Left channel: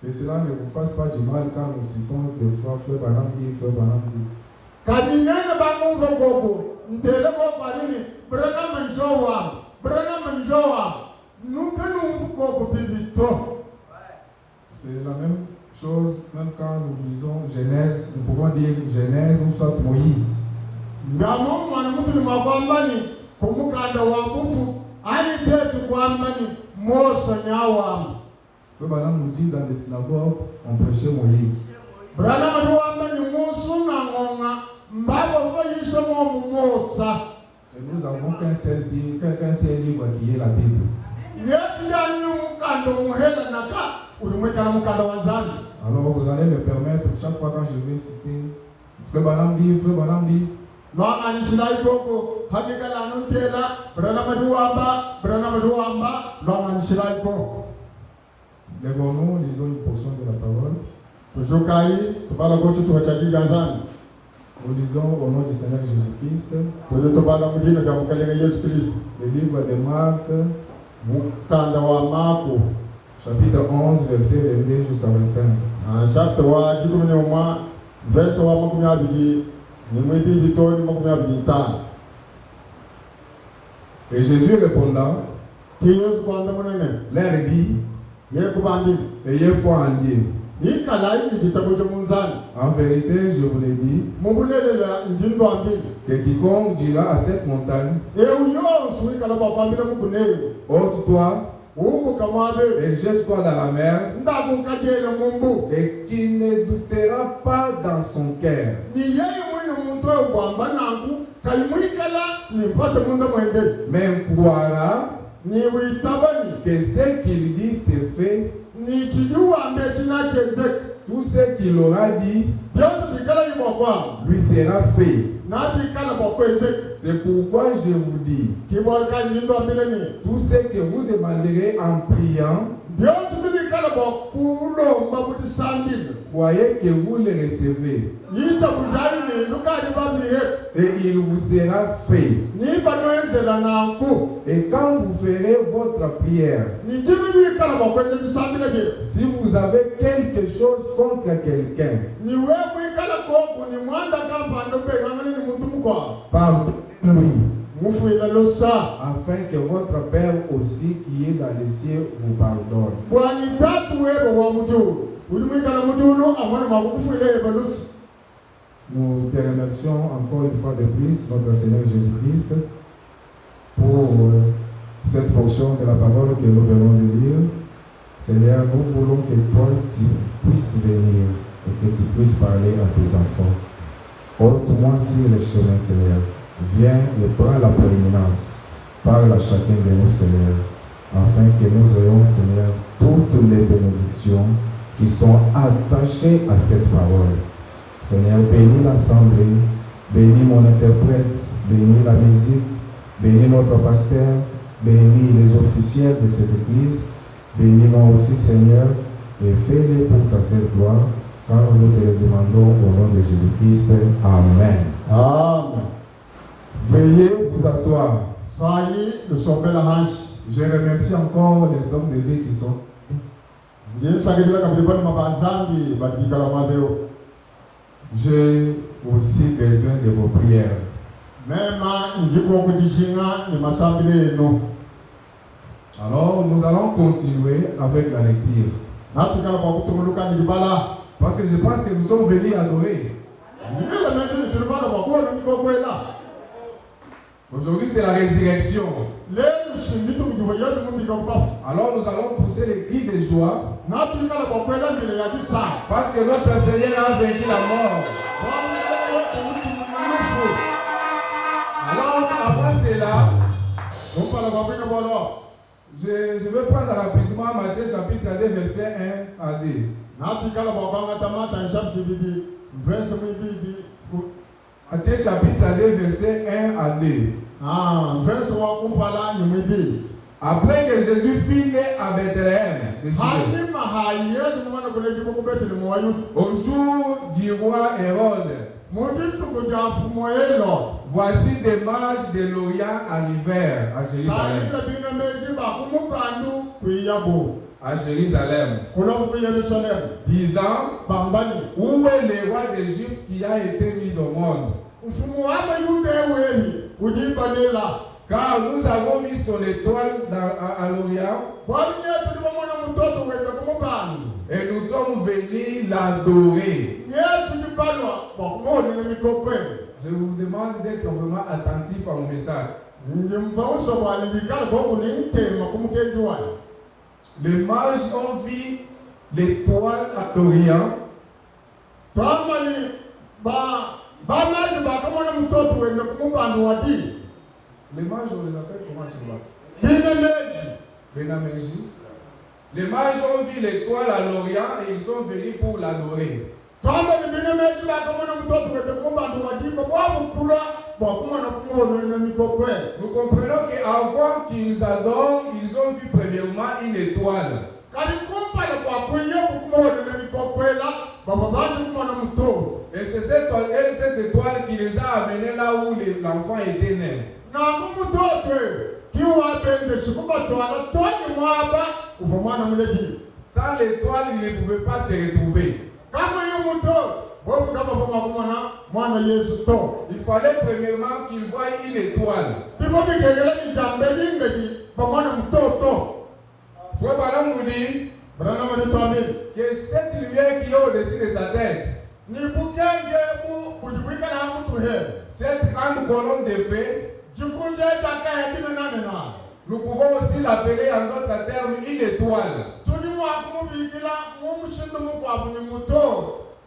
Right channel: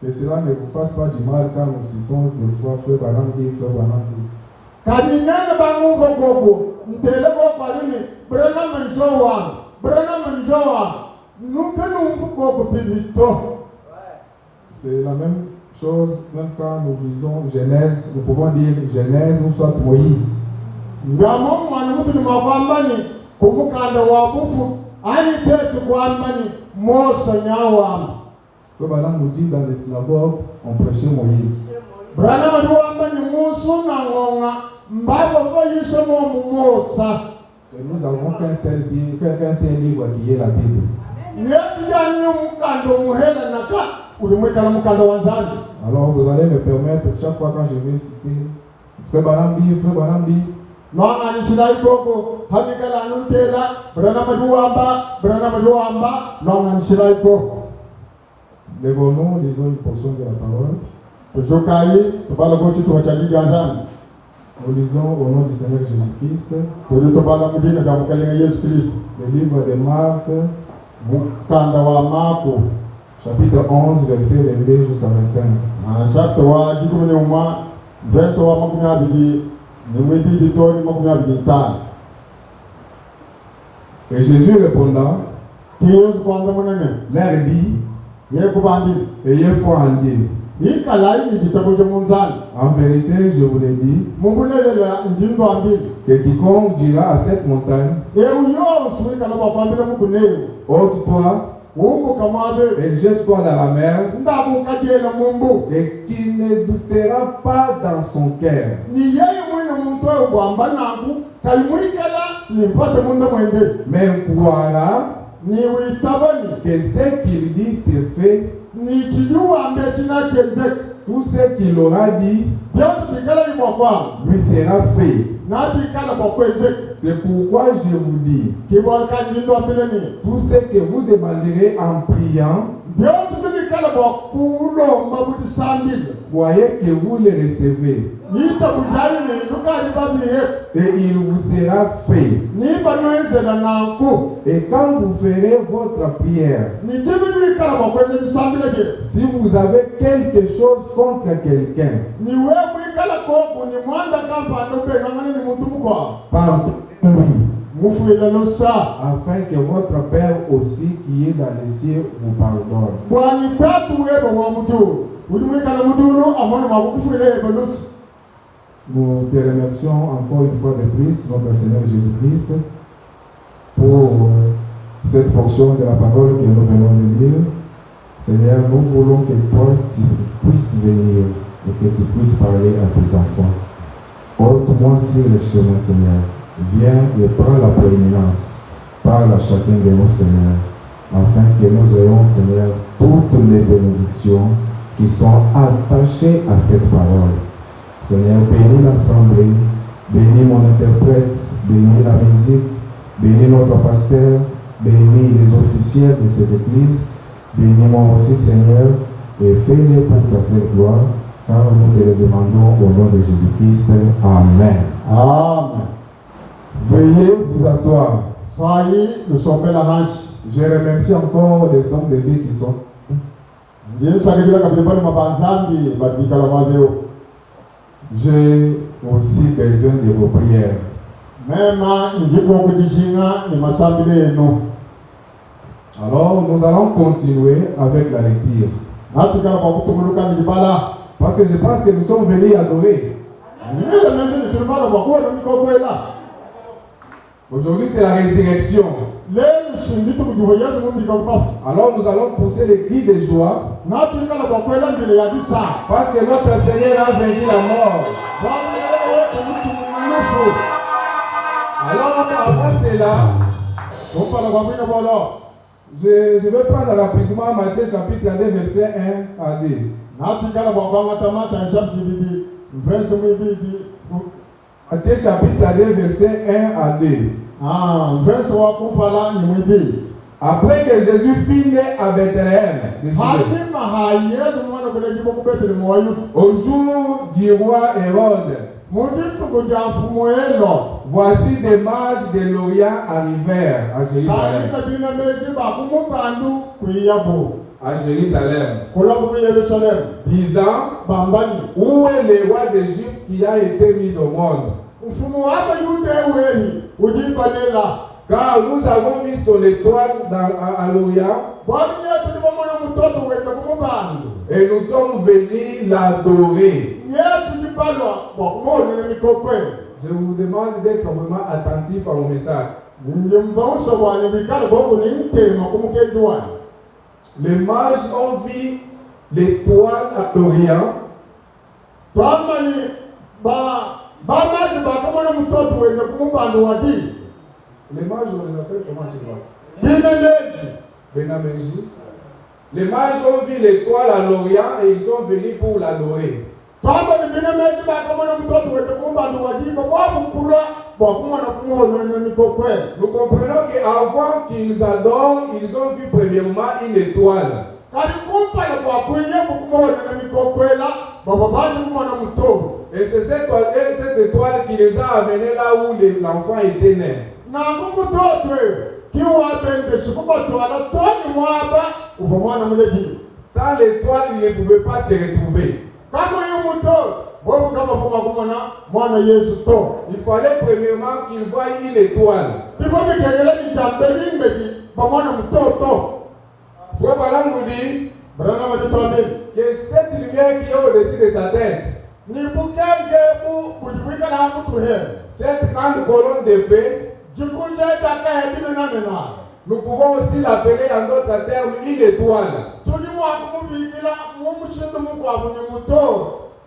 Que cela ne vous fasse pas du mal quand nous citons des fois Frère Banambi, Frère Banambi. Kadinene bangu gogo, ntele go parini, brena manjowa, nous que nous gogo pibito. C'est la même chose, même quand nous lisons Genèse, nous pouvons dire Genèse ou soit Moïse. Ngamo mwana mutu ni mabambani, kumukanda wabufu, ani tetu kwambani, Mose nyawama. Frère Banam nous dit dans les synagogues, on prêchait Moïse. Brana maduambani musu na ngonga, mbabo bayishe mo Musa. Et nous n'avons qu'un seul livre qui est la Bible. Alors vous allez me permettre, chaque fois quand je vais citer Frère Banambi, lèvons-nous, lisons une portion de la parole. Nous lisons au nom du Seigneur Jésus-Christ le livre de Marc, chapitre 11, verset 22 jusqu'à 25. Et Jésus répondant, leur dit, ayez foi en Dieu. En vérité, je vous l'ai dit, que quiconque dira à cette montagne, ôte-toi et jette-toi dans la mer, et qu'il ne doutera pas dans son cœur, mais croira que ce qu'il dit c'est fait. Tout ce qu'il aura dit lui sera fait. C'est pourquoi je vous dis, tout ce que vous demanderez en priant, croyez que vous le recevez, et il vous sera fait. Et quand vous ferez votre prière, si vous avez quelque chose contre quelqu'un, pardonnez-lui, afin que votre Père aussi qui est dans les cieux vous pardonne. Nous te remercions encore une fois de plus, notre Seigneur Jésus-Christ, pour cette portion de la parole que nous venons de lire. Seigneur, nous voulons que toi tu puisses venir et que tu puisses parler à tes enfants. Ôte-moi sur le chemin, Seigneur. Viens et prends la prééminence. Parle à chacun de nous, Seigneur, afin que nous ayons, Seigneur, toutes les bénédictions qui sont attachées à cette parole. Seigneur, bénis l'assemblée, bénis mon interprète, bénis la musique, bénis notre pasteur, bénis les officiels de cette église, bénis-moi aussi, Seigneur, et fais-le pour ta seule gloire, car nous te le demandons au nom de Jésus-Christ. Amen. Amen. Veuillez vous asseoir. Je remercie encore les hommes de Dieu qui sont. J'ai aussi besoin de vos prières. Alors, nous allons continuer avec la lecture. Parce que je pense que nous sommes venus adorer. Aujourd'hui, c'est la résurrection. Alors, nous allons pousser les cris de joie. Parce que notre Seigneur a vaincu la mort. Alors, avant cela, je vais prendre rapidement Matthieu chapitre 2, verset 1 à 2. Matthieu chapitre 2, verset 1 à 2. Après que Jésus fut né à Bethléem, au jour du roi Hérode, voici des mages de l'Orient arrivèrent à Jérusalem. à Jérusalem, kulombe Yerusalem disant, bambani où est le roi des Juifs qui a été mis au monde? mfumo wako yude wehi udibalela Car nous avons mis son étoile à l'Orient bwali yetu ndibamona mutoto wenda kumubandu et nous sommes venus l'adorer. yetu ndibalwa bwakumoni nemikokwe. Je vous demande d'être vraiment attentif à mon message. Ndimbauso bwani bikala boku ni tema kumukeji wani. Les mages ont vu l'étoile à l'Orient. Twamani bamaji bakamona mutoto wenda kumubandu wadi. Les mages, on les appelle comment tu vois? Bineneji. Benameji. Les mages ont vu l'étoile à l'Orient et ils sont venus pour l'adorer. Twamani bineneji bakamona mutoto wenda kumubandu wadi babu kura bwakumona kumona nemikokwe. Nous comprenons qu'avant qu'ils adorent, ils ont vu premièrement une étoile. Et c'est cette étoile qui les a amenés là où l'enfant était né. Sans l'étoile, ils ne pouvaient pas se retrouver. Il fallait premièrement qu'ils voient une étoile. Frère Branham nous dit que cette lumière qui est au-dessus de sa tête, cette grande colonne de feu, nous pouvons aussi l'appeler en d'autres termes une étoile.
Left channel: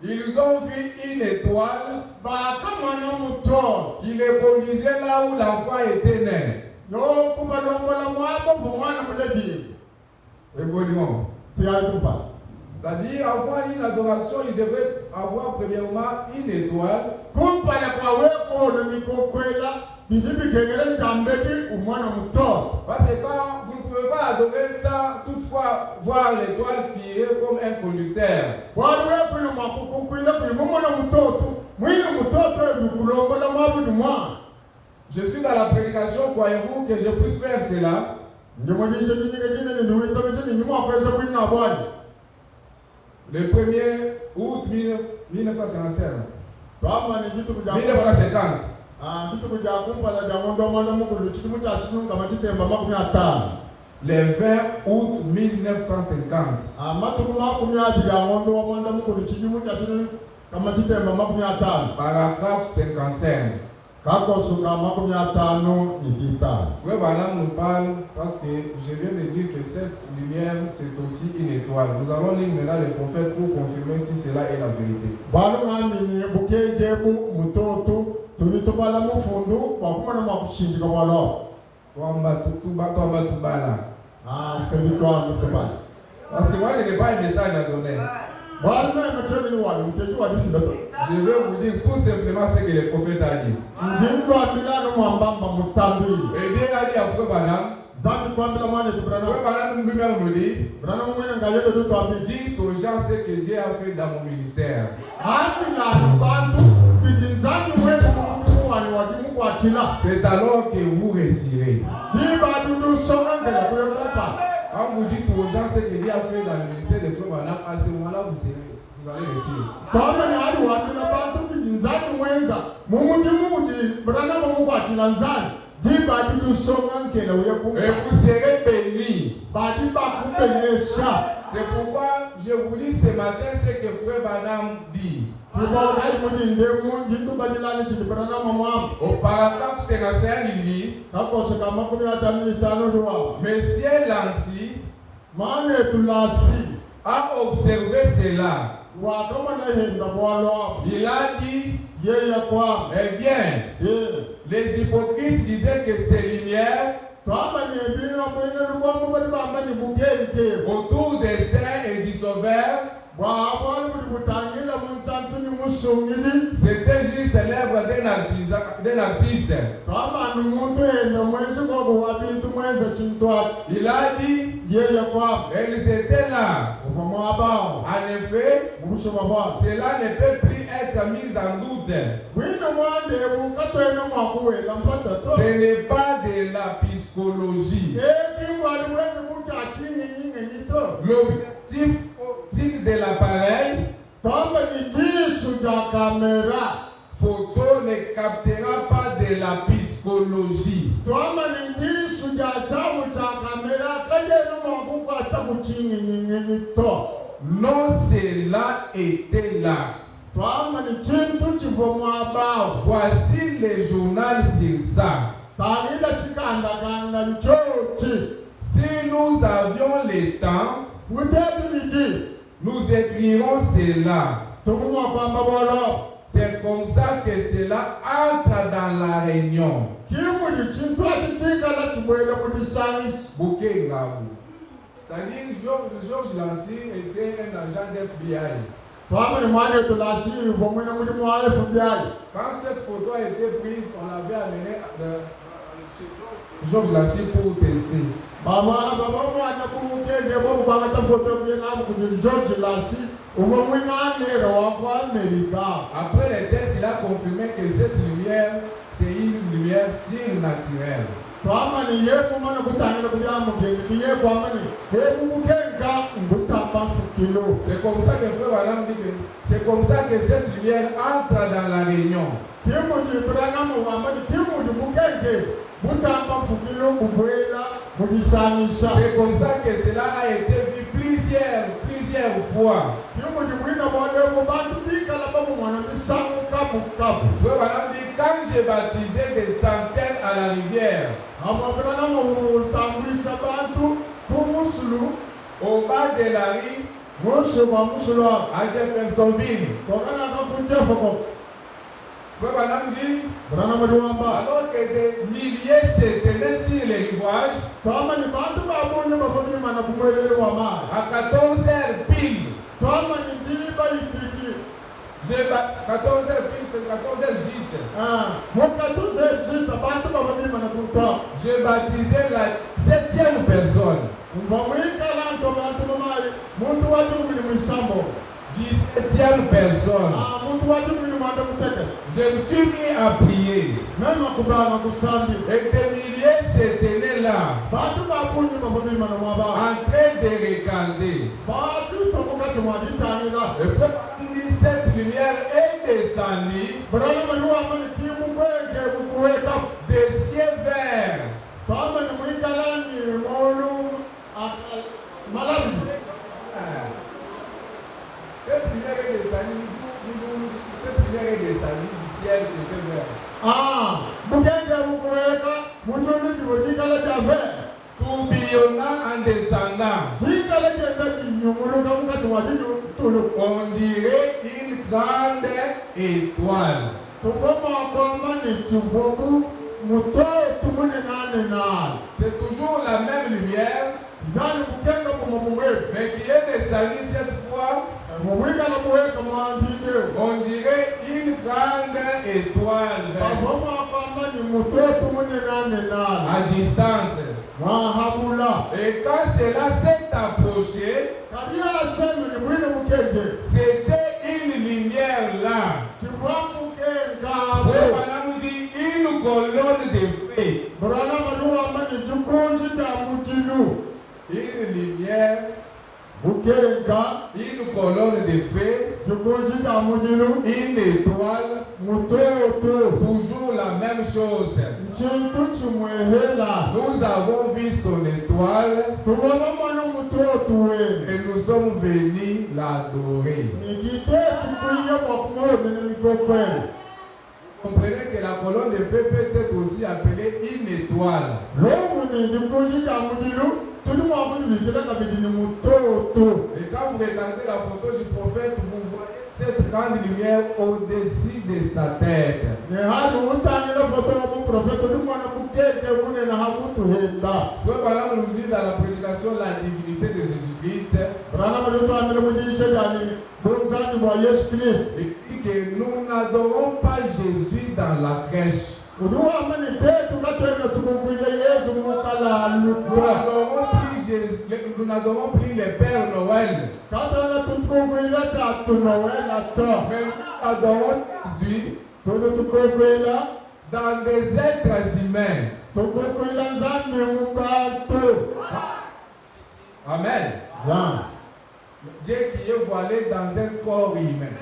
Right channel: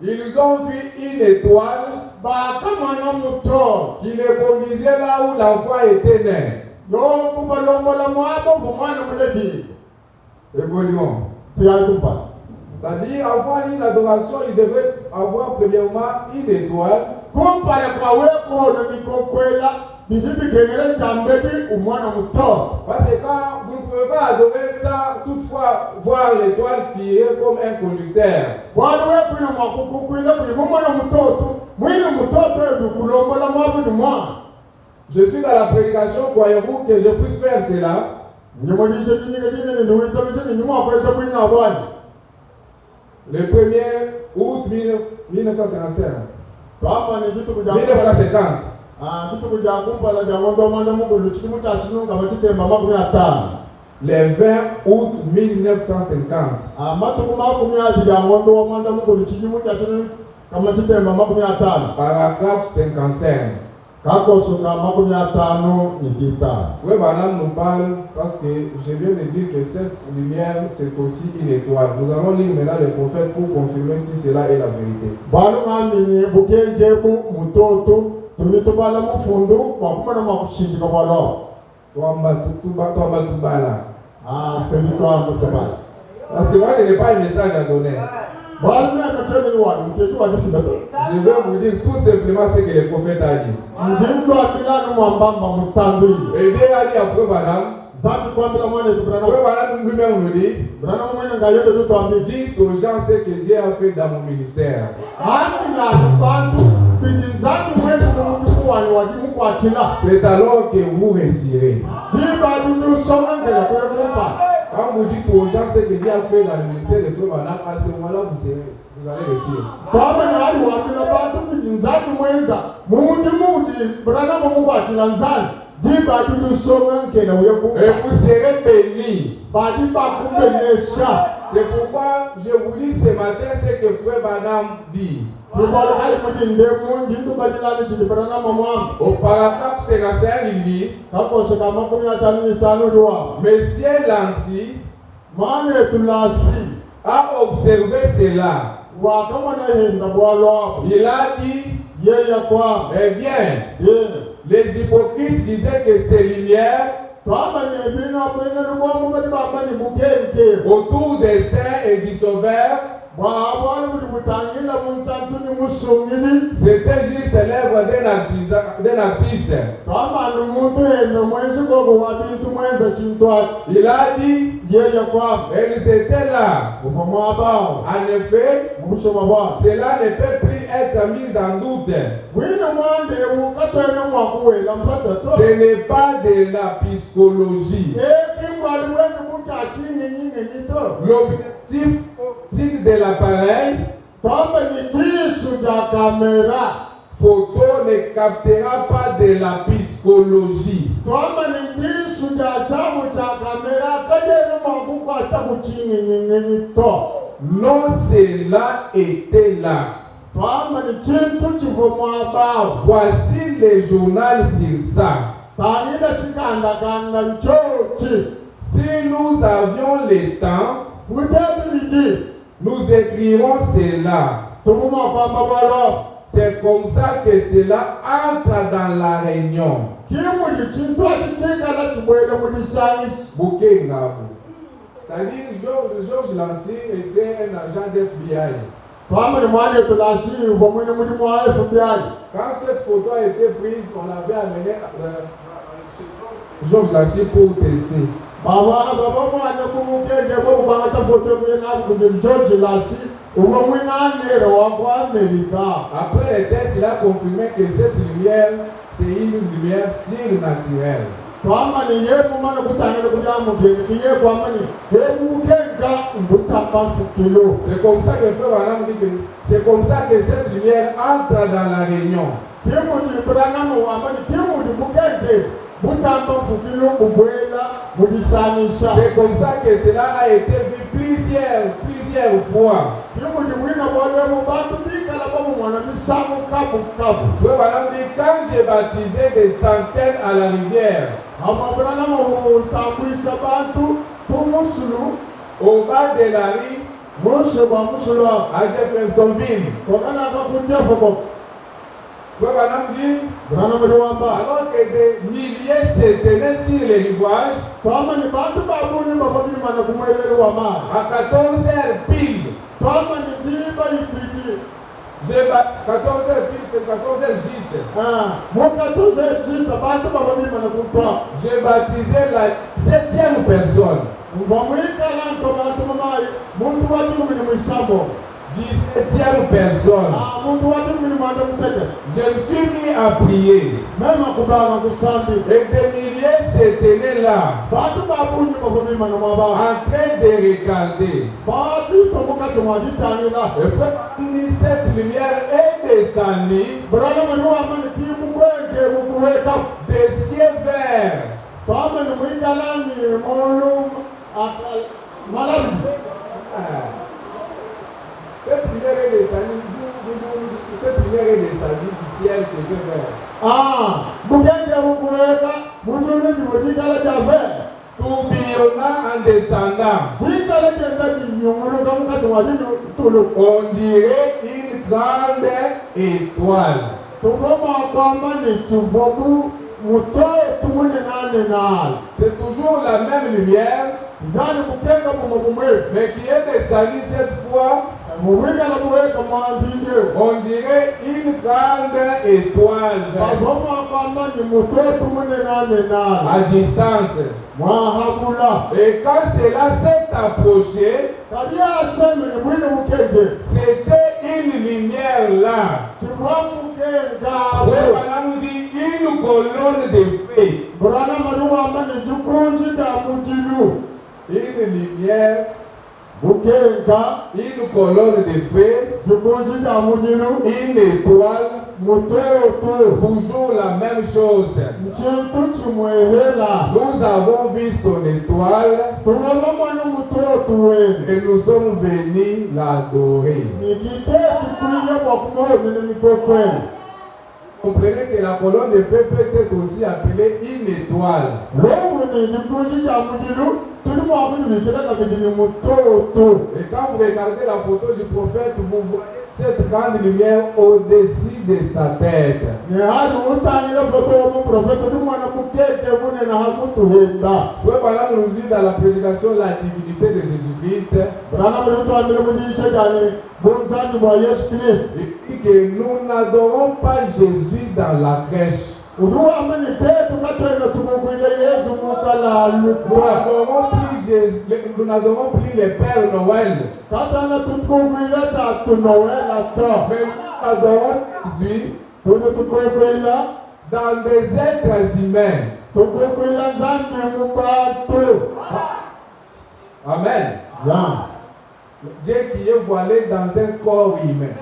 Ils ont vu une étoile qui les conduisait là où l'enfant était né. Évoluons. C'est-à-dire, avant une adoration, il devait avoir premièrement une étoile. Parce que quand vous ne pouvez pas adorer ça, toutefois voir l'étoile qui est comme un conducteur. Je suis dans la prédication, croyez-vous que je puisse faire cela? Le 1er août 1955. 1950. Le 20 août 1950. Paragraphe 55. Oui, madame nous parle parce que je viens de dire que cette lumière c'est aussi une étoile. Nous allons lire maintenant les prophètes pour confirmer si cela est la vérité. Parce que moi je n'ai pas un message à donner. Je vais vous dire tout simplement ce que le prophète a dit. Et bien a dit après madame, lui-même nous dit, dites aux gens ce que Dieu a fait dans mon ministère. C'est alors que vous réussirez. Quand vous dites aux gens ce que Dieu a fait dans le ministère de Frère Branham, à ce moment-là, vous allez réussir. Et vous serez bénis. C'est pourquoi je vous dis ce matin ce que Frère Branham dit. Au paragraphe 55, il dit, Monsieur Lancy a observé cela. Il a dit, eh bien, les hypocrites disaient que ces lumières autour des saints et du Sauveur, c'était juste l'œuvre d'un artiste. Il a dit, elles étaient là. En effet, cela ne peut plus être mis en doute. Ce n'est pas de la psychologie. L'objectif optique de l'appareil photo ne captera pas de la psychologie. Non, cela était là. Voici le journal sur ça. Si nous avions le temps, nous écrirons cela. C'est comme ça que cela entre dans la réunion. C'est-à-dire, Georges Lancy était un agent d'FBI. Quand cette photo a été prise, on avait amené Georges Lancy pour tester. Après les tests, il a confirmé que cette lumière, c'est une lumière surnaturelle. C'est comme ça que Frère Branham dit que c'est comme ça que cette lumière entre dans la réunion. C'est comme ça que cela a été vu plusieurs fois. Frère Branham dit, quand j'ai baptisé des centaines à la rivière, au bas de la rue, à Jeffersonville, Frère Branham dit, alors que des milliers se tenaient sur les rivages, à 14 heures pile, 14 heures pile, c'est 14 heures juste. J'ai baptisé la 7e personne. 17e personne. Je me suis mis à prier. Et des milliers se tenaient là, en train de regarder. Et cette lumière est descendue des cieux verts. Cette lumière est descendue du ciel qui était vert. Tourbillonnant en descendant. On dirait une grande étoile. C'est toujours la même lumière, mais qui est descendue cette fois. On dirait une grande étoile à distance. Et quand cela s'est approché, c'était une lumière là. Branham dit une colonne de feu. Une lumière. Une colonne de feu, une étoile, toujours la même chose. Nous avons vu son étoile et nous sommes venus l'adorer. Vous comprenez que la colonne de feu peut être aussi appelée une étoile. Et quand vous regardez la photo du prophète, vous voyez cette grande lumière au-dessus de sa tête. Frère Branham nous dit dans la prédication la divinité de Jésus-Christ. Il dit que nous n'adorons pas Jésus dans la crèche. Nous n'adorons plus le Père Noël. Mais nous adorons Jésus dans des êtres humains. Amen. Bien. Dieu qui est voilé dans un corps humain.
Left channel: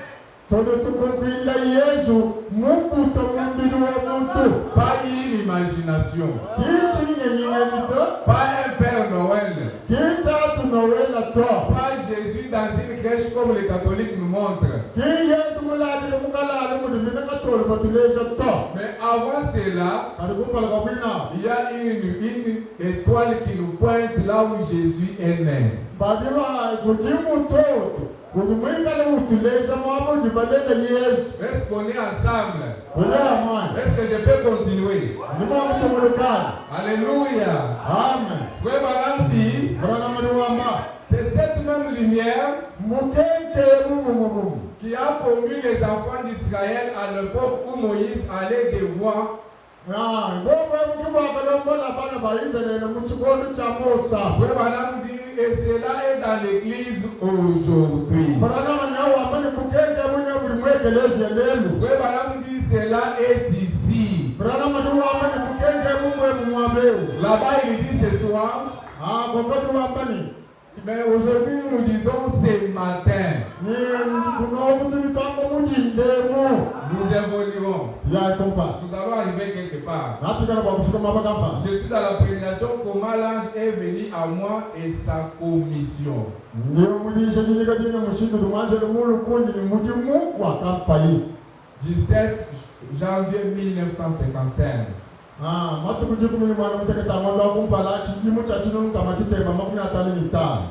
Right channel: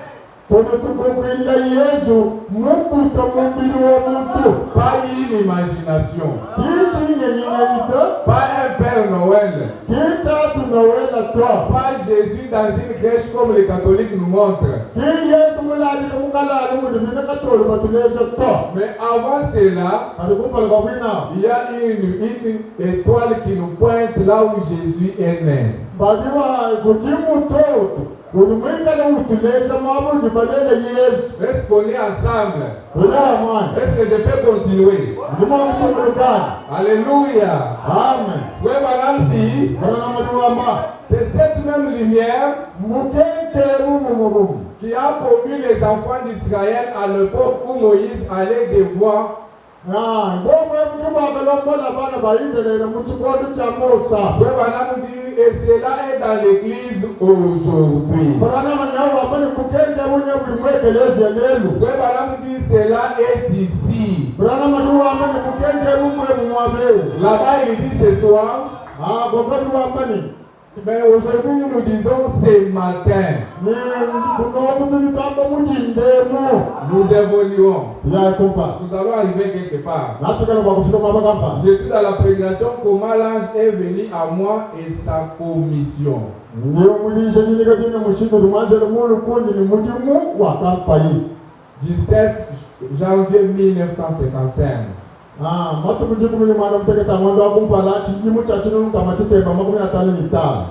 Pas une imagination. Pas un Père Noël. Pas Jésus dans une crèche comme les catholiques nous montrent. Mais avant cela, il y a une étoile qui nous pointe là où Jésus est né. Est-ce qu'on est ensemble? Est-ce que je peux continuer? Alléluia. Amen. C'est cette même lumière qui a promu les enfants d'Israël à l'époque où Moïse allait devoir et cela est dans l'église aujourd'hui. Cela est ici. Là-bas, il dit ce soir. Mais aujourd'hui, nous disons ce matin. Nous évoluons. Nous allons arriver quelque part. Je suis dans la prédication comment l'ange est venu à moi et sa commission. 17 janvier 1955.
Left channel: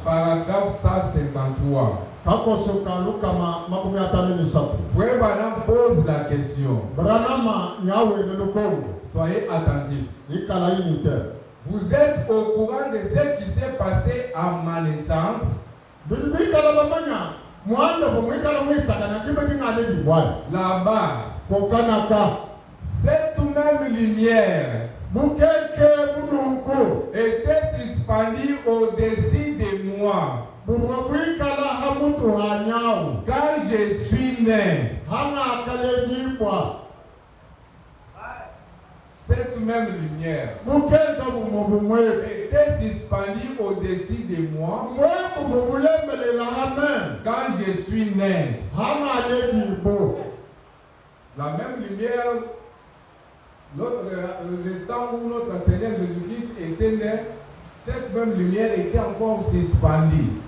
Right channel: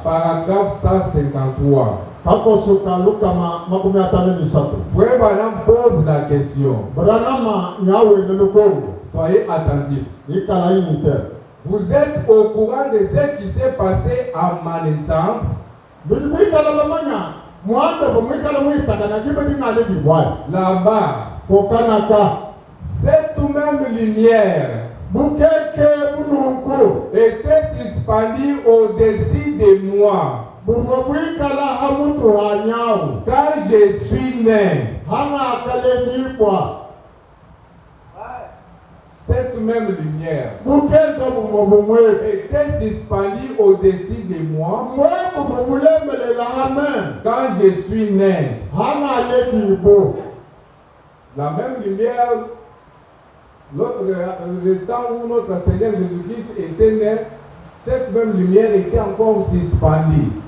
Paragraphe 153. Frère Branham pose la question. Soyez attentifs. Vous êtes au courant de ce qui s'est passé à ma naissance? Là-bas, cette même lumière était suspendue au-dessus de moi quand je suis né. Cette même lumière était suspendue au-dessus de moi quand je suis né. La même lumière, le temps où notre Seigneur Jésus-Christ était né, cette même lumière était encore suspendue.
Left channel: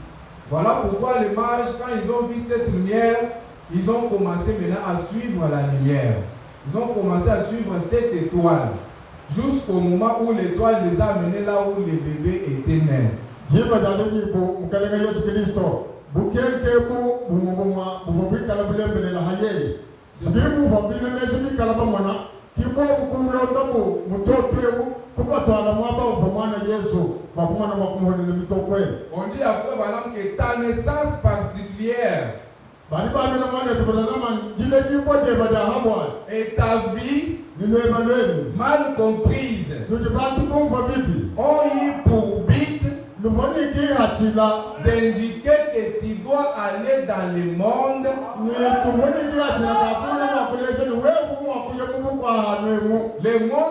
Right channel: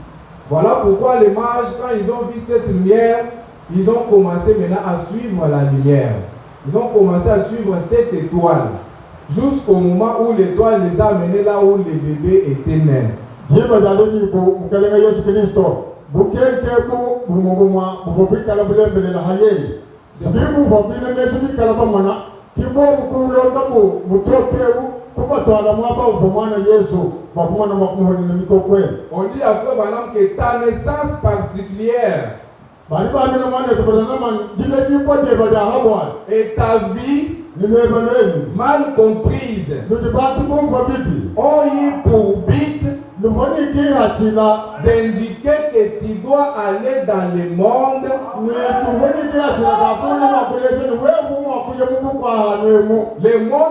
Voilà pourquoi les mages, quand ils ont vu cette lumière, ils ont commencé maintenant à suivre la lumière. Ils ont commencé à suivre cette étoile jusqu'au moment où l'étoile les a amenés là où le bébé était né. On dit à Frère Branham que ta naissance particulière et ta vie mal comprise ont eu pour but d'indiquer que tu dois aller dans le monde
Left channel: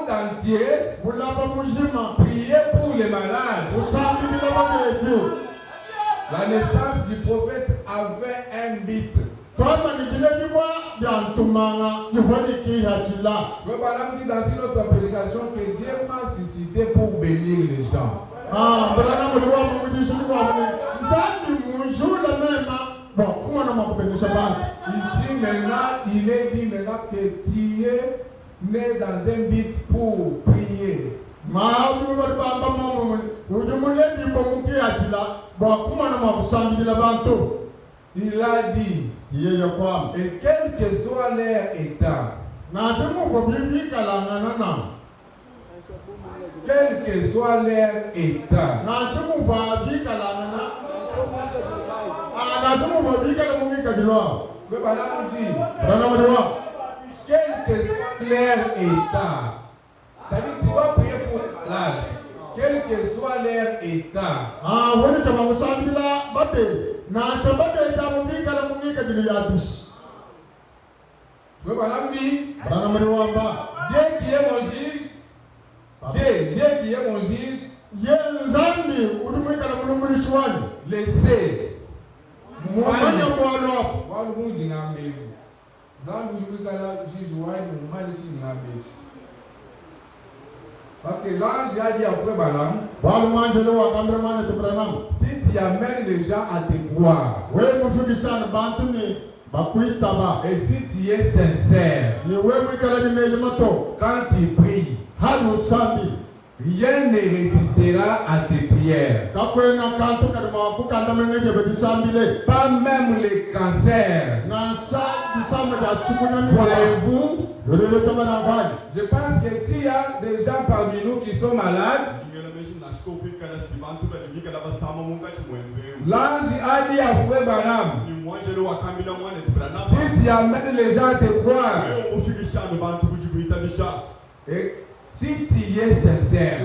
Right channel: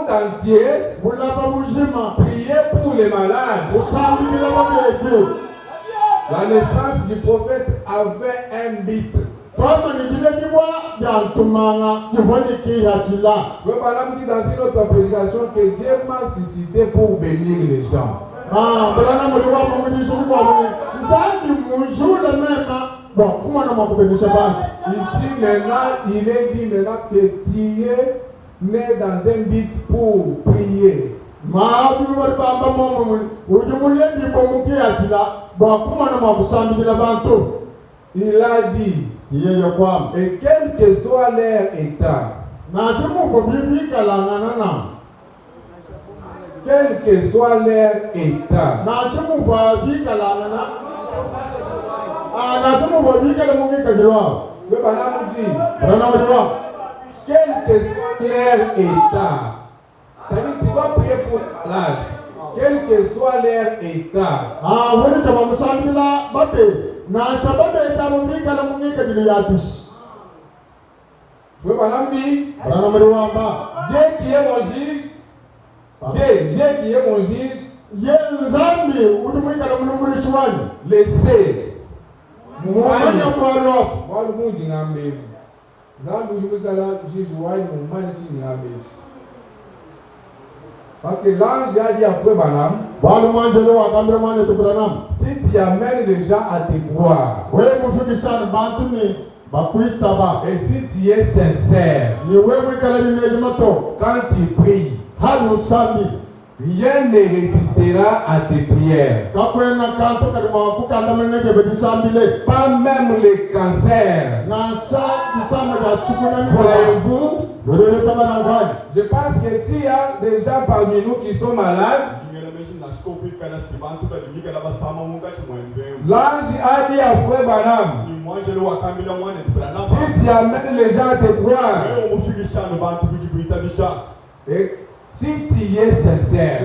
entier, prier pour les malades. La naissance du prophète avait un but. Frère Branham dit dans une autre prédication que Dieu m'a suscité pour bénir les gens. Ici maintenant, il est dit maintenant que tu es né dans un but pour prier. Il a dit, et quel que soit leur état, quel que soit leur état, quel que soit leur état, c'est-à-dire tu dois prier pour malade, quel que soit leur état. Frère Branham dit, Dieu qui est mon juge, Dieu qui est mon juge Yenzambi udumwikala mulungu shwani. Laissez. Mwanya mwalo. Mwalo munji ngambe. Zambu yumikala Jésus wai mumani chi ngambe. Parce que l'ange a dit à Frère Branham, si tu amènes les gens à te croire, et si tu es sincère, quand tu pries, rien ne résistera à tes prières. Pas même les cancers. Croyez-vous? Je pense que s'il y a des gens parmi nous qui sont malades, l'ange a dit à Frère Branham, si tu amènes les gens à te croire, et si tu es sincère,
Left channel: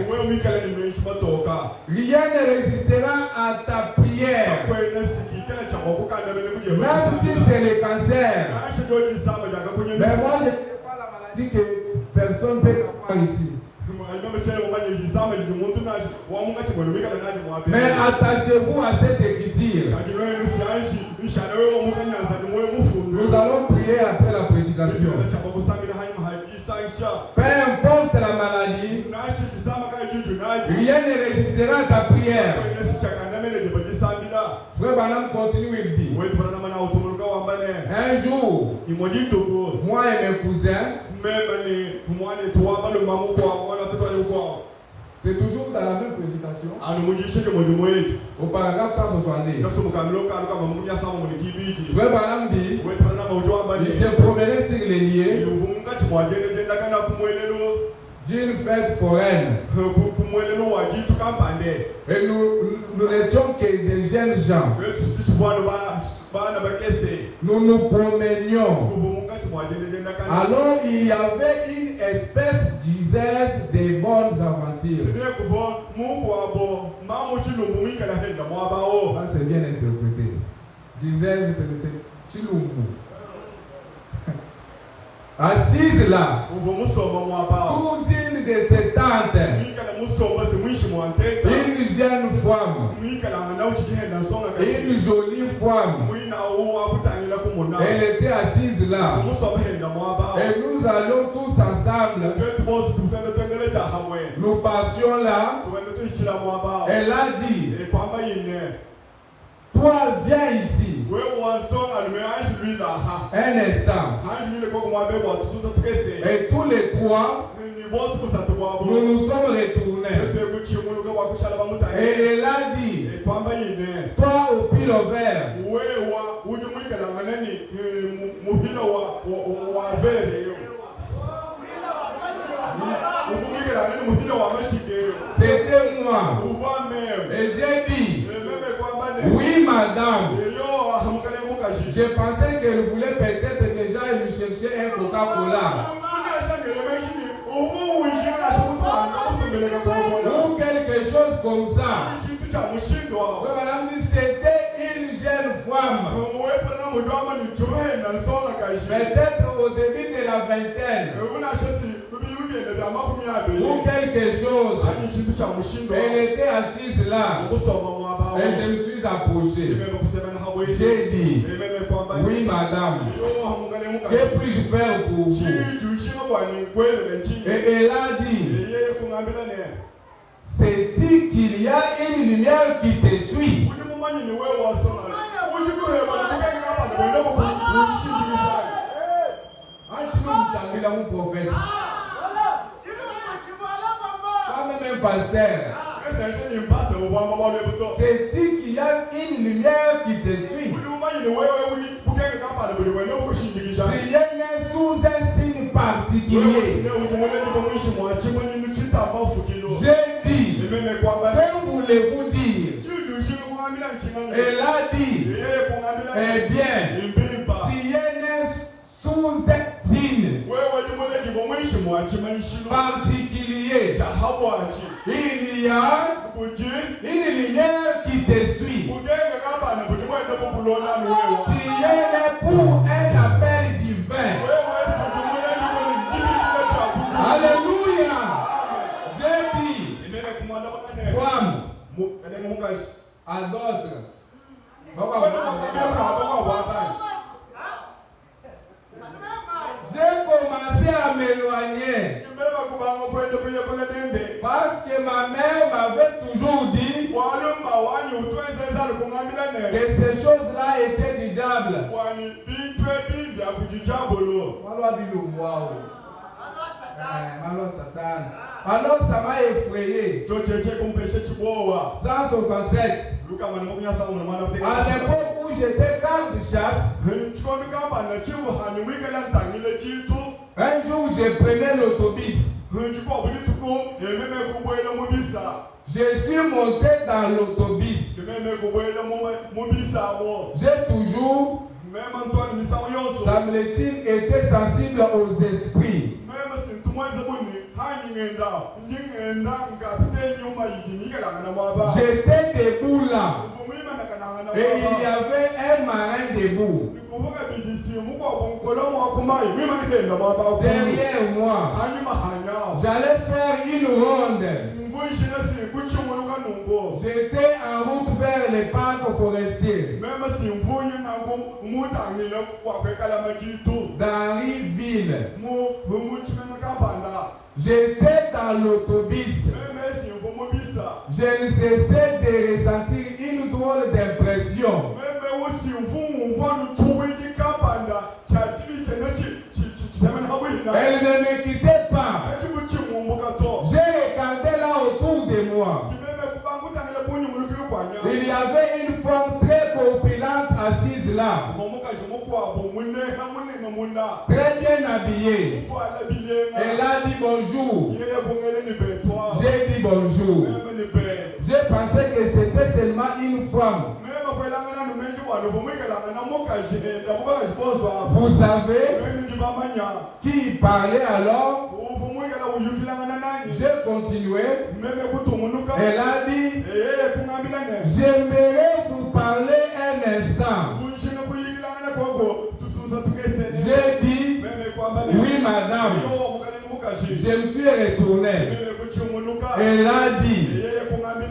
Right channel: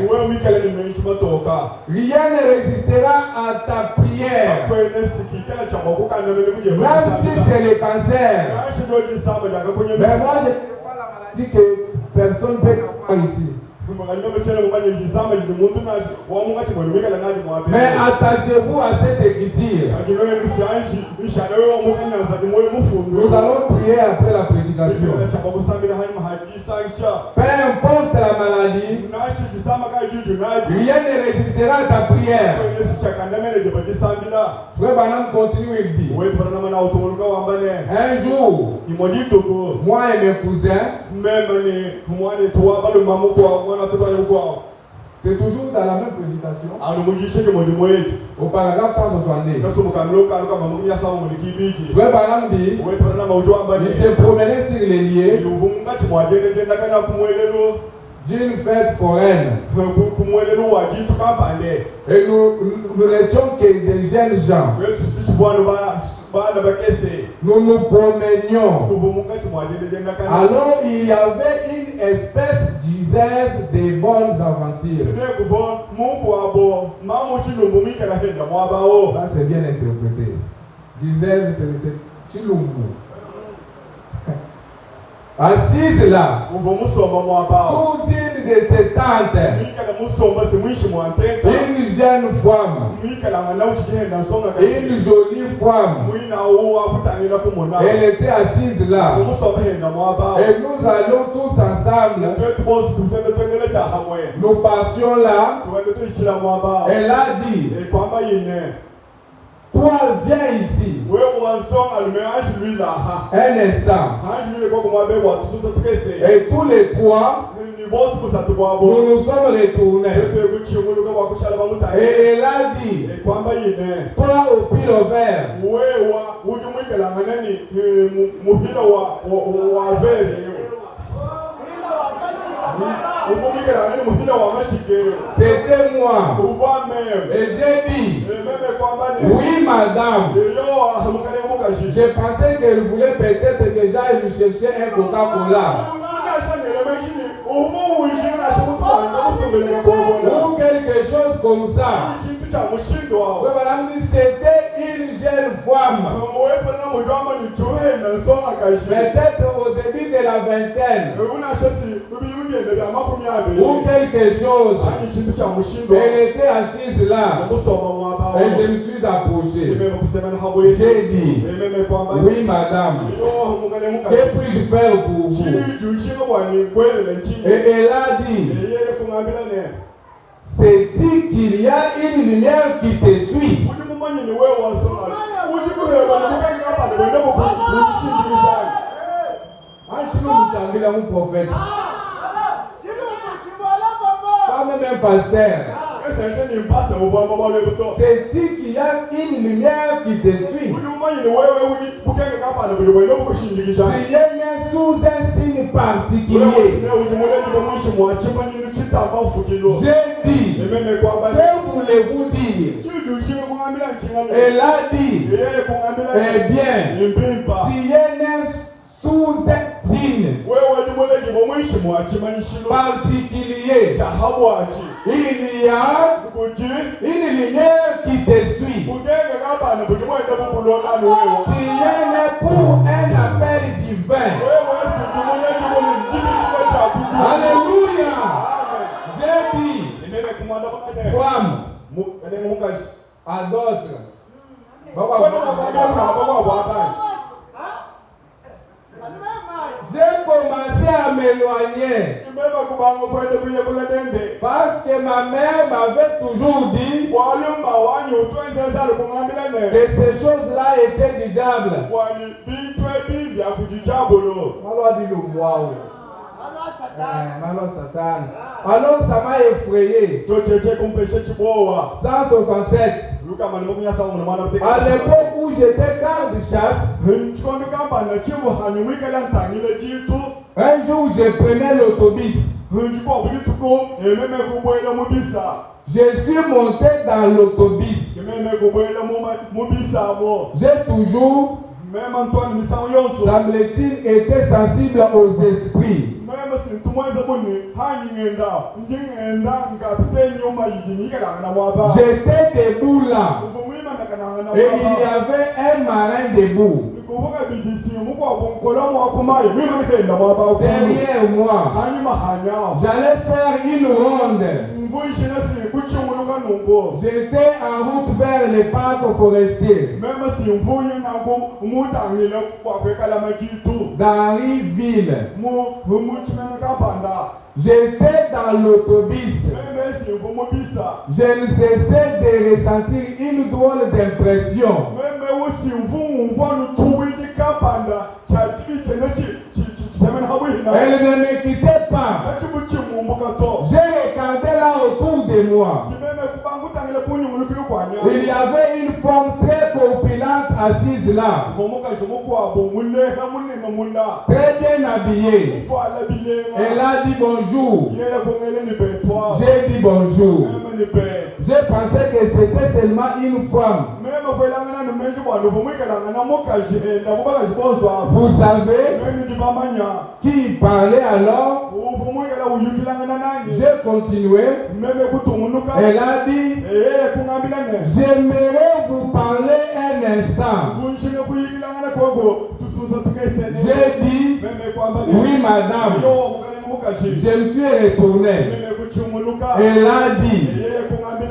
rien ne résistera à ta prière. Même si c'est le cancer. Mais moi, je ne sais pas la maladie que personne ne peut avoir ici. Mais attachez-vous à cette écriture. Nous allons prier après la prédication. Peu importe la maladie, rien ne résistera à ta prière. Frère Branham continue, il dit, un jour, moi et mes cousins, c'est toujours dans la même prédication. Au paragraphe 170. Frère Branham dit, il se promenait sur les lieux d'une fête foraine. Et nous n'étions que des jeunes gens. Nous nous promenions. Alors il y avait une espèce d'usage des bonnes aventures. Ça c'est bien interprété. Gisèle, c'est Chilumbu. Assise là, sous une de ses tantes, une jeune femme, une jolie femme, elle était assise là, et nous allons tous ensemble, nous passions là, elle a dit, toi viens ici, un instant, et tous les trois, nous nous sommes retournés, et elle a dit, toi au pile au vert, c'était moi. Et j'ai dit, oui madame. Je pensais qu'elle voulait peut-être que j'aille lui chercher un Coca-Cola ou quelque chose comme ça. C'était une jeune femme, peut-être au début de la vingtaine ou quelque chose. Elle était assise là et je me suis approché. J'ai dit, oui madame, que puis-je faire pour vous? Et elle a dit, c'est-il qu'il y a une lumière qui te suit? Un prophète, pas même un pasteur. C'est-il qu'il y a une lumière qui te suit? Il y a une sous un signe particulier. J'ai dit, que voulez-vous dire? Elle a dit, eh bien, il y a une sous un signe particulier. Il y a une lumière qui te suit. Il y a pour un appel divin. Alléluia. J'ai dit, femmes, à d'autres. J'ai commencé à m'éloigner parce que ma mère m'avait toujours dit que ces choses-là étaient du diable. Alors ça m'a effrayé. 167. À l'époque où j'étais garde de chasse, un jour je prenais l'autobus. Je suis monté dans l'autobus. J'ai toujours, semble-t-il, été sensible aux esprits. J'étais debout là. Et il y avait un marin debout. Derrière moi, j'allais faire une ronde. J'étais en route vers les parcs forestiers. Dans Riville. J'étais dans l'autobus. Je ne cessais de ressentir une drôle d'impression. Elle ne me quittait pas. J'ai regardé là autour de moi. Il y avait une femme très corpulente assise là. Très bien habillée. Elle a dit bonjour. J'ai dit bonjour. J'ai pensé que c'était seulement une femme. Vous savez qui parlait alors? J'ai continué. Elle a dit, j'aimerais vous parler un instant. J'ai dit, oui madame. Je me suis retourné. Elle a dit,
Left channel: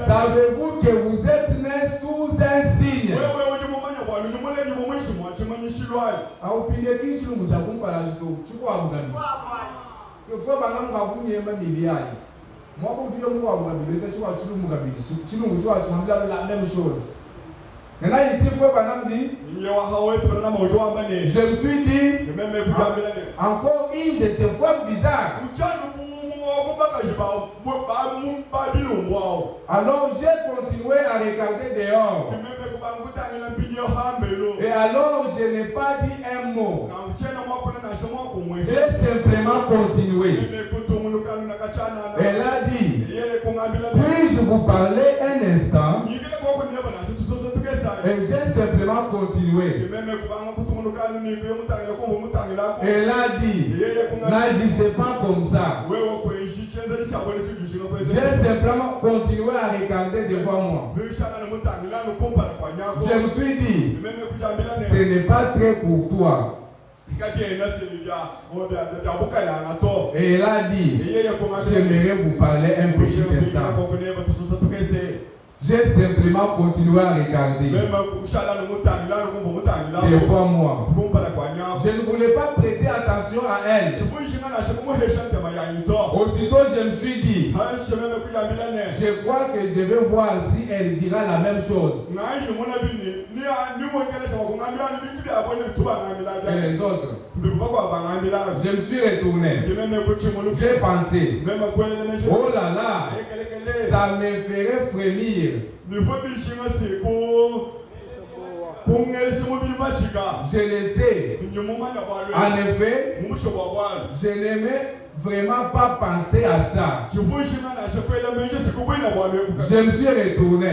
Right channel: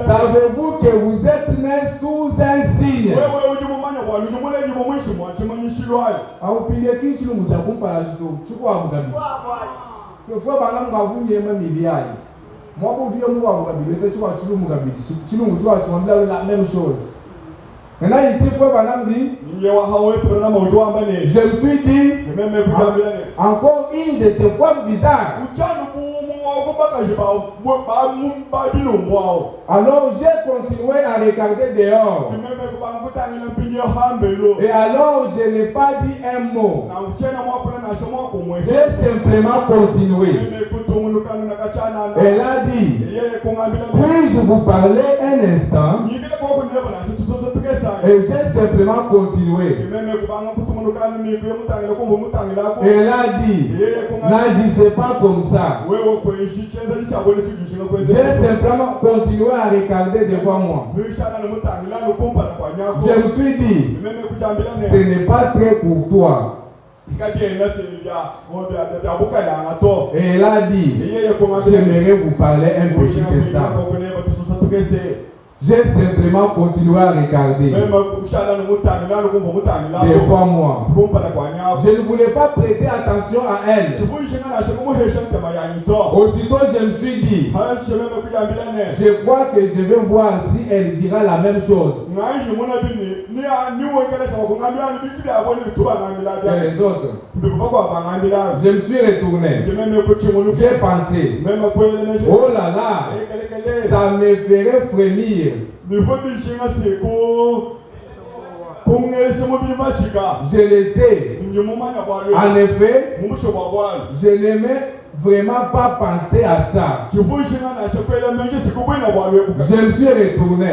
savez-vous que vous êtes né sous un signe? La même chose. Maintenant ici, frère Banam dit, je me suis dit, encore une de ces femmes bizarres. Alors j'ai continué à regarder dehors. Et alors je n'ai pas dit un mot. J'ai simplement continué. Elle a dit, puis-je vous parler un instant? Et j'ai simplement continué. Elle a dit, n'agissez pas comme ça. J'ai simplement continué à regarder devant moi. Je me suis dit, ce n'est pas très courtois. Et elle a dit, j'aimerais vous parler un petit instant. J'ai simplement continué à regarder devant moi. Je ne voulais pas prêter attention à elle. Aussitôt, je me suis dit, je crois que je vais voir si elle dira la même chose. Et les autres. Je me suis retourné. J'ai pensé, oh là là, ça me ferait frémir. Je le sais. En effet, je n'aimais vraiment pas penser à ça. Je me suis retourné.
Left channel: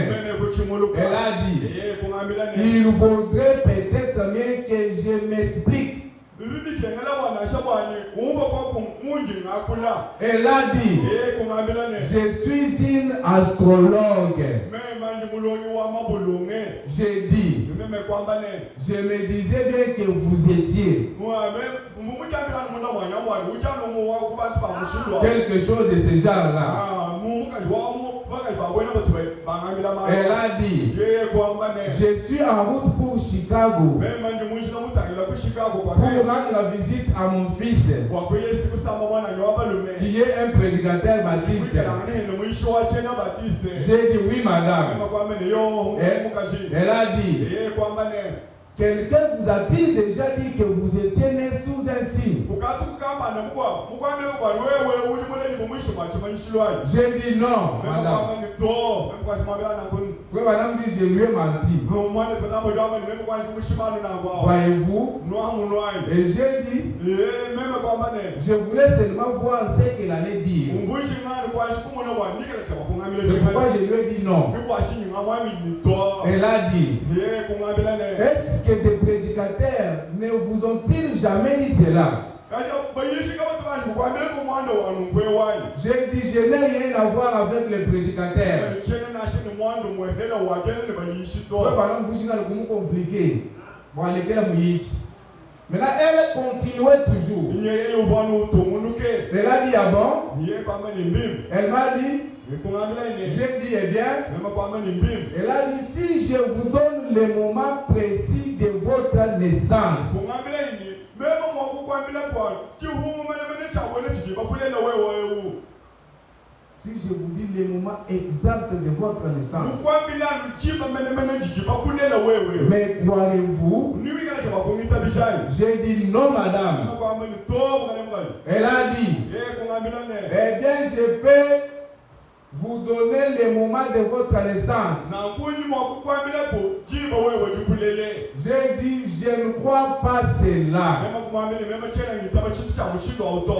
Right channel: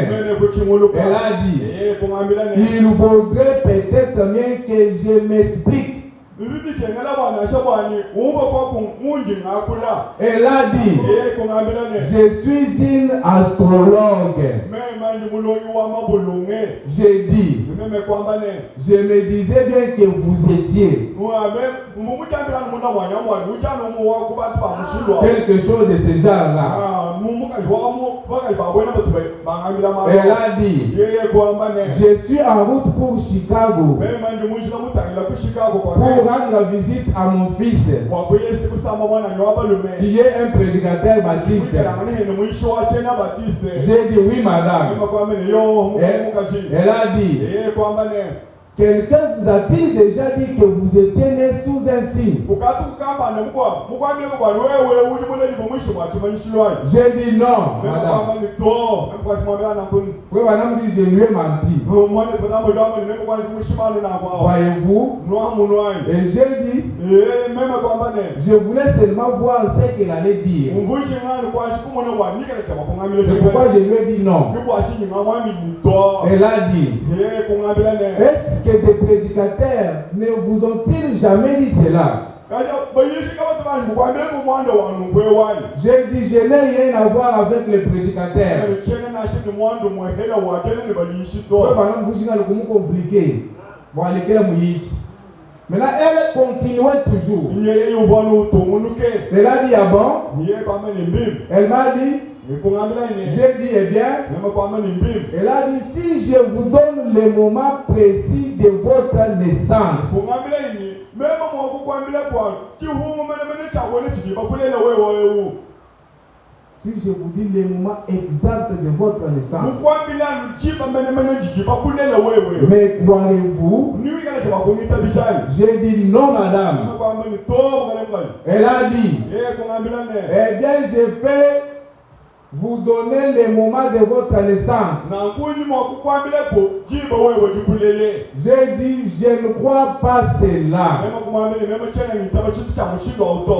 Elle a dit, il vaudrait peut-être bien que je m'explique. Elle a dit, je suis une astrologue. J'ai dit, je me disais bien que vous étiez quelque chose de ce genre-là. Elle a dit, je suis en route pour Chicago pour rendre la visite à mon fils qui est un prédicateur baptiste. J'ai dit oui madame. Elle a dit, quelqu'un vous a-t-il déjà dit que vous étiez né sous un signe? J'ai dit non, madame. Frère madame dit, je lui ai menti. Voyez-vous? Et j'ai dit, je voulais seulement voir ce qu'elle allait dire. C'est pourquoi je lui ai dit non. Elle a dit, est-ce que des prédicateurs ne vous ont-ils jamais dit cela? J'ai dit, je n'ai rien à voir avec les prédicateurs. Compliqué. Maintenant, elle continuait toujours. Elle a dit, ah bon? Elle m'a dit, j'ai dit, eh bien, elle a dit, si je vous donne le moment précis de votre naissance, si je vous dis le moment exact de votre naissance, mais croirez-vous? J'ai dit non madame. Elle a dit, eh bien je peux vous donner le moment de votre naissance. J'ai dit, je ne crois pas cela.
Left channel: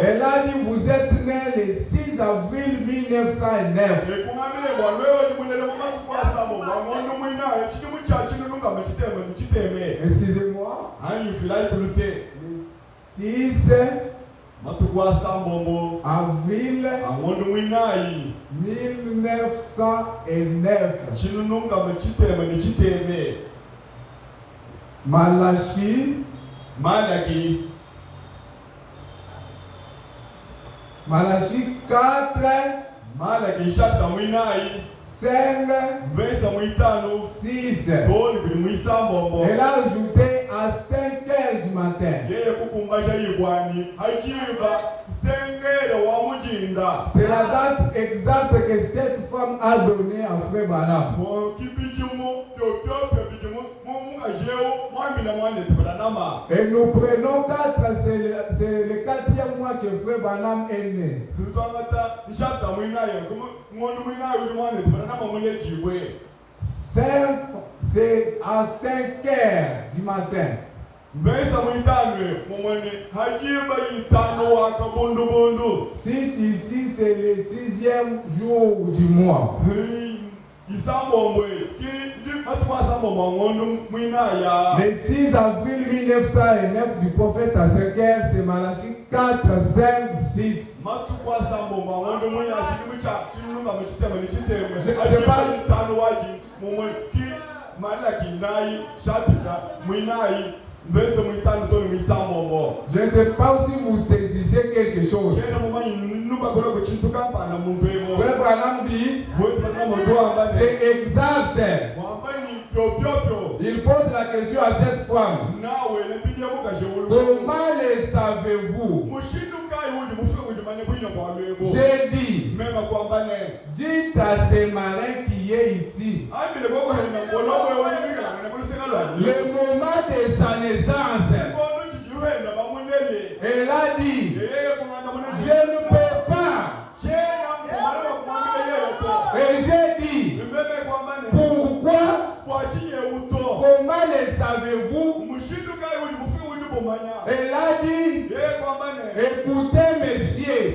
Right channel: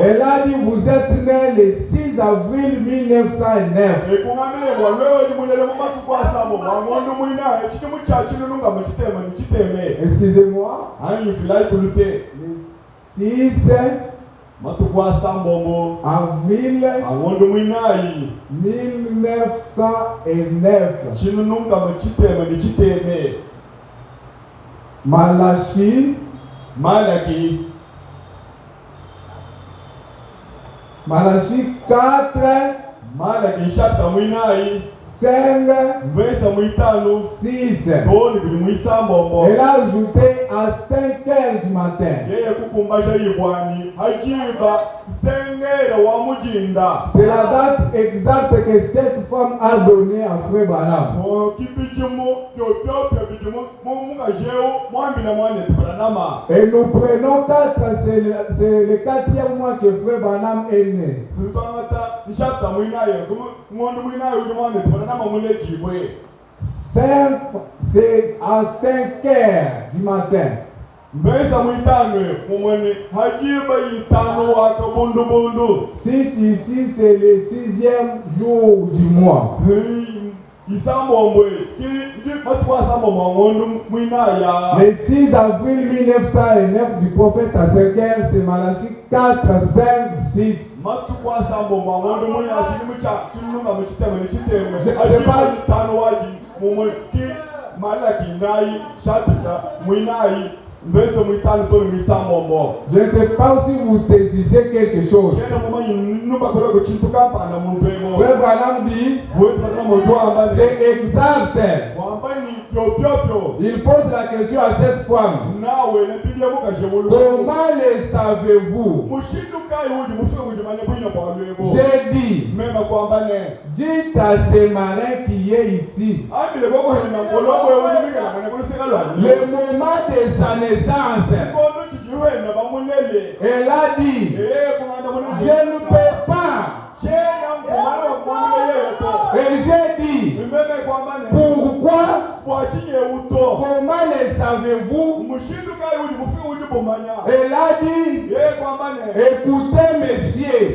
Elle a dit, vous êtes né le 6 avril 1909. Excusez-moi. Le 6 avril 1909. Malachi 4 5 6. Elle a ajouté à 5 heures du matin. C'est la date exacte que cette femme a donnée à Frère Branham. Et nous prenons 4, c'est le 4e mois que Frère Branham est né. C'est à 5 heures du matin. Ici, c'est le 6e jour du mois. Le 6 avril 1909 du prophète à 5 heures, c'est Malachi 4, 5, 6. Je ne sais pas si vous saisissez quelque chose. Frère Branham dit, c'est exact. Il pose la question à cette femme. Comment le savez-vous? J'ai dit, dites à ces marins qui est ici, le moment de sa naissance. Elle a dit, je ne peux pas. Et j'ai dit, pourquoi? Comment le savez-vous? Elle a dit, écoutez messieurs.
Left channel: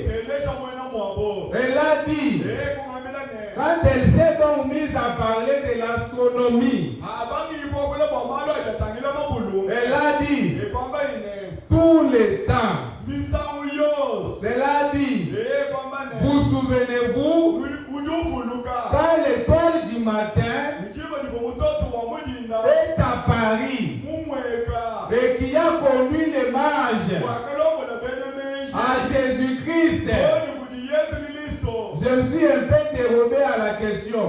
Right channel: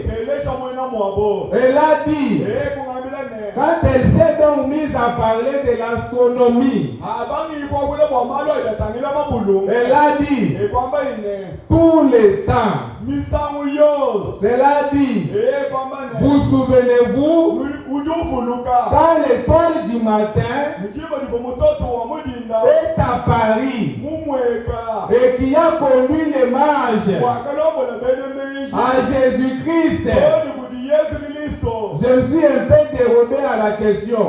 Elle a dit, quand elle s'est donc mise à parler de l'astronomie, elle a dit, tous les temps. Elle a dit, vous souvenez-vous, quand l'étoile du matin est à Paris et qui a conduit les mages à Jésus-Christ. Je me suis un peu dérobé à la question.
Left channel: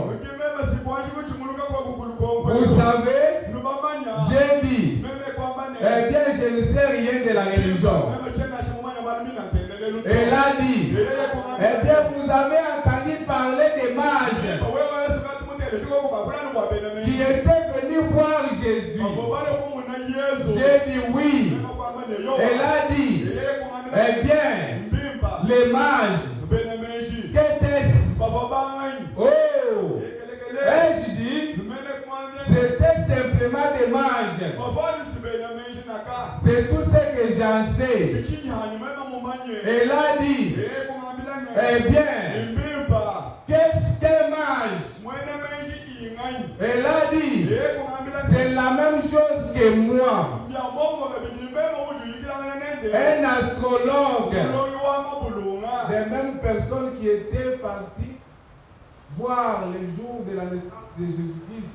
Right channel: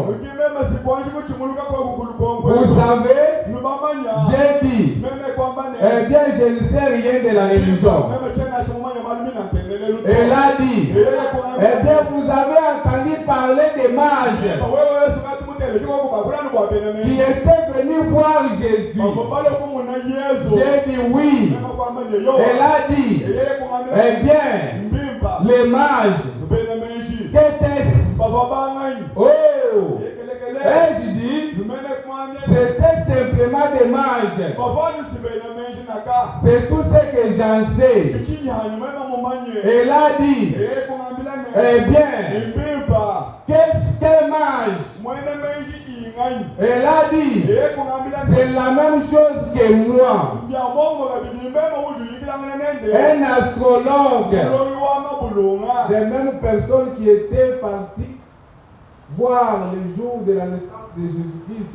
Vous savez, j'ai dit, eh bien, je ne sais rien de la religion. Elle a dit, eh bien, vous avez entendu parler des mages qui étaient venus voir Jésus. J'ai dit oui. Elle a dit, eh bien, les mages, qu'était-ce? Oh! Et je dis, c'était simplement des mages. C'est tout ce que j'en sais. Elle a dit, eh bien, qu'est-ce qu'un mage? Elle a dit, c'est la même chose que moi. Un astrologue, des mêmes personnes qui étaient parties voir le jour de la naissance de Jésus-Christ.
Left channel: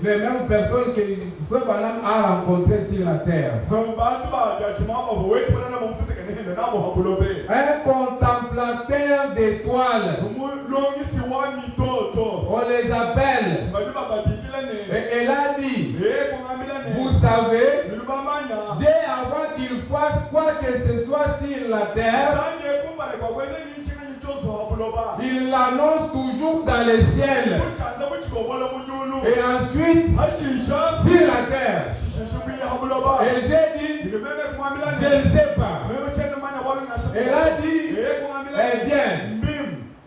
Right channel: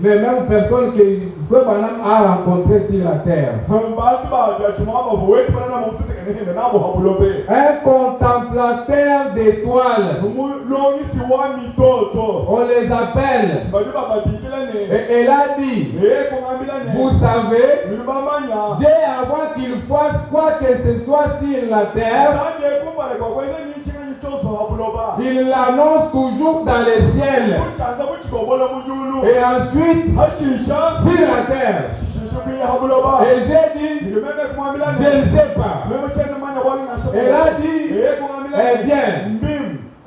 Les mêmes personnes que Frère Branham a rencontrées sur la terre. Un contemplateur d'étoiles. On les appelle. Et elle a dit, vous savez, Dieu avant qu'il fasse quoi que ce soit sur la terre, il l'annonce toujours dans les ciels. Et ensuite, sur la terre. Et j'ai dit, je ne sais pas. Elle a dit, eh bien,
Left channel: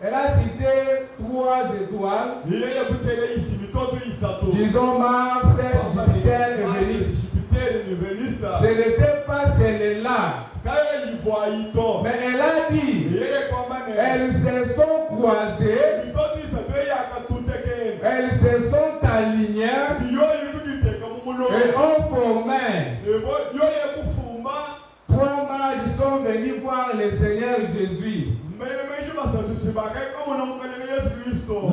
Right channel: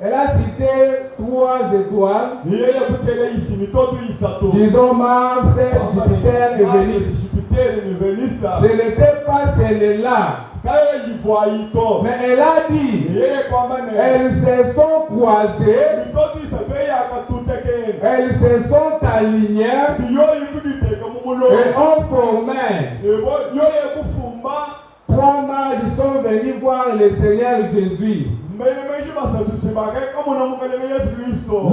elle a cité 3 étoiles. Disons Mars, Jupiter et Vénus. Ce n'était pas celle-là. Mais elle a dit, elles se sont croisées, elles se sont alignées et ont formé. 3 mages sont venus voir le Seigneur Jésus.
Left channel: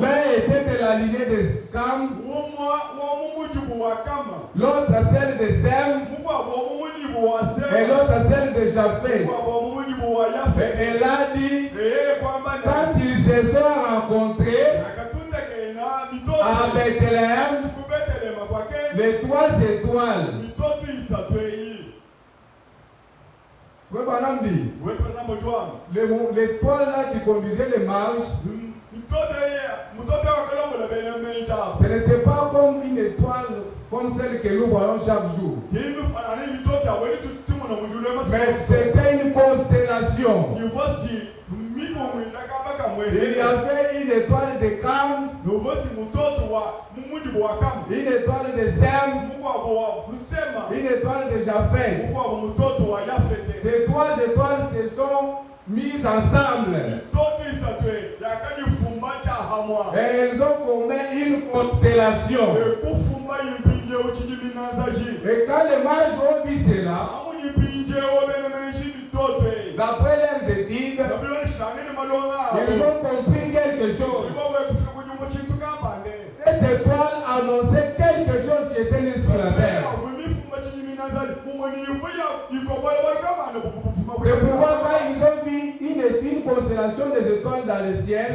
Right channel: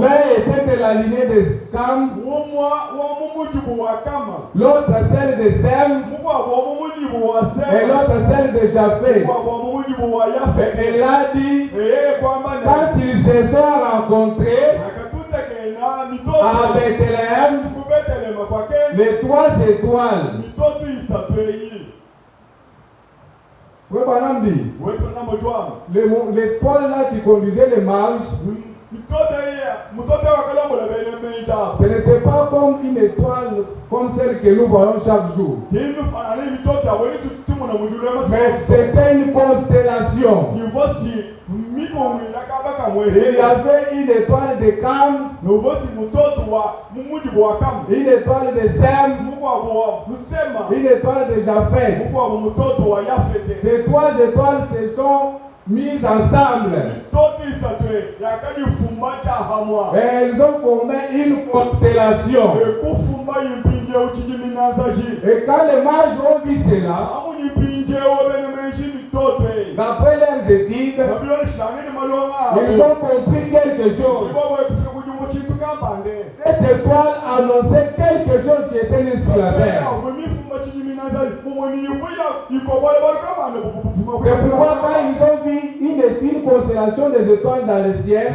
L'un était de la lignée de Cam, l'autre celle de Sem, et l'autre celle de Japheth. Et elle a dit, quand ils se sont rencontrés à Bethléem, les 3 étoiles. Frère Branham dit, l'étoile là qui conduisait les mages, ce n'était pas comme une étoile comme celle que nous voyons chaque jour. Mais c'était une constellation. Il y avait une étoile de Cam, une étoile de Sem, une étoile de Japheth. Ces 3 étoiles se sont mises ensemble. Et elles ont formé une constellation. Et quand les mages ont vu cela, d'après leurs études, ils ont compris quelque chose. Cette étoile annonçait quelque chose qui était né sur la terre. C'est pourquoi quand ils ont vu une constellation des étoiles dans le ciel,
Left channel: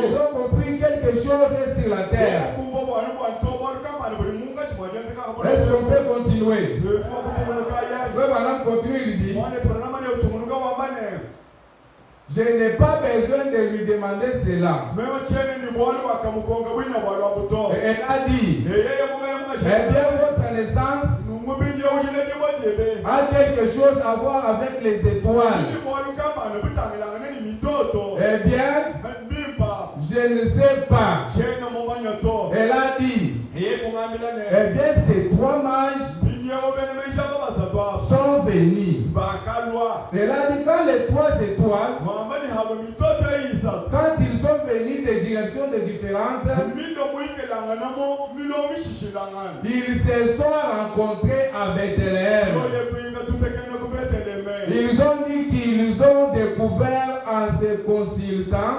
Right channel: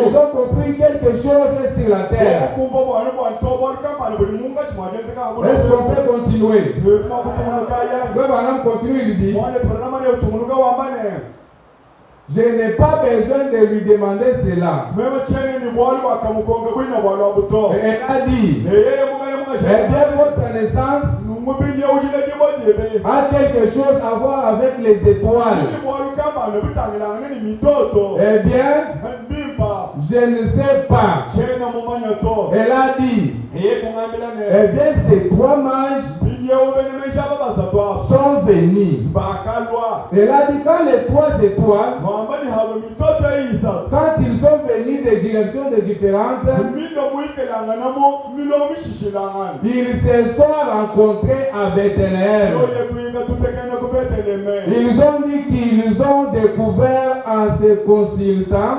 ils ont compris quelque chose sur la terre. Est-ce qu'on peut continuer? Frère Branham continue, il dit, je n'ai pas besoin de lui demander cela. Et elle a dit, eh bien, votre naissance a quelque chose à voir avec les étoiles. Eh bien, je ne sais pas. Elle a dit, eh bien, ces 3 mages sont venus. Elle a dit, quand les 3 étoiles, quand ils sont venus de directions différentes, ils se sont rencontrés à Bethléem. Ils ont dit qu'ils ont découvert en se consultant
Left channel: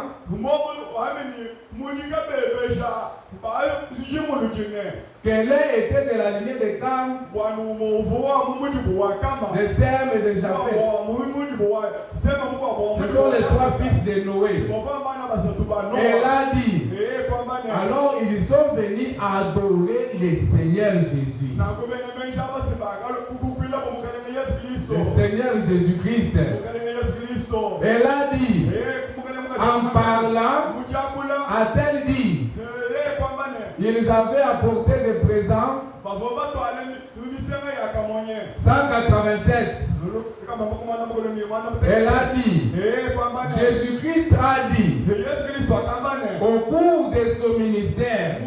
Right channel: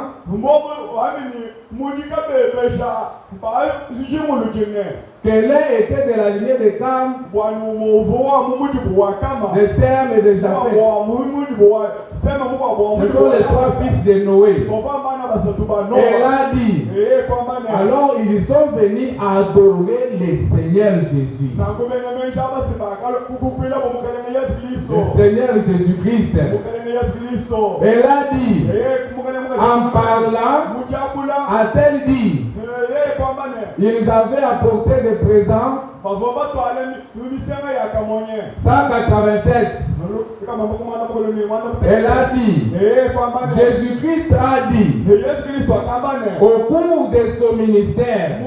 Que l'un était de la lignée de Cam, de Sem et de Japheth. Ce sont les trois fils de Noé. Elle a dit, alors ils sont venus adorer le Seigneur Jésus. Le Seigneur Jésus-Christ. Elle a dit, en parlant, a-t-elle dit, ils avaient apporté des présents 187. Elle a dit, Jésus-Christ a dit, au cours de son ministère,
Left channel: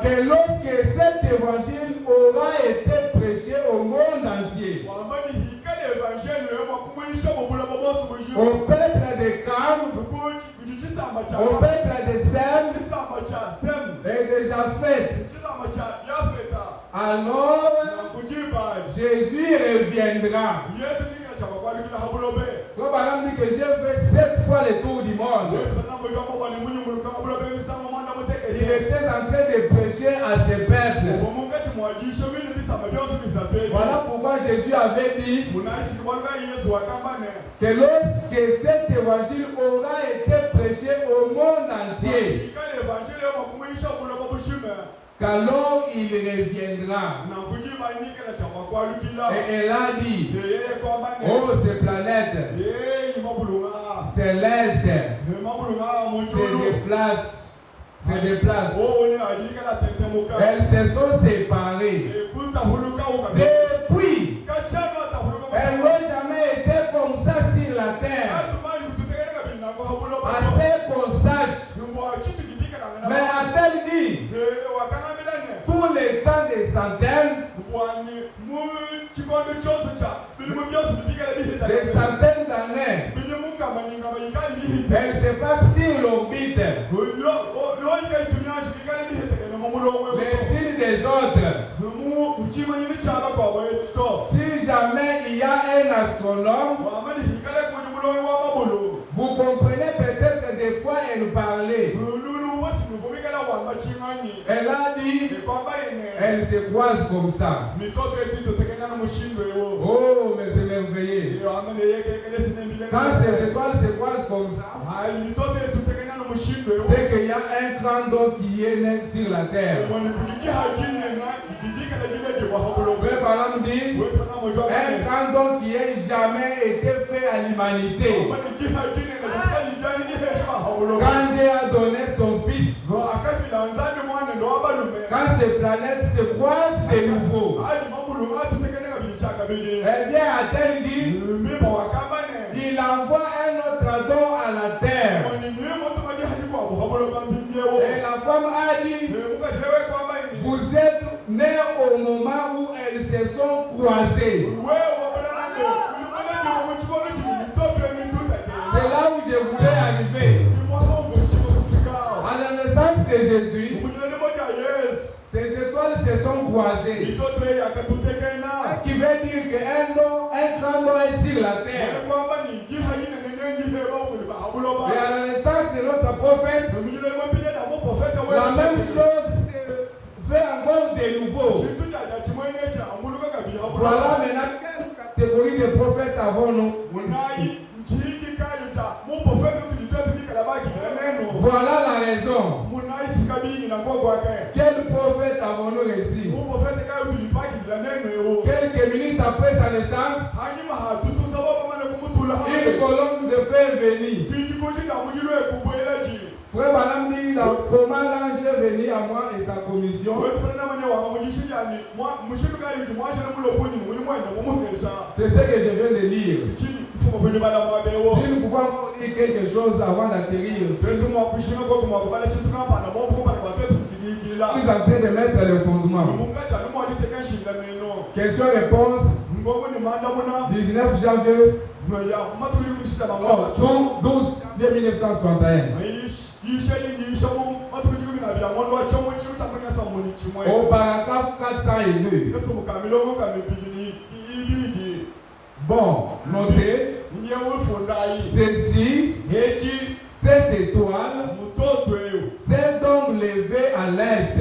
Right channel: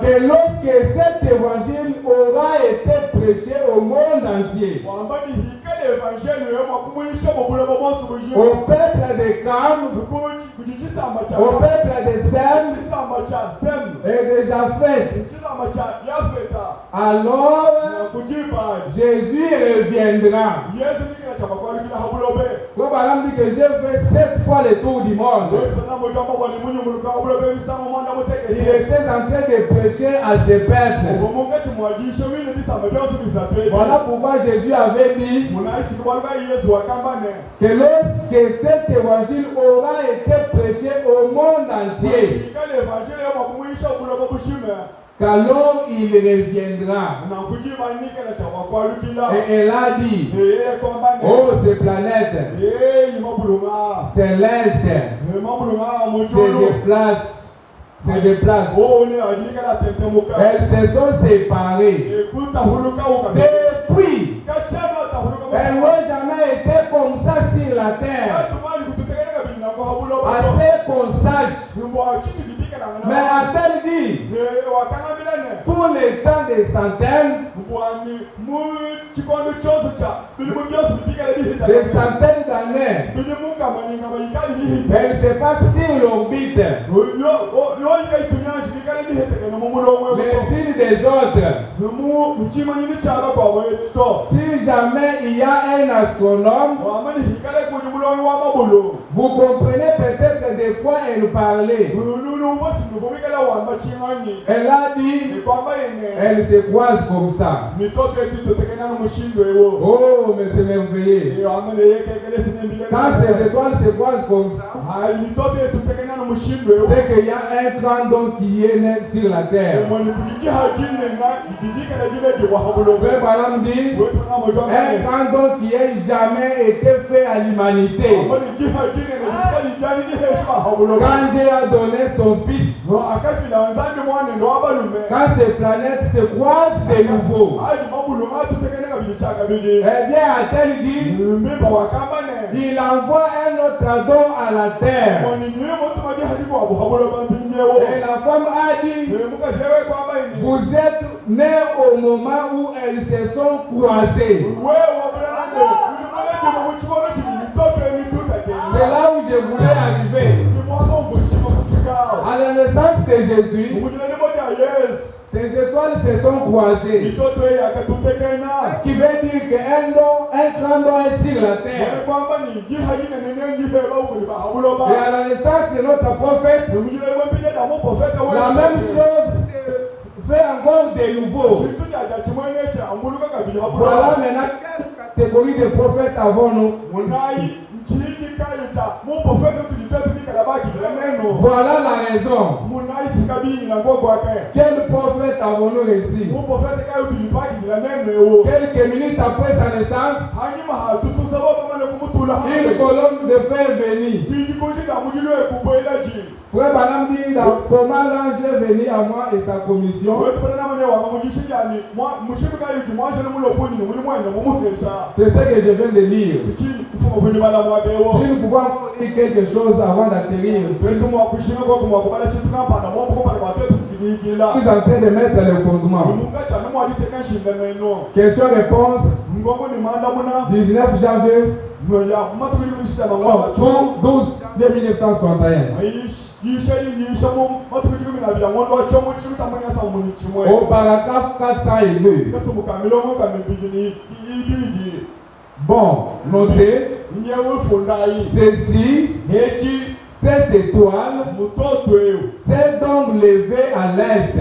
que lorsque cet évangile aura été prêché au monde entier, au peuple de Cam, au peuple de Sem et de Japheth, alors Jésus reviendra. Comme Abraham dit que j'ai fait 7 fois le tour du monde. Il était en train de prêcher à ce peuple. Voilà pourquoi Jésus avait dit que lorsque cet évangile aura été prêché au monde entier, qu'alors il reviendra. Et elle a dit, oh, ces planètes célestes se déplacent. Elles se sont séparées. Depuis, elles n'ont jamais été comme ça sur la terre. Assez qu'on sache. Mais a-t-elle dit, pour les temps des centaines, des centaines d'années, elle se passe sur l'orbite, les îles des autres. Si jamais il y a un astronome, vous comprenez peut-être de quoi elle parlait. Elle a dit, elle se croise comme ça. Oh, mais c'est merveilleux. Quand ces étoiles se croisent comme ça, c'est qu'il y a un grand don qui est né sur la terre. Frère Balam dit, un grand don qui n'a jamais été fait à l'humanité. Quand Dieu a donné son fils, quand ces planètes se croisent de nouveau, eh bien, a-t-elle dit, il envoie un autre don à la terre. Et la femme a dit, vous êtes nés au moment où elles se sont croisées. C'est là où je voulais arriver. À la naissance de Jésus, ces étoiles se sont croisées. Ce qui veut dire qu'un grand don est sur la terre. Et à la naissance de notre prophète, la même chose fait encore de nouveau. Voilà maintenant quelle catégorie de prophètes avons-nous? Voilà la raison. Quel prophète avons-nous reçu? Quelques minutes après sa naissance, une colonne de feu est venue. Frère Balam dit comment l'ange est venu à moi et sa commission. C'est ce que je viens de lire. Si nous pouvons lire quelque chose avant d'atterrir, je suis en train de mettre les fondements. Question-réponse, 19 janvier 12 1961. Au paragraphe 402. Bon, notez, ceci, cette étoile, s'est donc levée à l'est.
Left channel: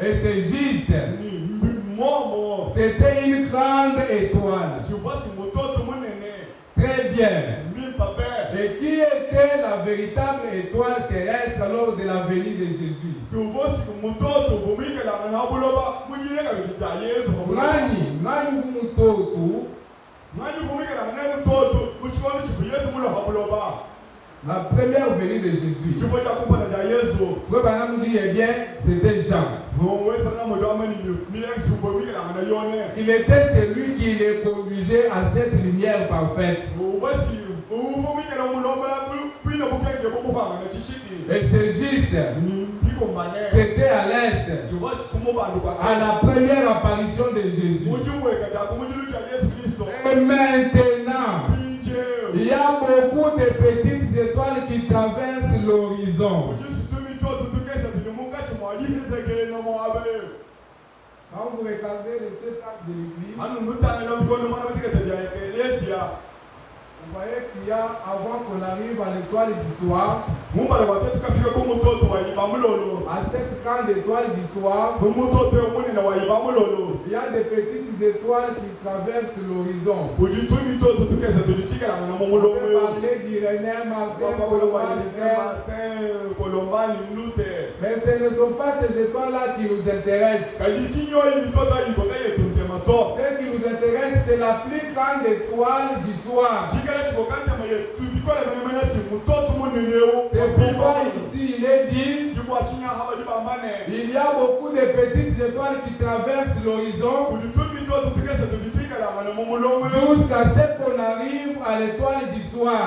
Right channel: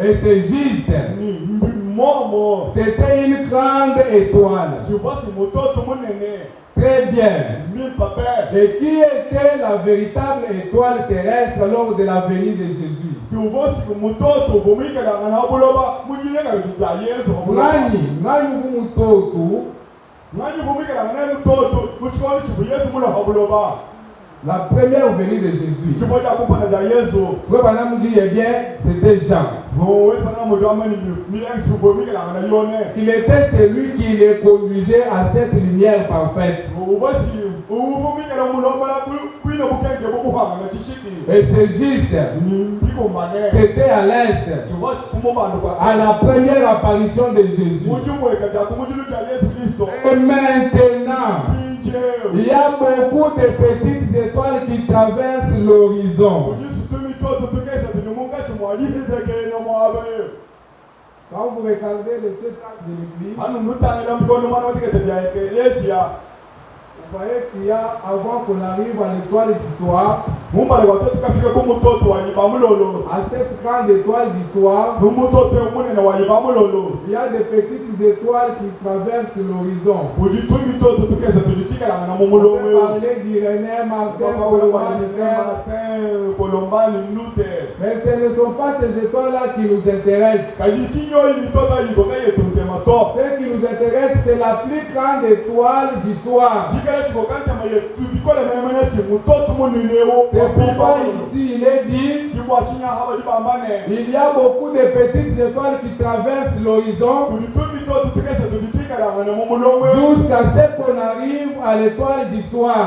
Et c'est juste. C'était une grande étoile. Très bien. Et qui était la véritable étoile terrestre lors de la venue de Jésus? La première venue de Jésus. Frère Branham dit, eh bien, c'était Jean. Il était celui qui les conduisait à cette lumière parfaite. Et c'est juste. C'était à l'est. À la première apparition de Jésus. Et maintenant, il y a beaucoup de petites étoiles qui traversent l'horizon. Quand vous regardez les 7 actes de l'Église, vous voyez qu'il y a, avant qu'on arrive à l'étoile du soir, à cette grande étoile du soir, il y a des petites étoiles qui traversent l'horizon. On peut parler d'Irénée, Martin, Luther. Mais ce ne sont pas ces étoiles-là qui nous intéressent. Ce qui nous intéresse, c'est la plus grande étoile du soir. C'est pourquoi ici il est dit, il y a beaucoup de petites étoiles qui traversent l'horizon jusqu'à ce qu'on arrive à l'étoile du soir.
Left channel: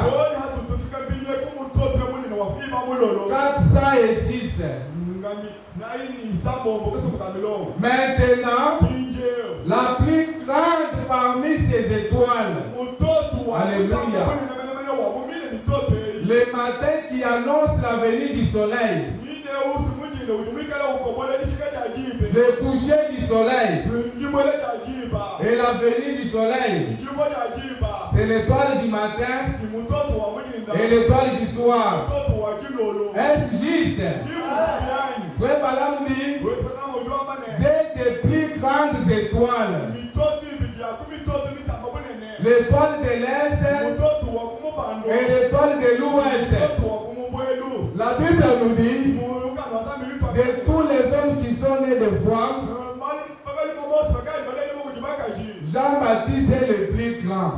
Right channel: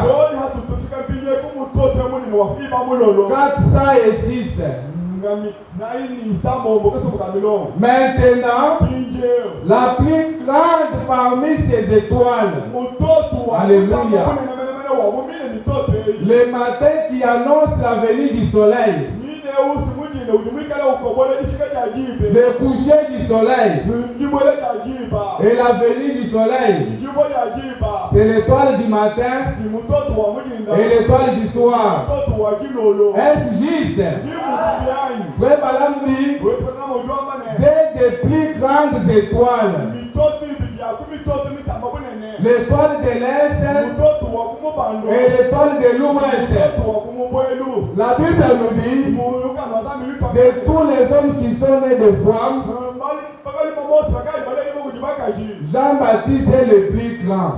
406. Maintenant, la plus grande parmi ces étoiles, alléluia, le matin qui annonce la venue du soleil, le coucher du soleil et la venue du soleil, c'est l'étoile du matin et l'étoile du soir. Est-ce juste? Frère Branham dit, des plus grandes étoiles, l'étoile de l'Est et l'étoile de l'Ouest. La Bible nous dit, de tous les hommes qui sont nés de femmes, Jean-Baptiste est le plus grand.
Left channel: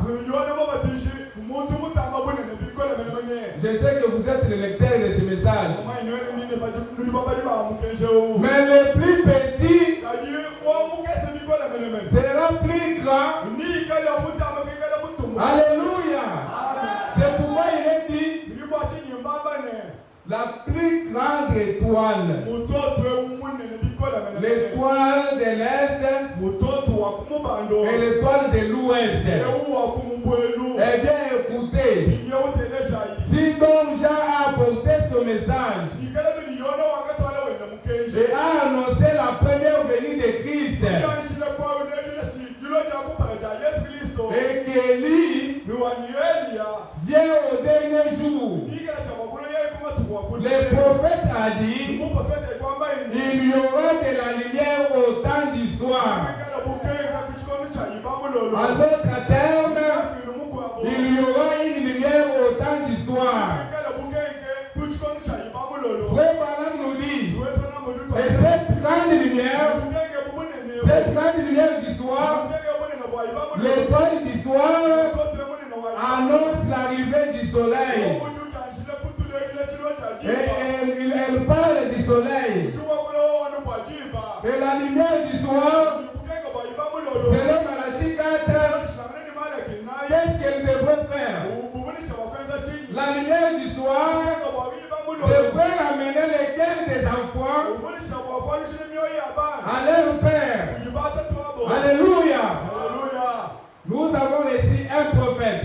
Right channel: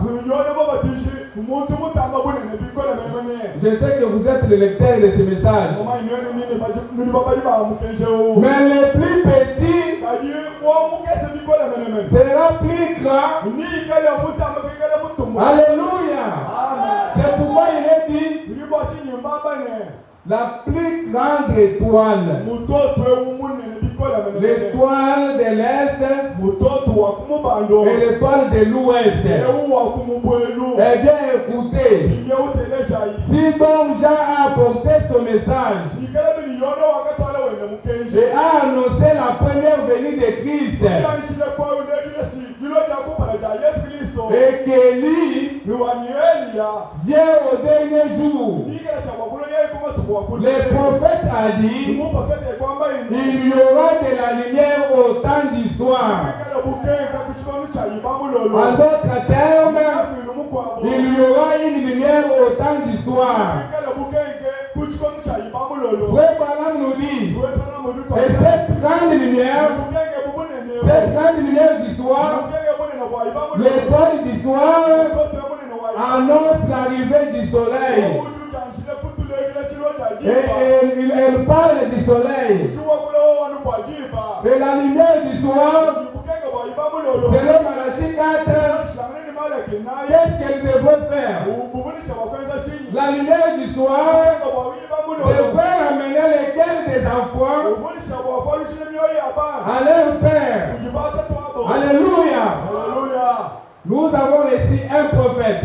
Je sais que vous êtes le lecteur de ce message. Mais le plus petit sera plus grand. Alléluia. C'est pourquoi il est dit, la plus grande étoile, l'étoile de l'Est et l'étoile de l'Ouest. Eh bien, écoutez, si donc Jean a apporté son message et a annoncé la première venue de Christ, et qu'Élie vient au dernier jour, le prophète a dit, il y aura de la lumière au temps du soir. En d'autres termes, il y aura une lumière au temps du soir. Frère Branham nous dit, et cette grande lumière du soir, l'étoile du soir annonce l'arrivée du soleil. Et elle parle du soleil. Et la lumière du soir, c'est le Malachie 4. Qu'est-ce qu'elle devrait faire? La lumière du soir devrait amener les cœurs des enfants à leur Père. Alléluia. Nous avons ici un prophète.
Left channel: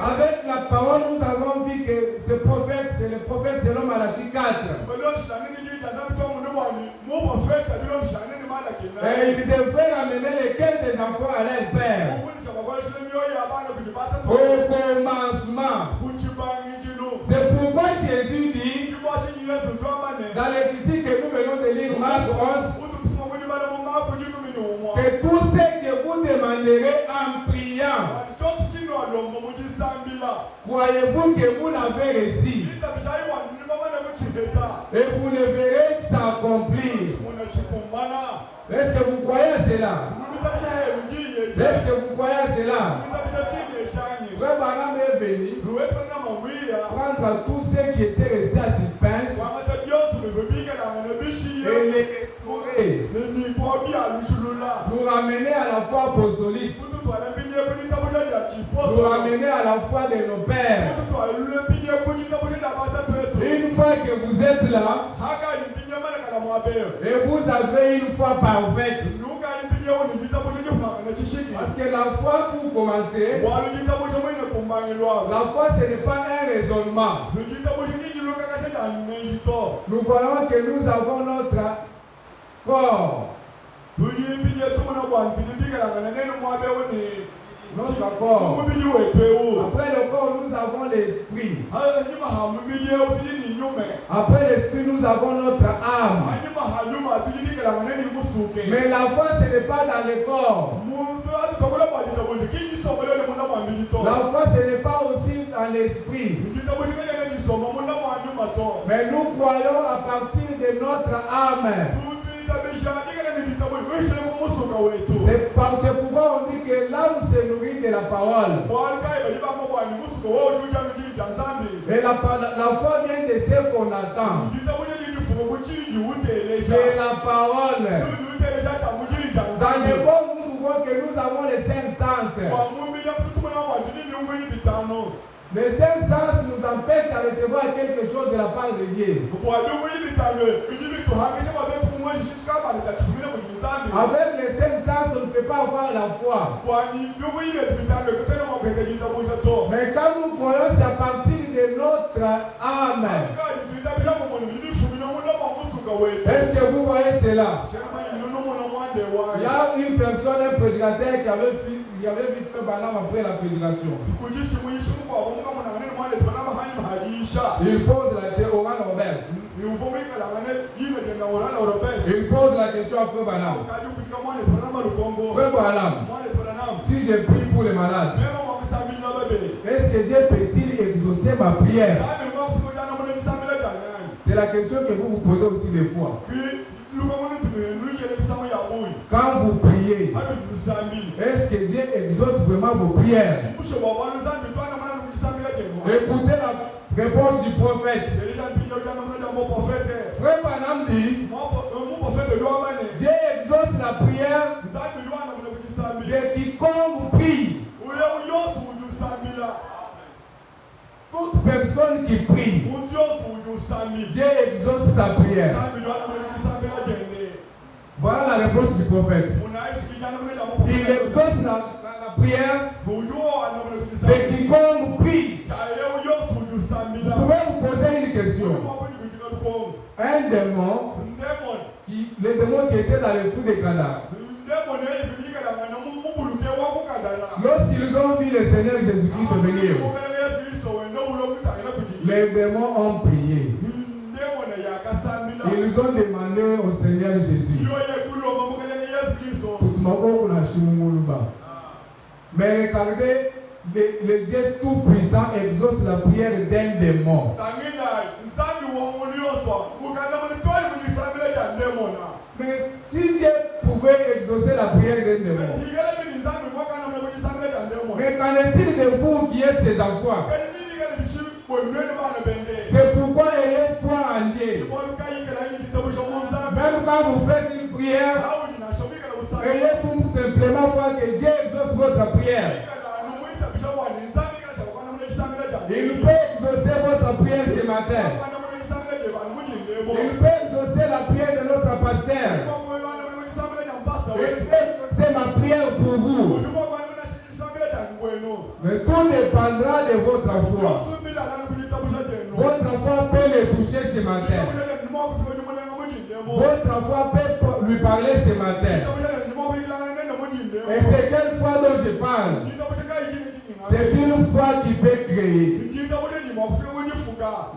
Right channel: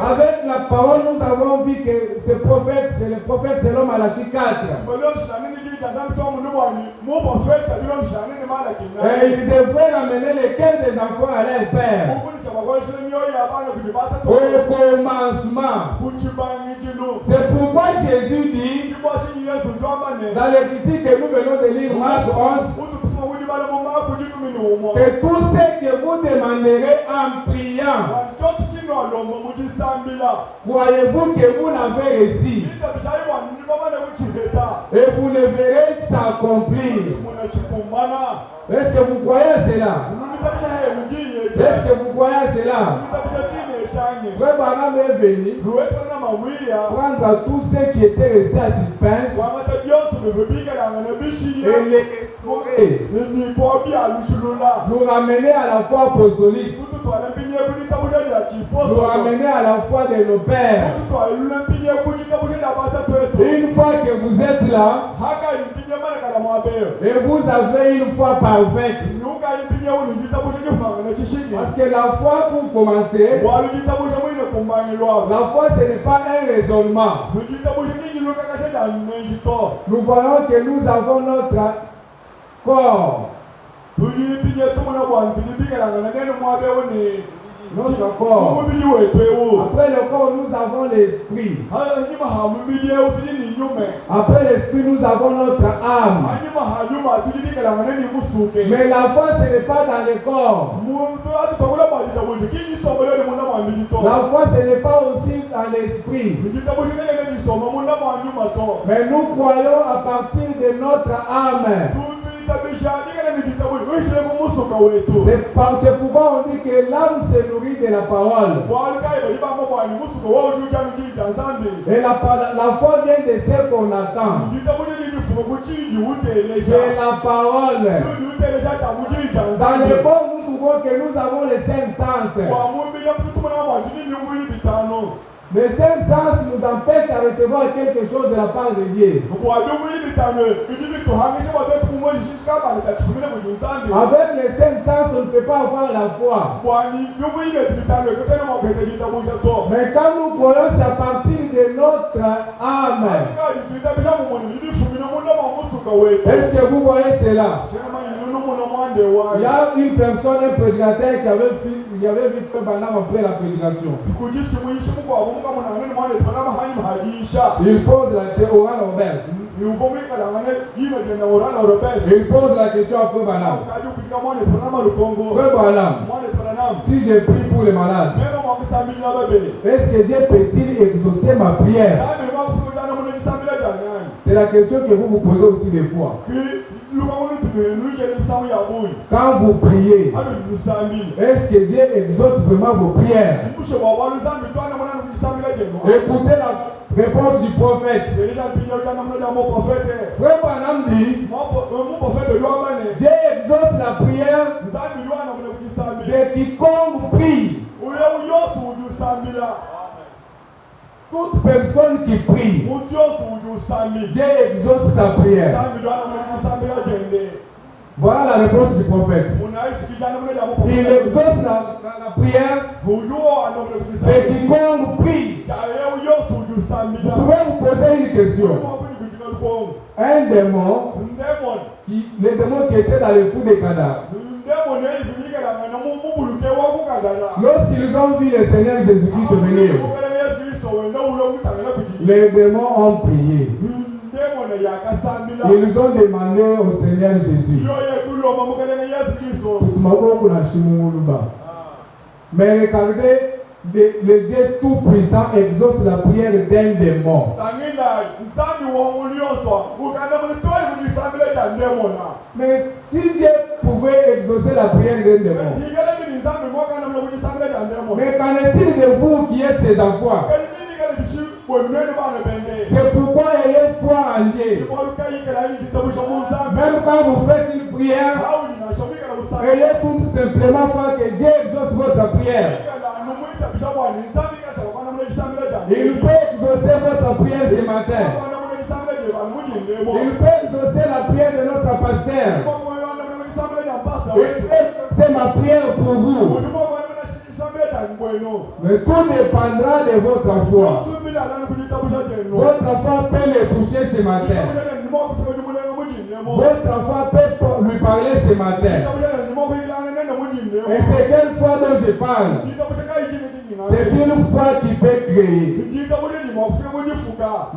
Avec la parole, nous avons vu vu que ce prophète, c'est le prophète selon Malachie 4. Et ils devraient ramener les cœurs des enfants à leur père. Au commencement. C'est pourquoi Jésus dit, dans les critiques que nous venons de lire, Marc 11, que tout ce que vous demanderez en priant, croyez-vous que vous l'avez reçu et vous le verrez s'accomplir. Est-ce que vous croyez à cela? Est-ce que vous croyez à cela? Frère Branham est venu prendre tous ceux qui étaient restés à suspense et les restaurer, nous ramener à la foi apostolique, nous ramener à la foi de nos pères. Une fois que vous êtes là et vous avez une foi parfaite, parce que la foi, pour commencer, la foi ce n'est pas un raisonnement. Nous voyons que nous avons notre corps. Notre corps. Après le corps, nous avons l'esprit. Après l'esprit, nous avons notre âme. Mais la foi, ce n'est pas dans le corps. La foi, ce n'est pas aussi dans l'esprit. Mais nous croyons à partir de notre âme. C'est pourquoi on dit que l'âme se nourrit de la parole. Et la foi vient de ce qu'on attend. C'est la parole. Dans le bon, nous trouvons que nous avons les 5 sens. Les 5 sens nous empêchent à recevoir quelque chose de la part de Dieu. Avec les 5 sens, on ne peut pas avoir la foi. Mais quand nous croyons, c'est à partir de notre âme. Est-ce que vous voyez cela? Il y a une personne, un prédicateur qui avait vu Frère Branham après la prédication. Il pose la question au Oral Robert. Il pose la question à Frère Branham. Frère Branham, si je prie pour les malades, est-ce que Dieu peut-il exaucer ma prière? C'est la question que vous vous posez aussi des fois. Quand vous priez, est-ce que Dieu exauce vraiment vos prières? Écoutez la réponse du prophète. Frère Branham dit, Dieu exauce la prière de quiconque prie. Toute personne qui prie, Dieu exauce sa prière. Voilà la réponse du prophète. Il exauce la prière de quiconque prie. Vous pouvez vous poser une question. Un démon, le démon qui était dans le fou des cadavres, lorsqu'ils ont vu le Seigneur Jésus-Christ venir, les démons ont prié. Ils ont demandé au Seigneur Jésus. Mais regardez, le Dieu tout-puissant exauce la prière d'un démon. Mais si Dieu pouvait exaucer la prière d'un démon, mais qu'en est-il de vous qui êtes ses enfants? C'est pourquoi ayez foi en Dieu. Même quand vous faites une prière, ayez tout simplement foi que Dieu exauce votre prière. Il peut exaucer votre prière ce matin. Il peut exaucer la prière de notre pasteur. Il peut exaucer ma prière pour vous. Mais tout dépendra de votre foi. Votre foi peut le toucher ce matin. Votre foi peut lui parler ce matin. Et c'est quelle foi dont je parle? C'est une foi qui peut créer.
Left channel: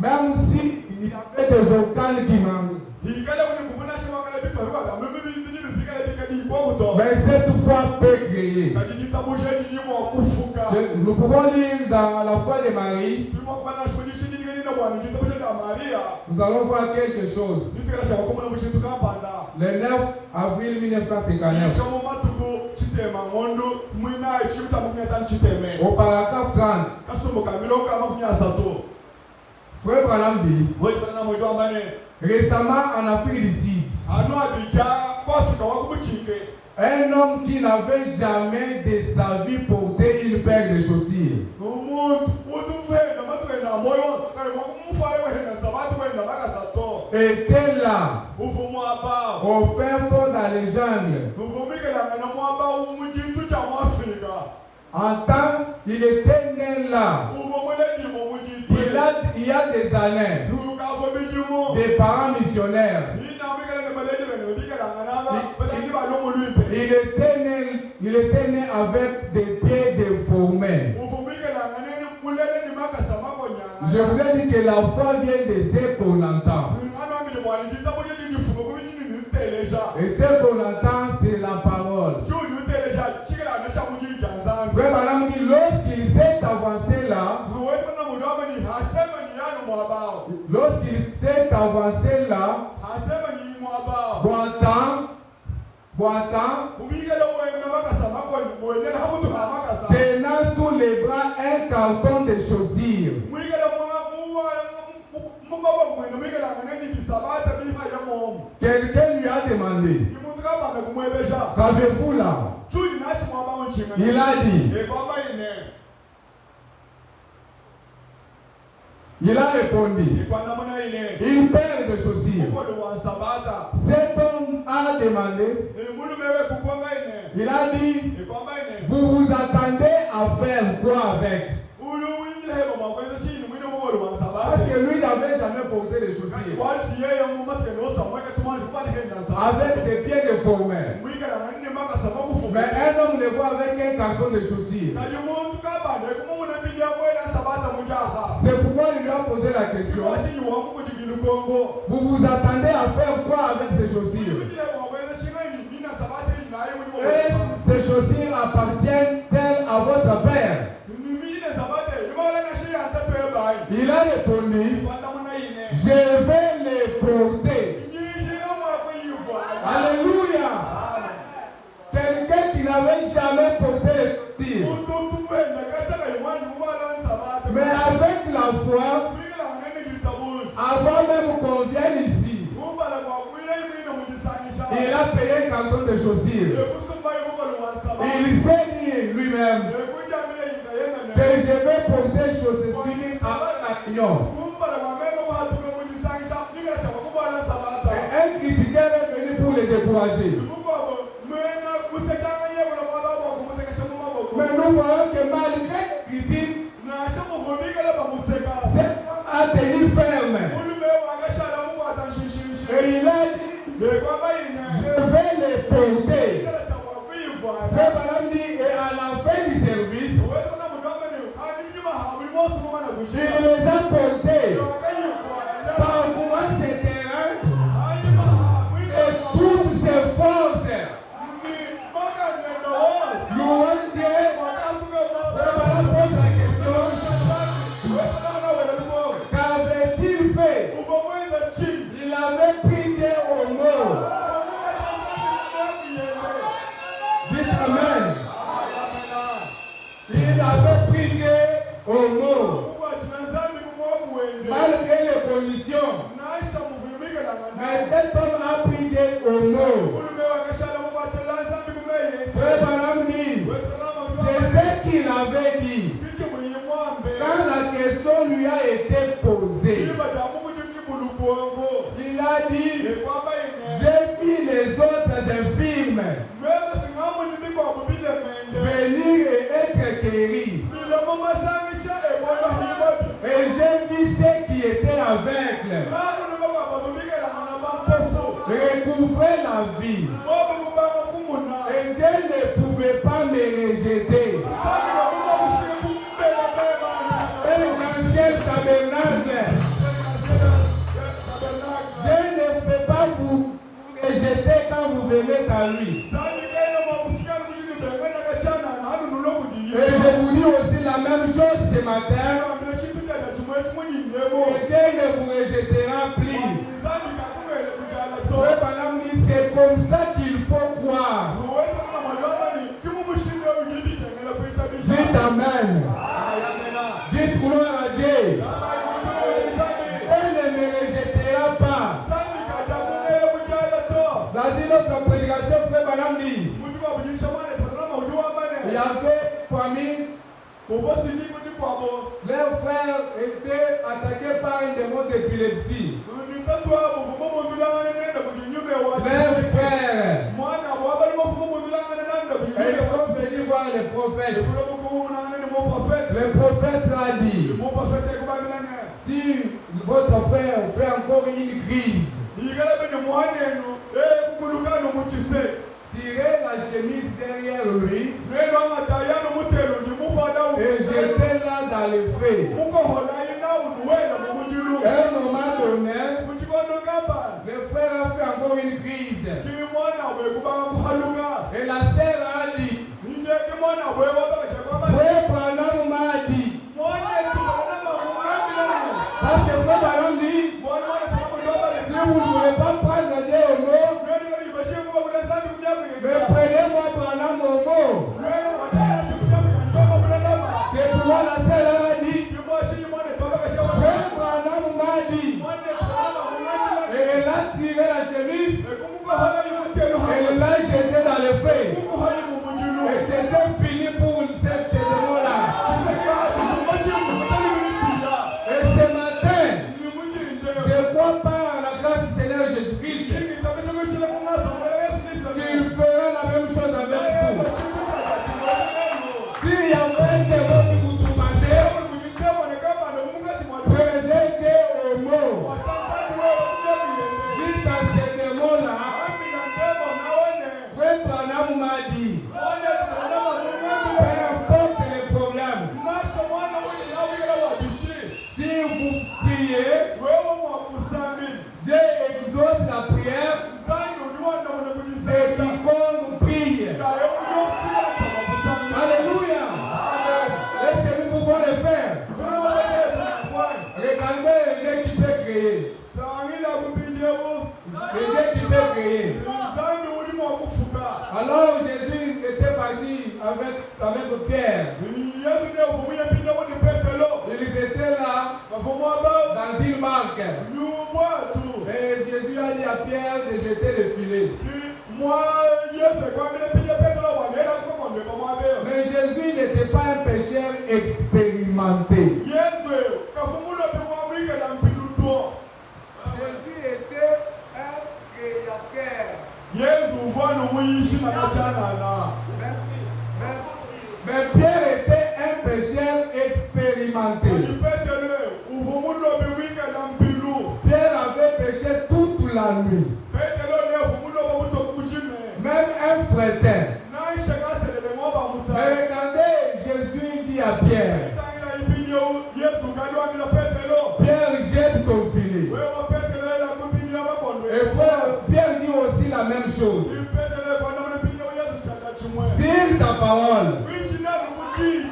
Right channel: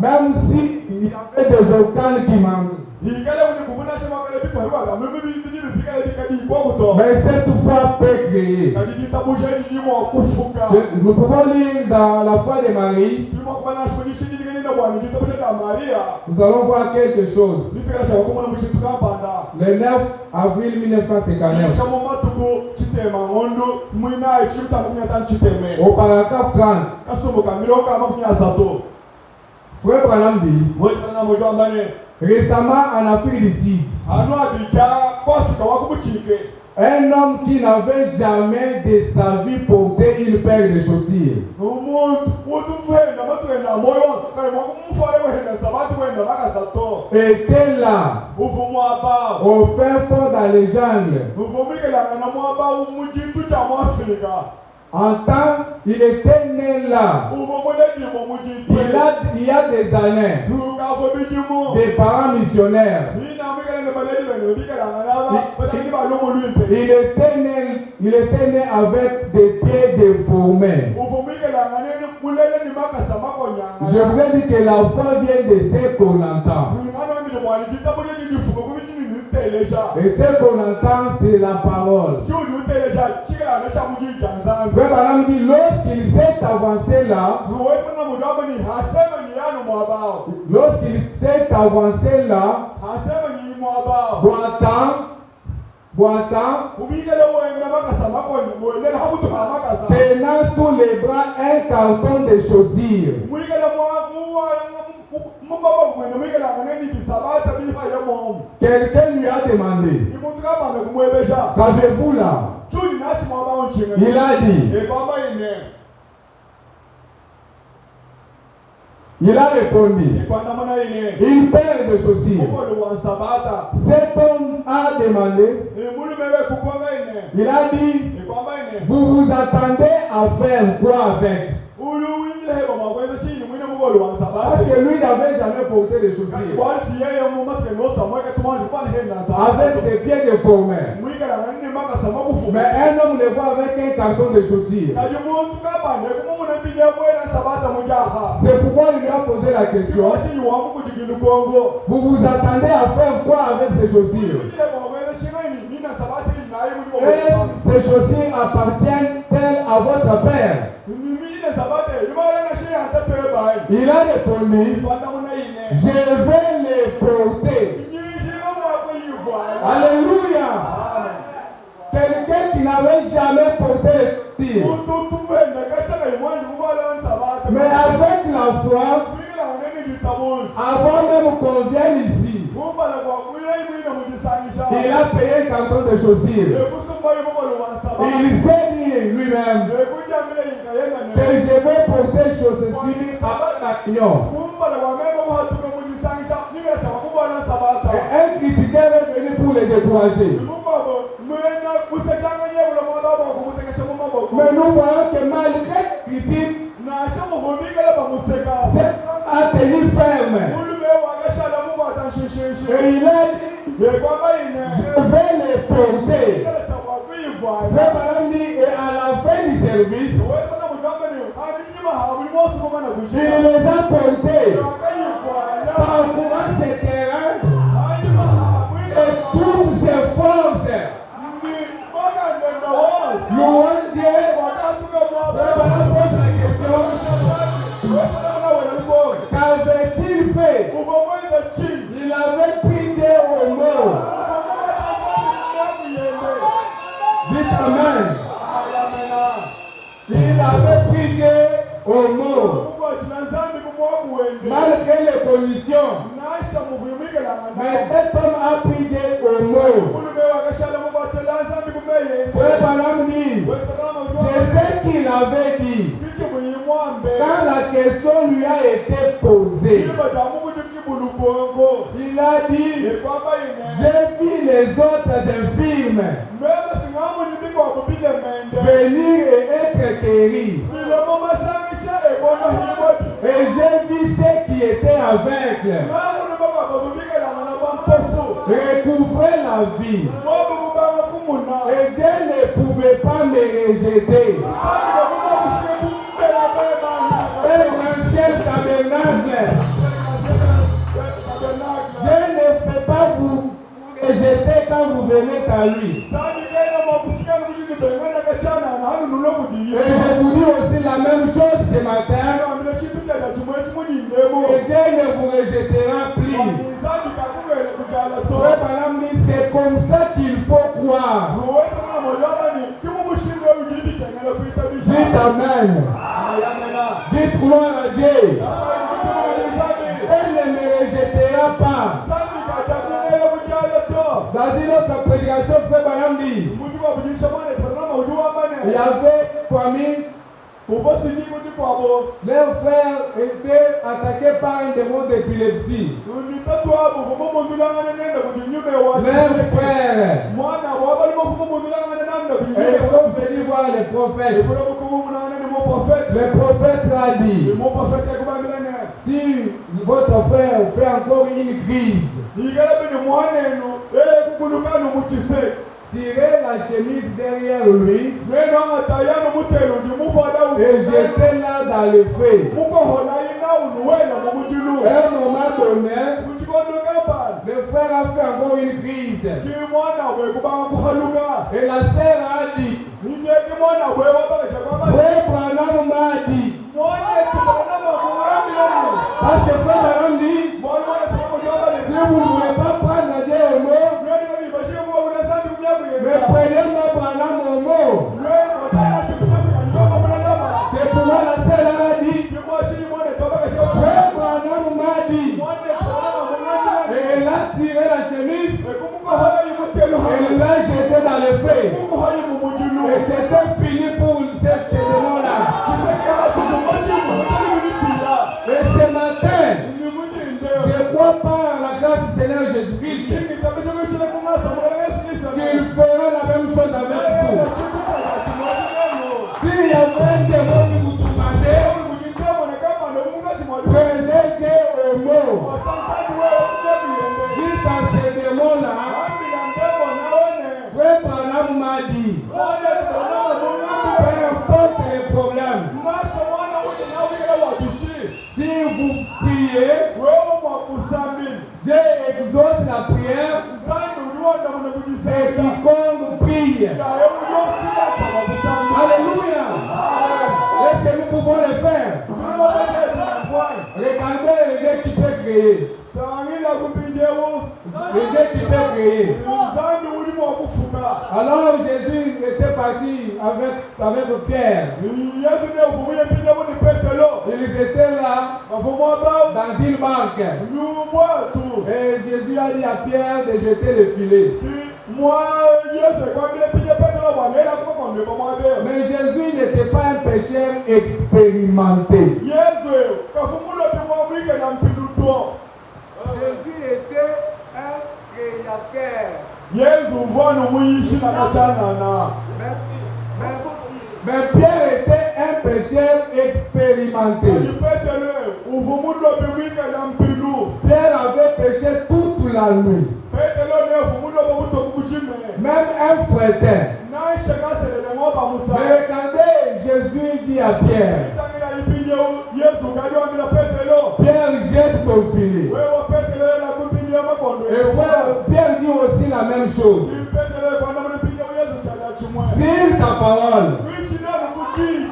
Même si il y avait des organes qui manquent. Mais cette foi peut créer. Nous pouvons lire dans la foi de Marie. Nous allons voir quelque chose. Le 9 avril 1959. Au paragraphe 30. Frère Branham dit, récemment en Afrique du Sud, un homme qui n'avait jamais de sa vie porté une paire de chaussures était là, au fin fond dans les jungles. Il était né là. Il y a des années. Des parents missionnaires. Il était né avec des pieds déformés. Je vous ai dit que la foi vient de ce qu'on entend. Et ce qu'on entend, c'est la parole. Frère Branham dit, lorsqu'il s'est avancé là, boitant, tenant sous les bras un carton de chaussures. Quelqu'un lui a demandé, qu'avez-vous là? Il a dit, il a répondu, une paire de chaussures. Cet homme a demandé, il a dit, vous vous attendez à faire quoi avec? Parce que lui n'avait jamais porté de chaussures. Avec des pieds déformés. Mais un homme le voit avec un carton de chaussures. C'est pourquoi il lui a posé la question. Vous vous attendez à faire quoi avec ces chaussures? Et ces chaussures appartiennent-elles à votre père? Il a répondu, je vais les porter. Alléluia. Quelqu'un qui n'avait jamais porté les chaussures. Mais avec la foi, avant même qu'on vienne ici, il a payé un carton de chaussures. Il s'est dit lui-même que je vais porter chaussures à l'union. Un critiqueur est venu pour les décourager. Mais nous voyons que malgré les critiques, cet homme a tenu ferme. Et il a dit, je vais les porter. Frère Branham dit, et à la fin du service, il les a portés. Parcourant ces terrains et toutes ses forces. Louange Dieu. Frère Branham pose la question, qu'avait-il fait? Il avait pris Dieu au mot. Dites Amen. Il avait pris Dieu au mot. Malgré les conditions. Mais cet homme a pris Dieu au mot. Frère Branham dit, c'est ce qu'il avait dit. Quand la question lui a été posée, il a dit, j'ai dit les autres infirmes venir et être guéris. j'ai vu ceux qui étaient aveugles recouvrer la vie. Et Dieu ne pouvait pas me rejeter. Et l'ancien tabernacle, Dieu ne peut pas vous rejeter quand vous venez à lui. Et je vous dis aussi la même chose ce matin. Et Dieu ne vous rejettera plus. C'est comme ça qu'il faut croire. Dites Amen. Dites gloire à Dieu. Elle ne me rejettera pas. Dans une autre prédication, frère Balam dit, il y avait famille. Leur frère était attaqué par un démon d'épilepsie. Leur frère. Et ils sont venus voir le prophète. Le prophète a dit, si votre frère fait encore une crise, tirez la chemise derrière lui et jetez-la dans le feu. À un moment donné, le frère a fait encore une crise. Et la sœur a dit, frère Branham m'a dit, parce que frère Branham dit, si vous ne voulez pas prendre Dieu au mot, mais prenez-moi Branham au mot. C'est pour moi la sœur a dit, frère Branham m'a dit, et elle a tiré la chemise, elle l'a jetée dans le feu. Et c'était fini pour cette démon-là. Et ce matin, je crois pas à la grâce du Seigneur Jésus-Christ qu'il fera la même chose avec vous. S'il y a un démon qui vous tourmentez, prenez Dieu au mot. Dites à ces démons-là, frère Branham m'a dit, peu importe les problèmes, si vous priez, Dieu exauce la prière et quiconque prie. Alléluia. Est-ce que nous pouvons le faire? Regardez le Dieu qui peut créer. Le Dieu qui peut créer. Alors Jésus était parti avec Pierre. Ils étaient là dans une barque. Et Jésus a dit à Pierre de jeter le filet. Mais Jésus n'était pas un pécheur expérimenté. Jésus était un créateur. Mais Pierre était un pécheur expérimenté. Pierre avait péché toute la nuit. Même un frère. Mais regardez, Jésus dit à Pierre, Pierre, jette ton filet. Et frère, Pierre dit aussi la même chose. Sur ta parole,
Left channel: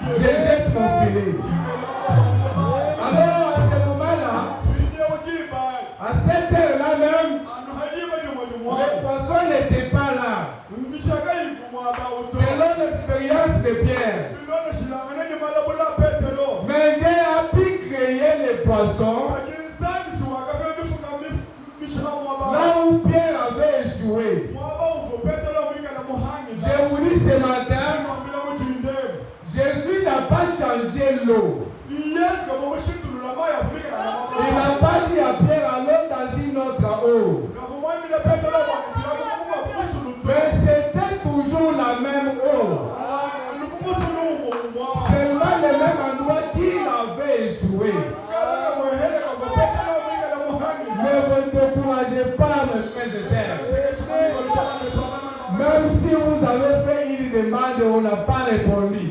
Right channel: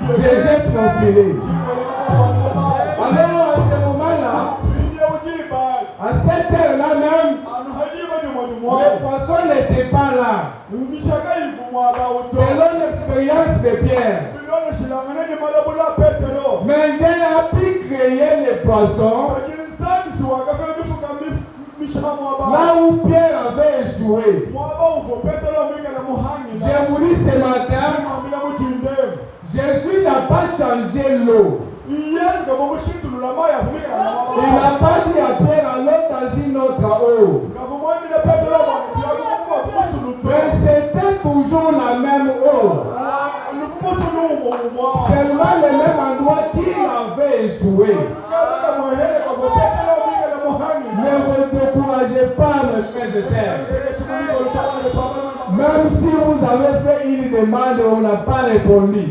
je jette mon filet. Alors, à ce moment-là, à cette heure-là même, les poissons n'étaient pas là. Selon l'expérience de Pierre. Mais Dieu a pu créer les poissons là où Pierre avait échoué. Je vous dis ce matin, Jésus n'a pas changé l'eau. Il n'a pas dit à Pierre allons dans une autre eau. Mais c'était toujours la même eau. Seulement le même endroit qu'il avait échoué. frères et sœurs. Même si vous avez fait une demande et on n'a pas répondu,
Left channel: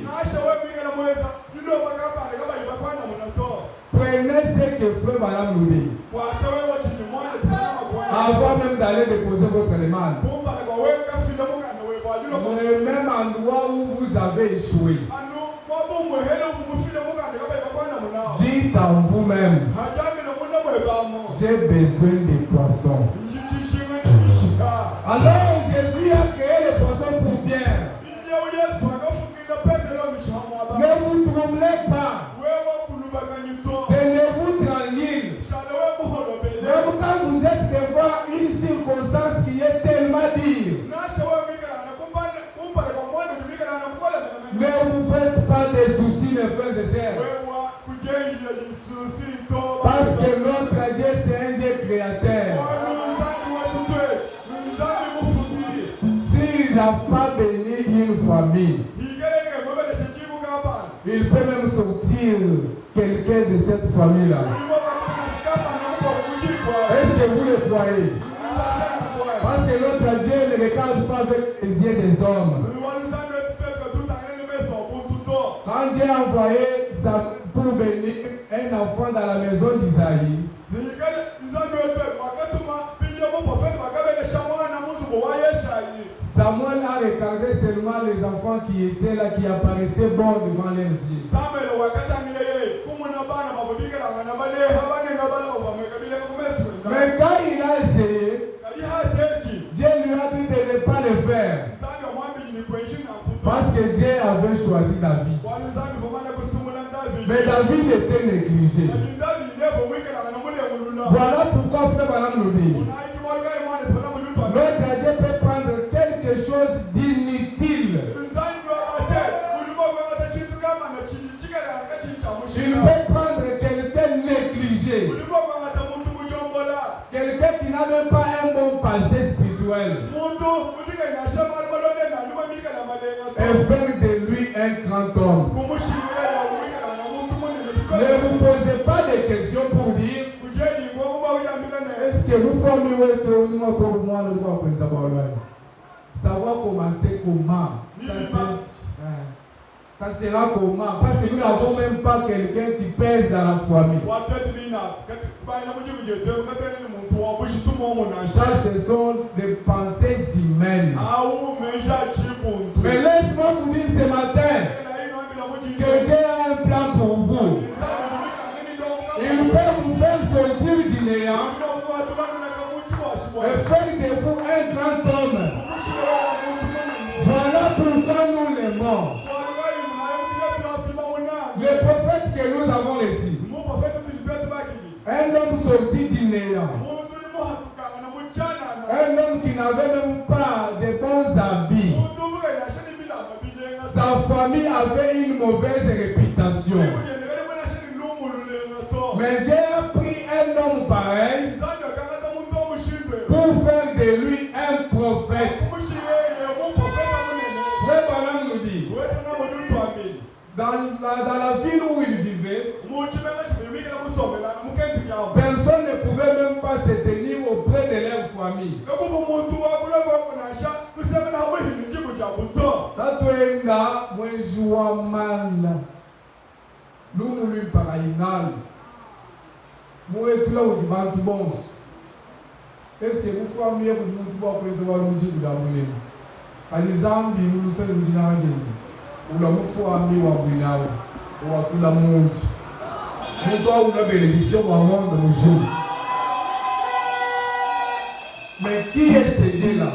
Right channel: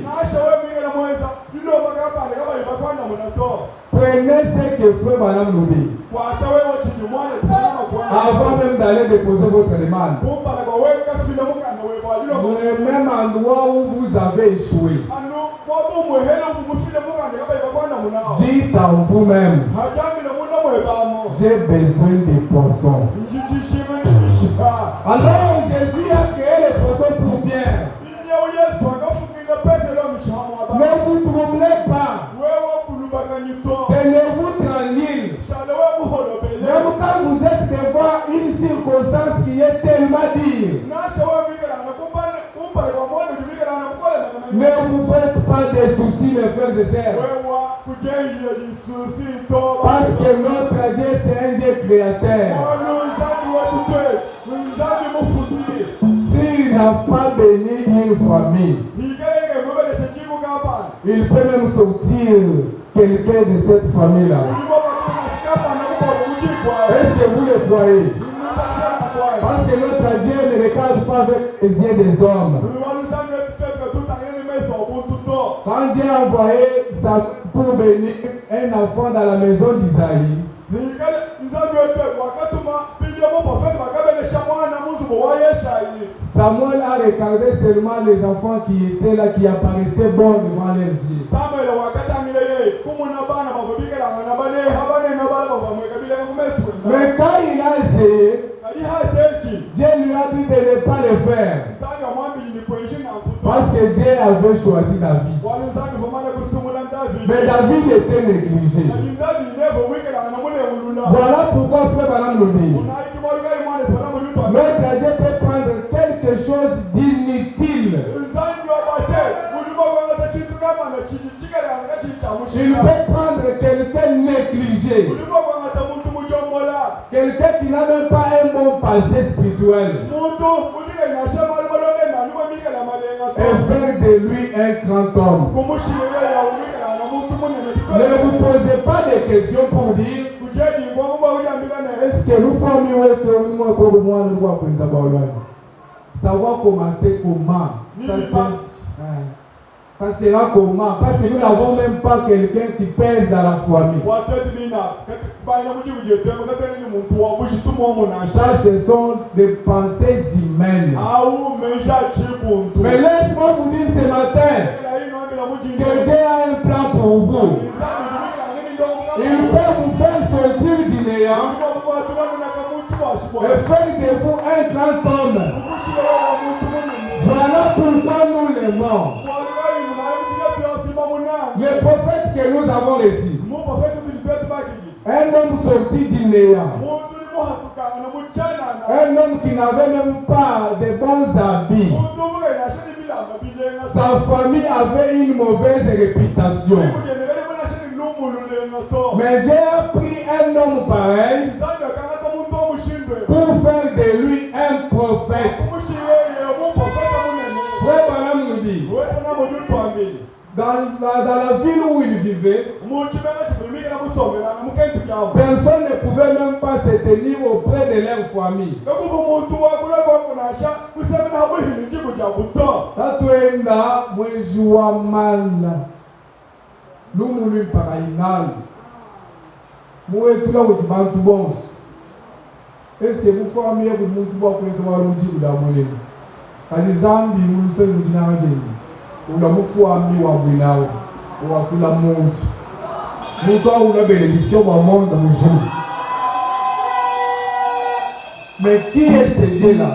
prenez ce que frère Madame nous dit. Avant même d'aller déposer votre demande. Le même endroit où vous avez échoué. Dites en vous-même, j'ai besoin des poissons. Alors Jésus a créé les poissons pour bien. Ne vous troublez pas. Tenez-vous tranquille. Même quand vous êtes devant une circonstance qui est tellement dure, ne vous faites pas de soucis, mes frères et sœurs. Parce que notre Dieu, c'est un Dieu créateur. S'il n'a pas béni une famille, il peut même sortir quelqu'un de cette famille-là. Est-ce que vous le croyez? Parce que notre Dieu ne regarde pas avec les yeux des hommes. Quand Dieu a envoyé pour bénir un enfant dans la maison d'Isaïe, Samuel a regardé seulement les enfants qui étaient là, qui apparaissaient bons devant leurs yeux. Mais quand il a essayé, Dieu lui a dit de ne pas le faire. Parce que Dieu avait choisi David. Mais David était négligé. Voilà pourquoi frère Balam nous dit, notre Dieu peut prendre quelque chose d'inutile. Il peut prendre quelqu'un négligé. Quelqu'un qui n'a même pas un bon passé spirituel. Et faire de lui un grand homme. Ne vous posez pas de questions pour dire est-ce que nous formons ça va commencer comment? Ça sera comment? Parce que nous n'avons même pas quelqu'un qui pèse dans la famille. Ça, ce sont des pensées humaines. Mais laisse-moi vous dire ce matin que Dieu a un plan pour vous. Il peut vous faire sortir du néant et faire de vous un grand homme. Voilà pourquoi nous l'aimons. Le prophète que nous avons reçu, un homme sorti du néant, un homme qui n'avait même pas de bons habits, sa famille avait une mauvaise réputation. Mais Dieu a pris un homme pareil pour faire de lui un prophète. Frère Balam nous dit, dans la ville où il vivait, personne ne pouvait même pas se tenir auprès de leur famille. Tatuenda mwejua mala lumulu mpakainali muwetula kuti bantu bonse. Est-ce que vous famille kuti muntu bwakweza walungi kudamulemu kali zambi muluseni mujinawajeni ula mufwami wabwinawo wakula muntu muntu auna bénédiction dans le monde mujour. Mais qui est ce Dieu-là?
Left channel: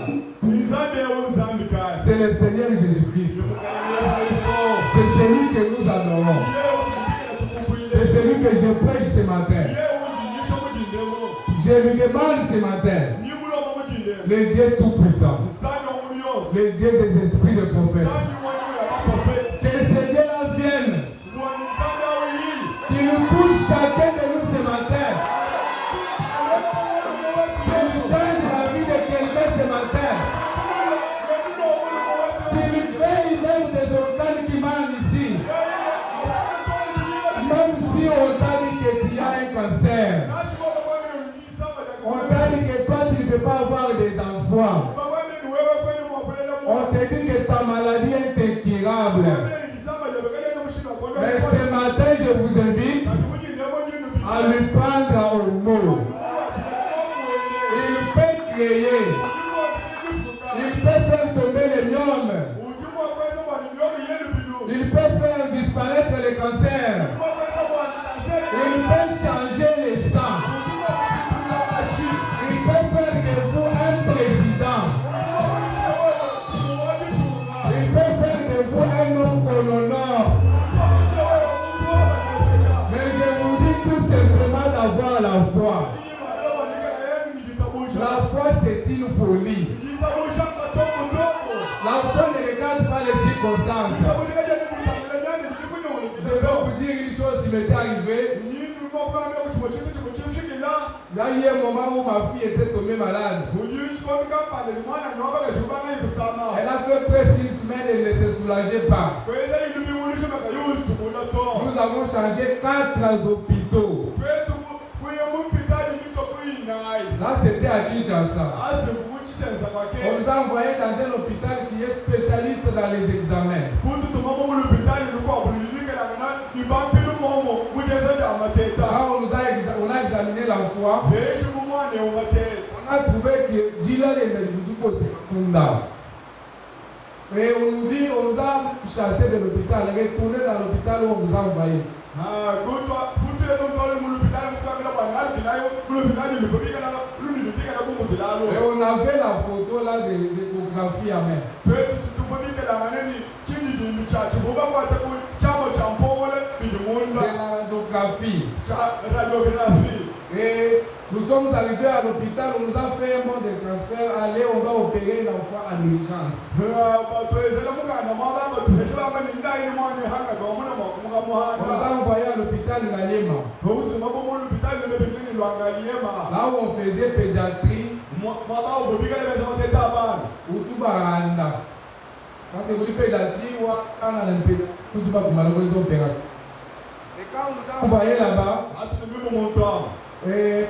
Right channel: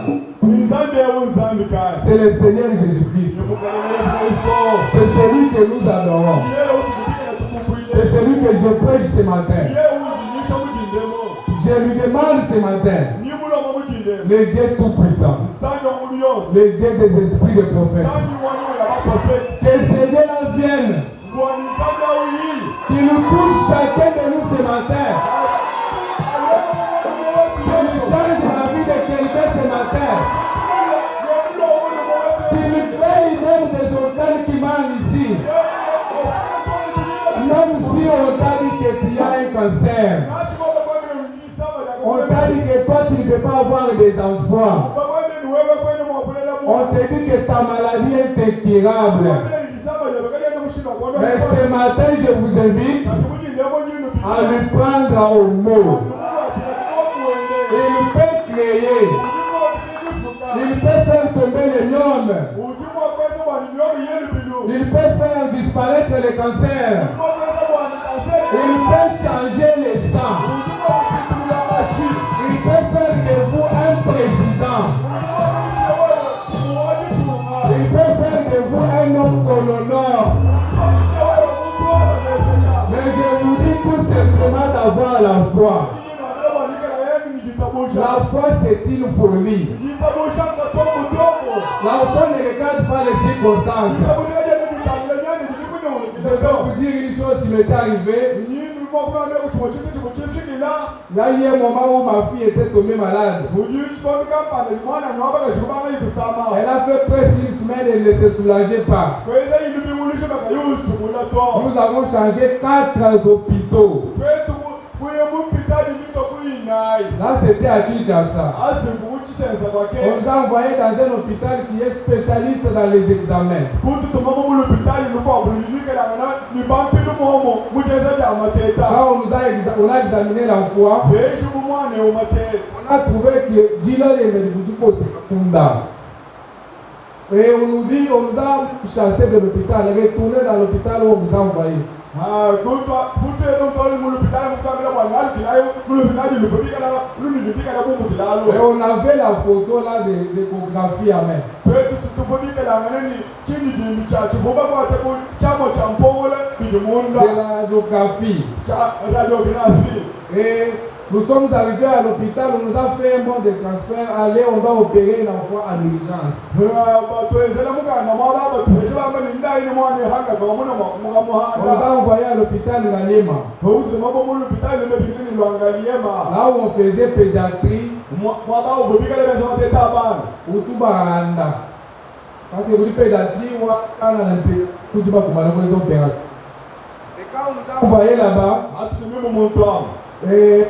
C'est le Seigneur Jésus-Christ. C'est celui que nous adorons. C'est celui que je prêche ce matin. Je lui demande ce matin, le Dieu tout-puissant, le Dieu des esprits de prophètes, que ce Dieu-là vienne, qu'il nous touche chacun de nous ce matin, qu'il change la vie de quelqu'un ce matin, qu'il crée même des organes qui manquent ici, même si on t'a dit que tu as un cancer, on t'a dit que toi tu ne peux pas avoir des enfants, on te dit que ta maladie est incurable. Mais ce matin, je vous invite à lui prendre au mot. Il peut créer. Il peut faire tomber les gnomes. Il peut faire disparaître les cancers. Il peut changer les sangs. Il peut faire de vous un président. Il peut faire de vous un homme qu'on honore. Mais je vous dis tout simplement d'avoir la foi. La foi, c'est une folie. La foi ne regarde pas les circonstances. Je vais vous dire une chose qui m'est arrivée. Là, il y a un moment où ma fille était tombée malade. Elle a fait presque une semaine et elle ne se soulageait pas. Nous avons changé 4 hôpitaux. Là, c'était à Kinshasa. On nous a envoyé dans un hôpital qui est spécialiste dans les examens. Là, on a examiné la foi. On a trouvé que Dila est le Kunda. Et on nous a chassé de l'hôpital, retourné dans l'hôpital où on nous a envoyé. Et on avait la photo là de l'échographie à main. De la radiographie. Et nous sommes arrivés à l'hôpital, on nous a fait un bon de transfert. Allez, on doit opérer l'enfant en urgence. On nous a envoyé à l'hôpital de la Lema. Là où on faisait pédiatrie, ou tout baranda. Parce que vous dites pédiatrie, ou quand on a un pédiatrie, opérations. Et quand on nous a envoyé là-bas, et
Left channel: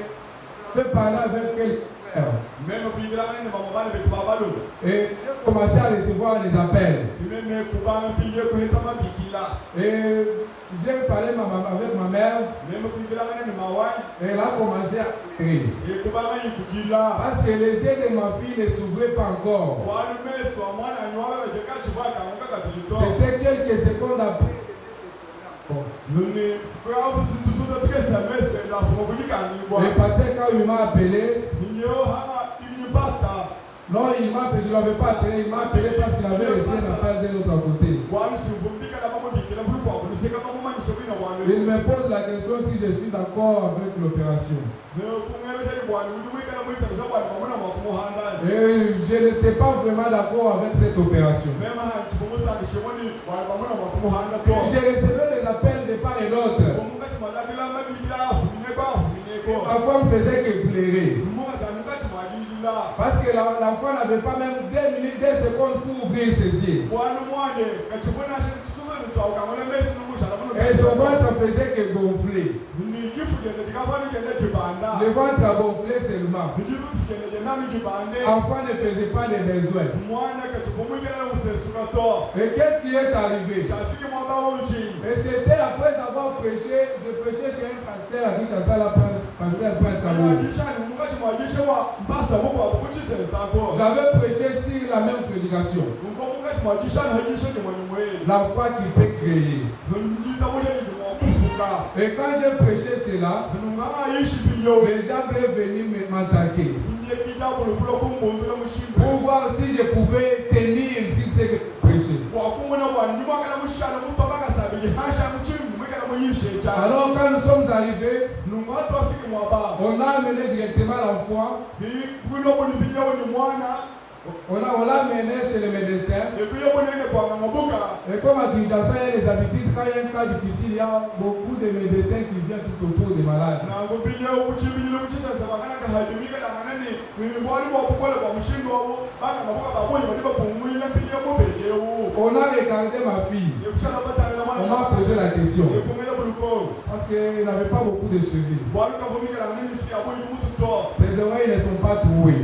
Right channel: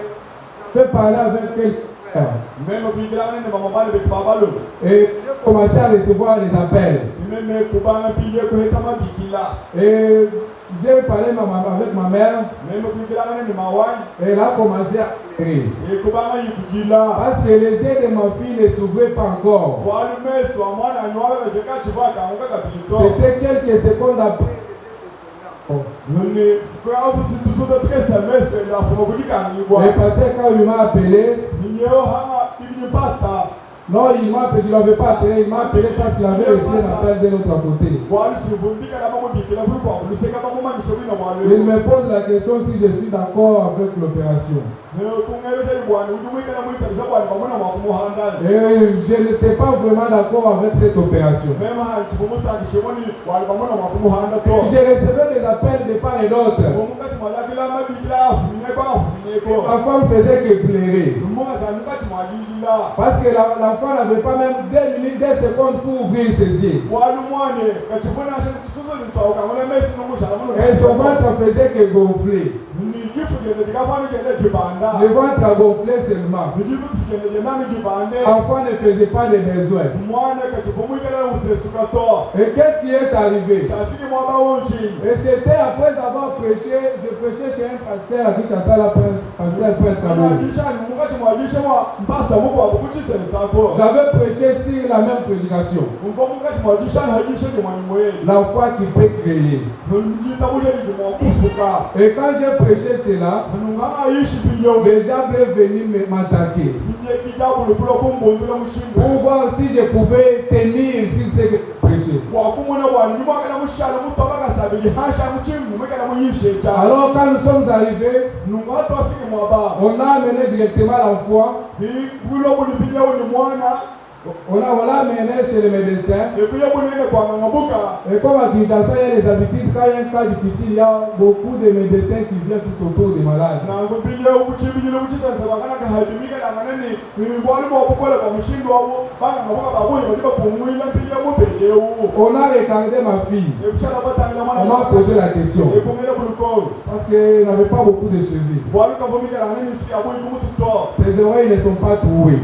je vais parler avec quelques frères. Et j'ai commencé à recevoir les appels. Et j'ai parlé avec ma mère. Et elle a commencé à pleurer. Parce que les yeux de ma fille ne s'ouvraient pas encore. C'était quelques secondes après. Le pasteur, quand il m'a appelé, non, il m'a appelé, je ne l'avais pas appelé, il m'a appelé parce qu'il avait reçu un appel de l'autre côté. Il me pose la question si je suis d'accord avec l'opération. Et je n'étais pas vraiment d'accord avec cette opération. J'ai reçu des appels de part et d'autre. Ma femme faisait que pleurer. Parce que l'enfant n'avait pas même 2 minutes, 2 secondes pour ouvrir ses yeux. Et son ventre faisait que gonfler. Le ventre a gonflé seulement. L'enfant ne faisait pas de besoins. Et qu'est-ce qui est arrivé? Et c'était après avoir prêché, je prêchais chez un pasteur à Kinshasa, la pasteur Prince Kabou. J'avais prêché sur la même prédication. La foi qui peut créer. Et quand j'ai prêché cela, le diable est venu m'attaquer pour voir si je pouvais tenir sur ce que je prêchais. Alors quand nous sommes arrivés, on a amené directement l'enfant. On l'a amené chez le médecin. Et comme à Kinshasa, il y a les habitudes, quand il y a un cas difficile, il y a beaucoup de médecins qui viennent tout autour des malades. On a regardé ma fille. On m'a posé la question. Parce qu'elle n'avait pas beaucoup de cheveux. Ses oreilles ne sont pas trouées.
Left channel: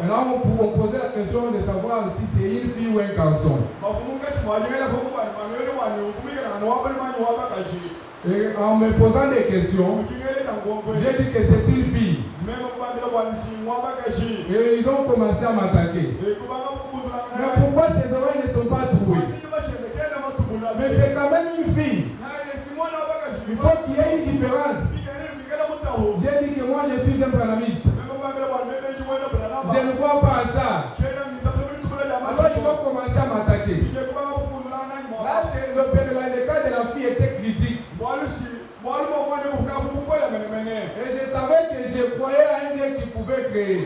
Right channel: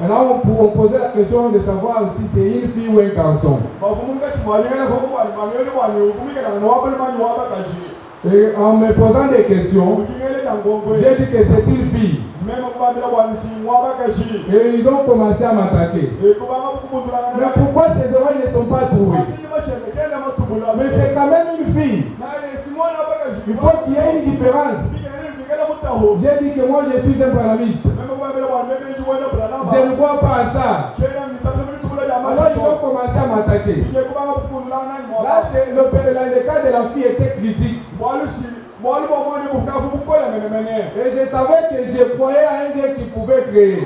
Maintenant, on poser la question de savoir si c'est une fille ou un garçon. Et en me posant des questions, j'ai dit que c'est une fille. Et ils ont commencé à m'attaquer. Mais pourquoi ses oreilles ne sont pas trouées? Mais c'est quand même une fille. Il faut qu'il y ait une différence. J'ai dit que moi je suis un branamiste. Je ne vois pas ça. Alors ils ont commencé à m'attaquer. Là, le cas de la fille était critique. Et je savais que je croyais à un Dieu qui pouvait créer.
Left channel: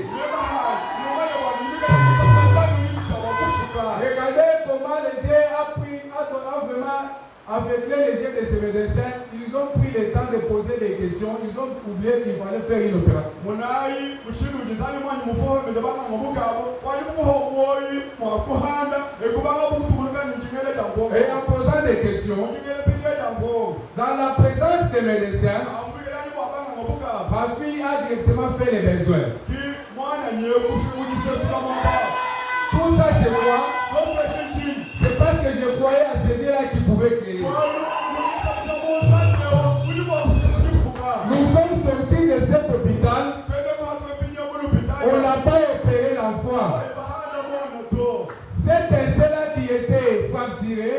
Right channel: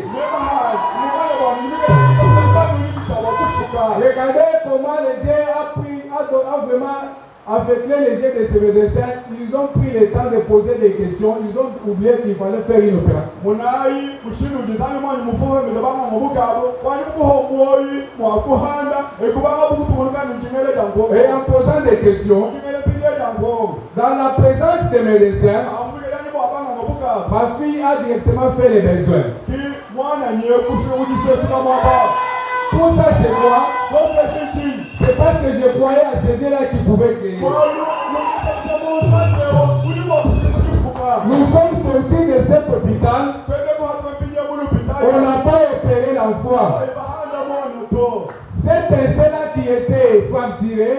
Regardez comment le Dieu a vraiment aveuglé les yeux de ces médecins. Ils ont pris le temps de poser des questions. Ils ont oublié qu'il fallait faire une opération. Et en posant des questions, dans la présence des médecins, ma fille a directement fait les besoins. Pour ça, c'est moi. C'est parce que je croyais à ce Dieu-là qui pouvait créer. Nous sommes sortis de cet hôpital. On n'a pas opéré l'enfant. Cet essai-là qui était fracturé,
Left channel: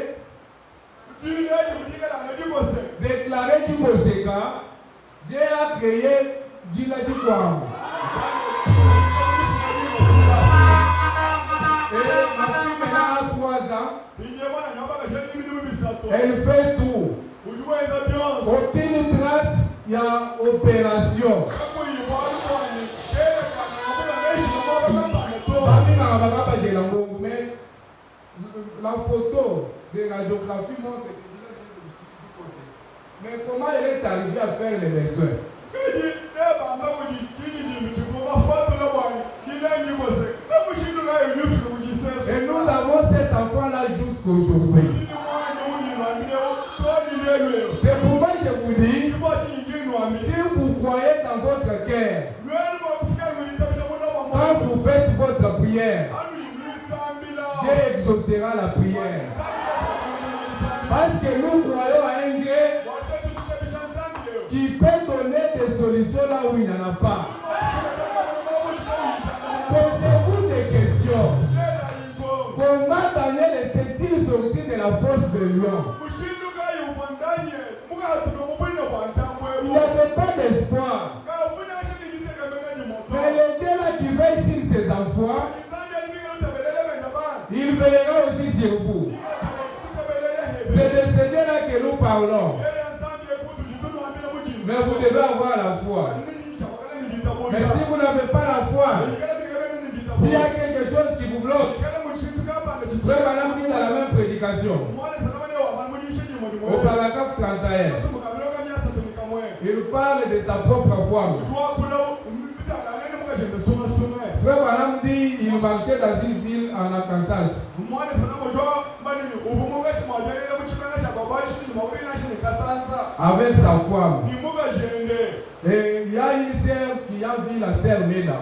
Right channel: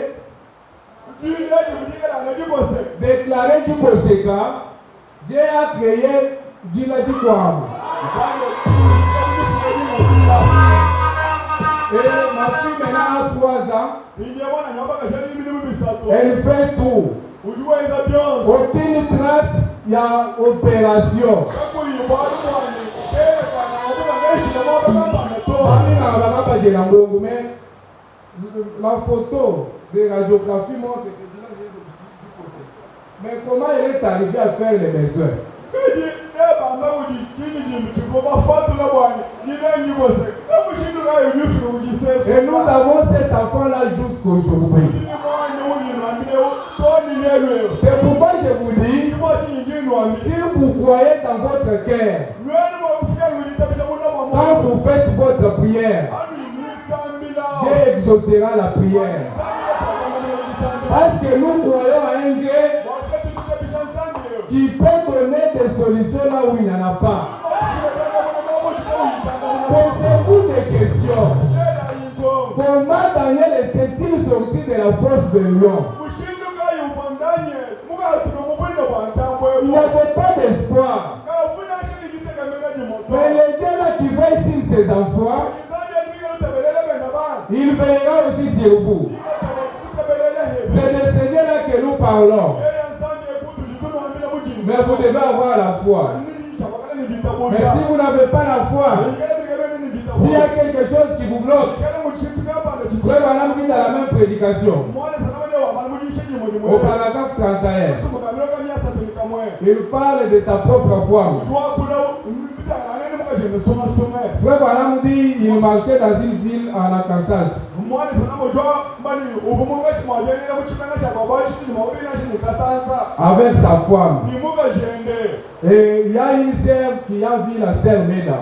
déclaré du conséquent, Dieu a créé Djiladi Kouam. Et ma fille maintenant a 3 ans. Elle fait tout. Aucune trace, il y a opération. Mais la photo de radiographie montre que mais comment elle est arrivée à faire les besoins? Et nous avons cet enfant-là jusqu'aujourd'hui. C'est pourquoi je vous dis, si vous croyez dans votre cœur, quand vous faites votre prière, Dieu exaucera la prière. Parce que nous croyons à un Dieu qui peut donner des solutions là où il n'y en a pas. Posez-vous des questions. Comment Daniel était-il sorti de la force de lion? Il n'y avait pas d'espoir. Mais le Dieu là qui veille sur ses enfants, il veillera aussi sur vous. C'est de ce Dieu là que nous parlons. Mais vous devez avoir la foi. Mais si vous n'avez pas la foi, s'il y a quelque chose qui vous bloque, Frère Branham dit dans la même prédication, au paragraphe 31, il parle de sa propre foi. Frère Branham dit il marchait dans une ville en Arkansas. Avec sa femme. Et il y a une sœur qui a vu la sœur Meda.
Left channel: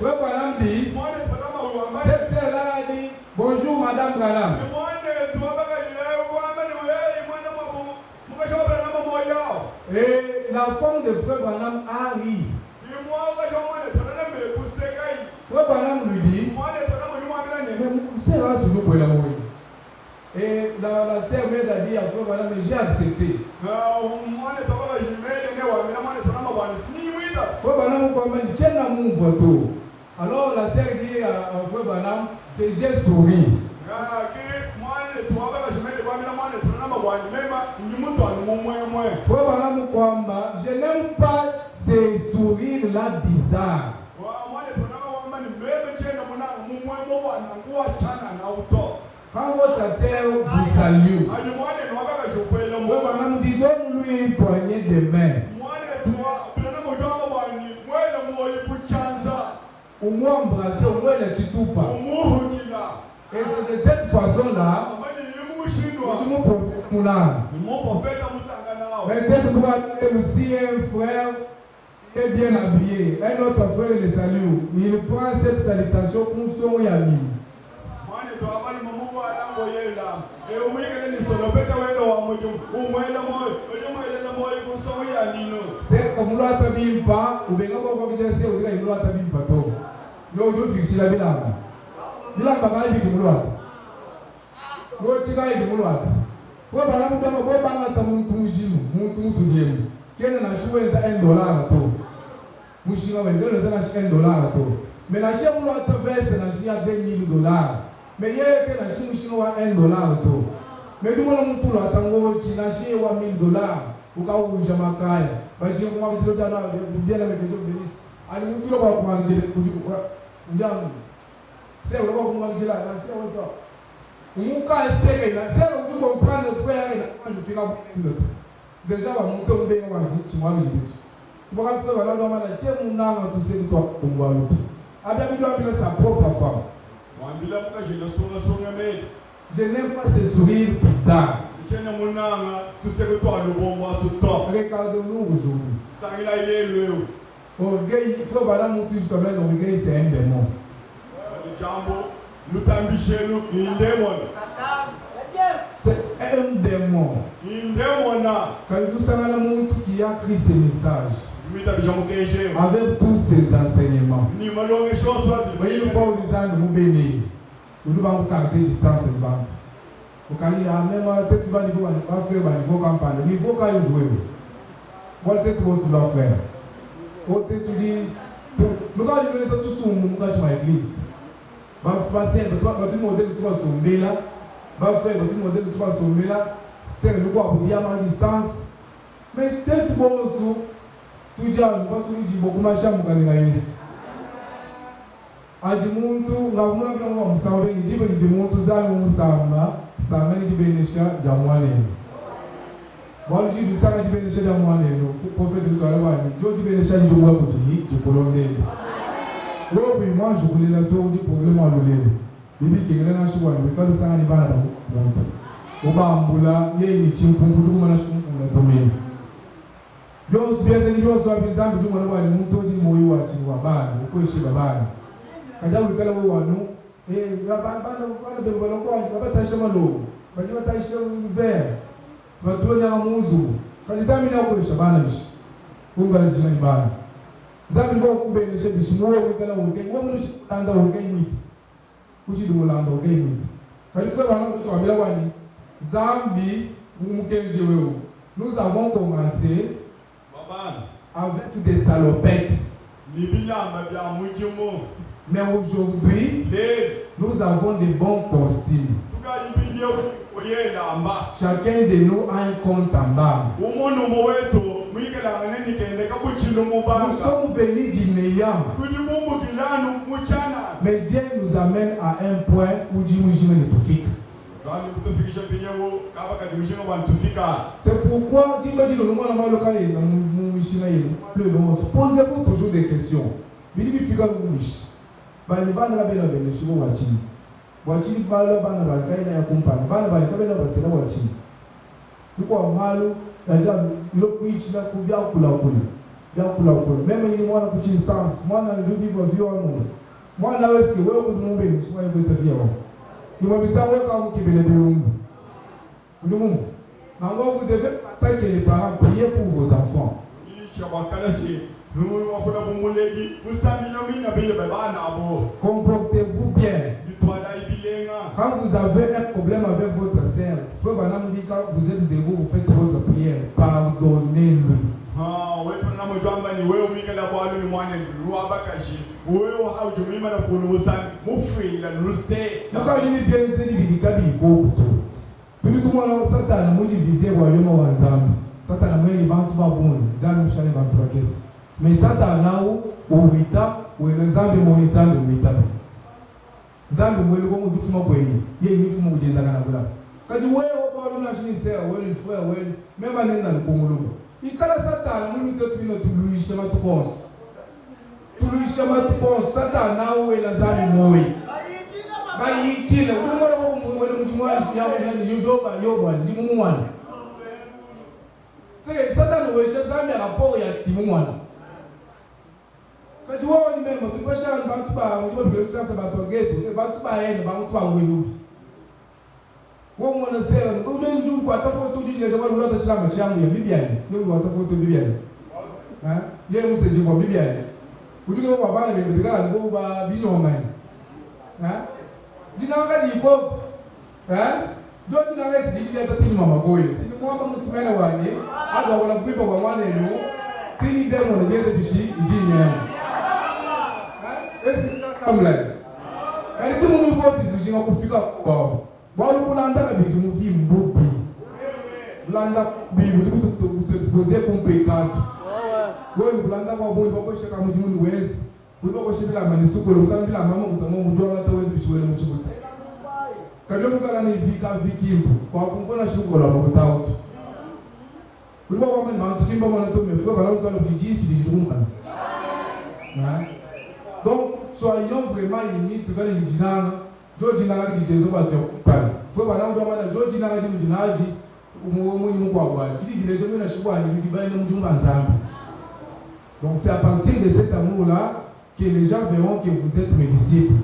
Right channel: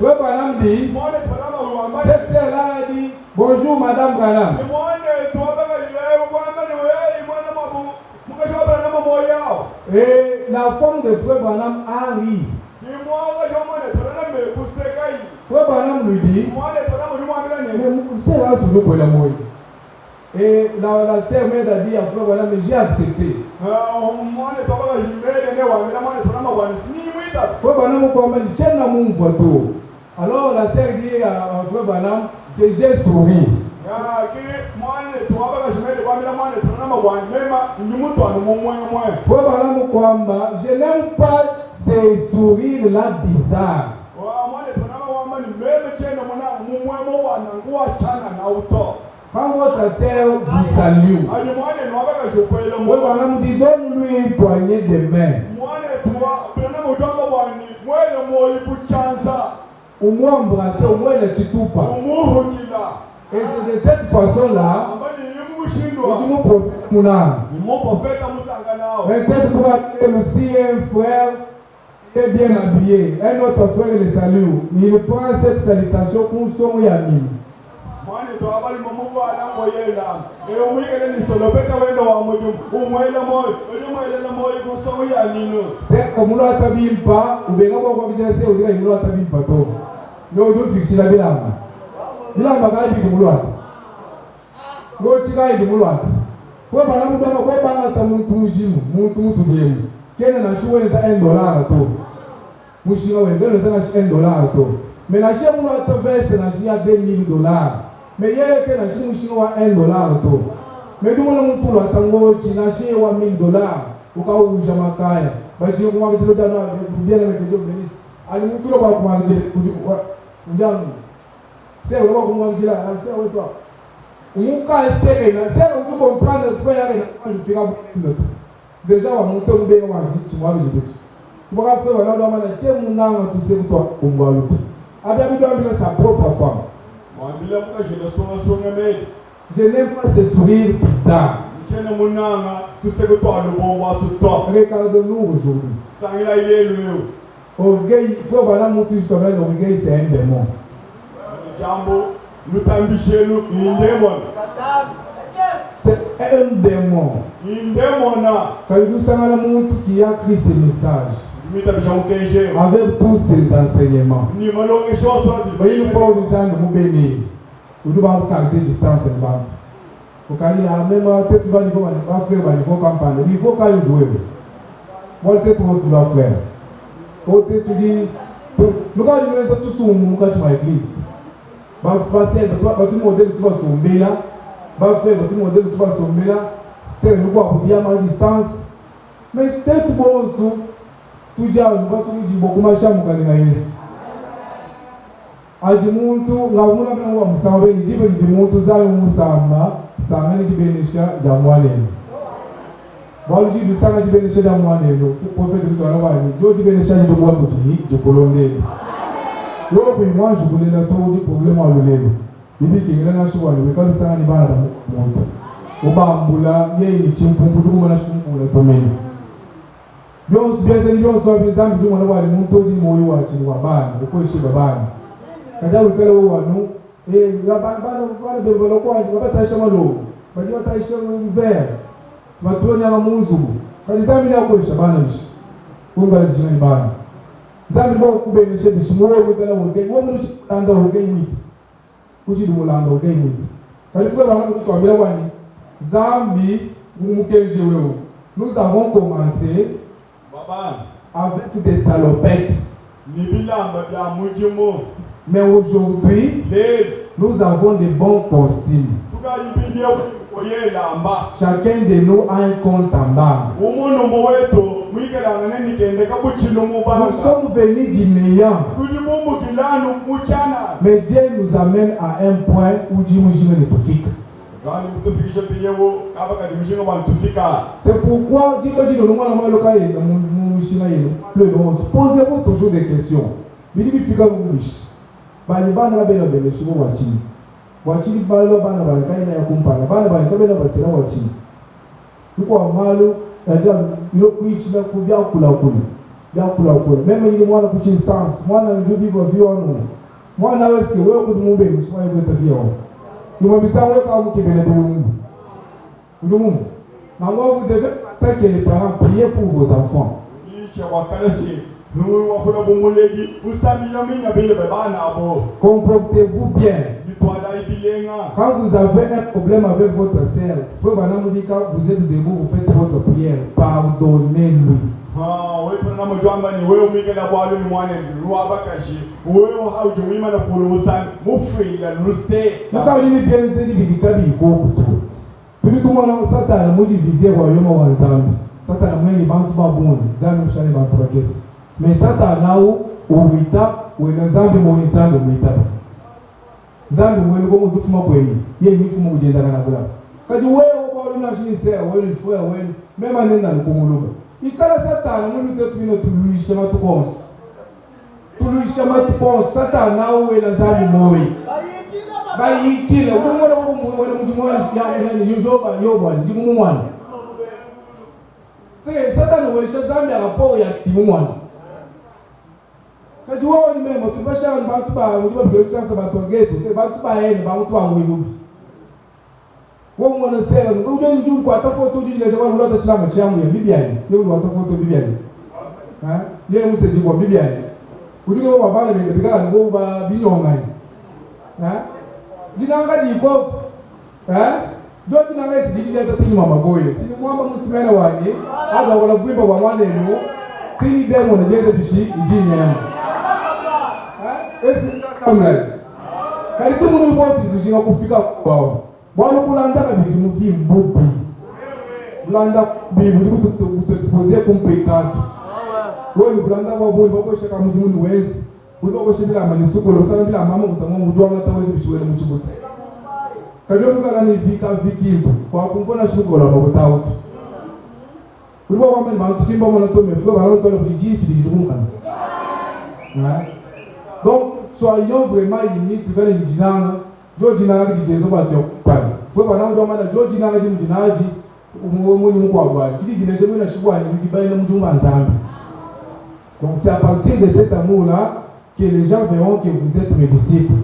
Frère Branham dit, cette sœur-là a dit, bonjour Madame Branham. Et la femme de Frère Branham a ri. Frère Branham lui dit, et la sœur Meda a dit à Frère Branham, mais j'ai accepté. Frère Branham a dit, tiens mon photo. Alors la sœur dit à Frère Branham que j'ai souri. Frère Branham Kwamba, je n'aime pas ces sourires-là bizarres. Quand votre sœur vous salue, Frère Branham dit, donne-lui une poignée de main. Au moins embrasser, au moins le titoupa. Et c'est de cette façon-là mon prophète Mouna. Mon prophète Moussangana. Mais peut-être pour aller aussi un frère qui est bien habillé. Un autre frère le salue. Il prend cette salutation pour son Yami. C'est comme nous l'attaquons pas, ou bien on va dire c'est au dire nous l'attaquons pas trop. Nous devons fixer la bilamba. Bilamba quand il dit nous l'attaque. Nous tirons du mouloir. Faut pas nous donner quoi pas à mon jimu, mon jimu. Quel est la chose $1 à tout? Mouchina ouais, donne $1 à tout. Mais la chère mouloir te verse la chère $2,000. Mais il y a que la chère mouchina $1 à tout. Mais nous on tout là tango china chère $1,000. Au cas où Jamakaya, parce que on va dire là bien avec Dieu bénisse. Allez tout là pour moi dire quoi? C'est là pour moi dire là, c'est où toi? Muka essaye na c'est on peut comprendre frère et na je fera beaucoup déjà on monter au bien on dit tu vois le dit tu vas faire voilà dans ma tête mon nom tout c'est toi on va le tout avec lui doit sa propre femme moi bila moi je le songe mais je n'aime pas ce sourire bizarre tiens mon nom tout c'est que toi le bon va tout toi regarde-nous aujourd'hui quand il a élevé orgueil il faut voilà mon tout justement l'orgueil c'est un démon jambo nous t'ambitionner une démon. C'est un démon. Une démon. Quand nous sommes à la montre qui a écrit ce message avec tous ces enseignements. Il faut nous en nous bénir. Nous devons garder distance et battre. Au cas où même peut-être tu vas faire il faut campagne. Il faut quand jouer. Moi peut-être tu dois faire. Peut-être tu dis nous allons tous sur nous quand tu vas à l'église. Va passer le modèle de 3 sommets là, va faire le modèle de 3 sommets là, c'est le quoi pour dire à distance. Mais peut-être bon tout dire on va se dire beaucoup ma chambre quand il y a Yesu. A du monde la on a bien on s'en va dire du monde ça on ça mène du bénéfice d'amouane. Bon dit du ça du bénéfice d'amouane le prophète de toi là Dieu du bénéfice de moi pour dire du colonel. Oui, moi je voulais le tour du problème à l'olé. Il dit qu'il y a un choix, mais quand ça n'est pas dans mon monde. Au bas, il y a une chimie pour tout le monde pour le domaine. Bien, c'est bien, ça, par exemple, du monde où le monde dit moi, tu vois, ban, le coach est ban. Quand il y a le cas où nous, et la ban, le développement, il va pas tâcher malo, il va tâcher vert, il va tourner à Mouzou. Quand les amis là, coach, ban, on va le dire ban. Zambi mo kubenisha bishimo wikala wogei wo munu chanda wogei miti kuchi du landa wogei miti kalifika bana mtu ambia wani Zambi umukenje wewe nous avons commencé avec des salopettes mais aujourd'hui nous avons des bons costumes. Chacun de nous a un compte en banque. Nous sommes venus du meilleur. Mais Dieu nous amène à un point où Dieu nous dit tout fixe. C'est pourquoi Dieu dit posez-vous toujours des questions. Wachini balo bana balikaina ya kumpana bana balikabena basira wachini kwa malo ndio lokuichi na kubya kula meme ni mwana kuchi sans mwana ndio vivo viono mwana weski wewe kudumbe mshwa yebo tafia ni mabisa wewe kama kibele bulungu ndumu na moi vous devez attaquer les parents prier pour vos enfants comportez-vous bien. Quand vous avez un problème avec votre sœur, quand vous êtes debout, vous faites votre prière, pardonnez-lui. Mais Satan uwita wenazambi mu nzambi muita nzambi mwelu ko mutuma bwenyi ye mifumo kugenda na kula kati wewe kwa luna shinise wewe fuya wewe mema nenda nkumuluka ikala Satan munite tubino tuluisha matukonsa Satan nawe wenazambi moyi bayikile umwana mwele mjumwani ya yujoba yobwa ndimumwana se Satan wesha zambi rapport ya timumwana kati wao ni memo tubasha bantu ba mujwa bigero sasa bantu geto se bantu ba ene bantu ba nguyubi wao mwana sera ujo njuu kwa tafoto ujije kwa lula tashlama changu ya bibiani ndio kwa tafoto bibiani ha yeye museji kwa bibiani udigo babale bigara ngo ba binyongani ha jinanga jiko ha jo jinanga sijiji hata tini mama boye sini mwamba musimene wani aga wala kuimba wa mwana eno tini demo na jeze bishi ijini yama esi kamla kali tumu ni voti tujinga kufika kwao bwana kulanda kabiji mufi mbubi kulanda bibu tu exposer comme pecado wewe kulanda kwa boy bako shaka mjimu wezi kuliko kwa shibila manisuko lo sana bila mama kutamwa mjua hata wezi bishwele mchibuti kabyo mukala ni vika vikimbo kwa kumfona shuko la mabutao kuliko kwa mama tukimba mwana to meflo bana to na bijisi bijumuna donc soyons vraiment unis tu gane jinanga George na ngadi jezo ba tyo pale fo bana ndo mana George na ngadi mjinaji umuni mko abwani kiti gineje mwana shibwani bikibaye na mjumba nzambi. Donc c'est à partir de cet amour là que les gens verront que vous êtes mes disciples.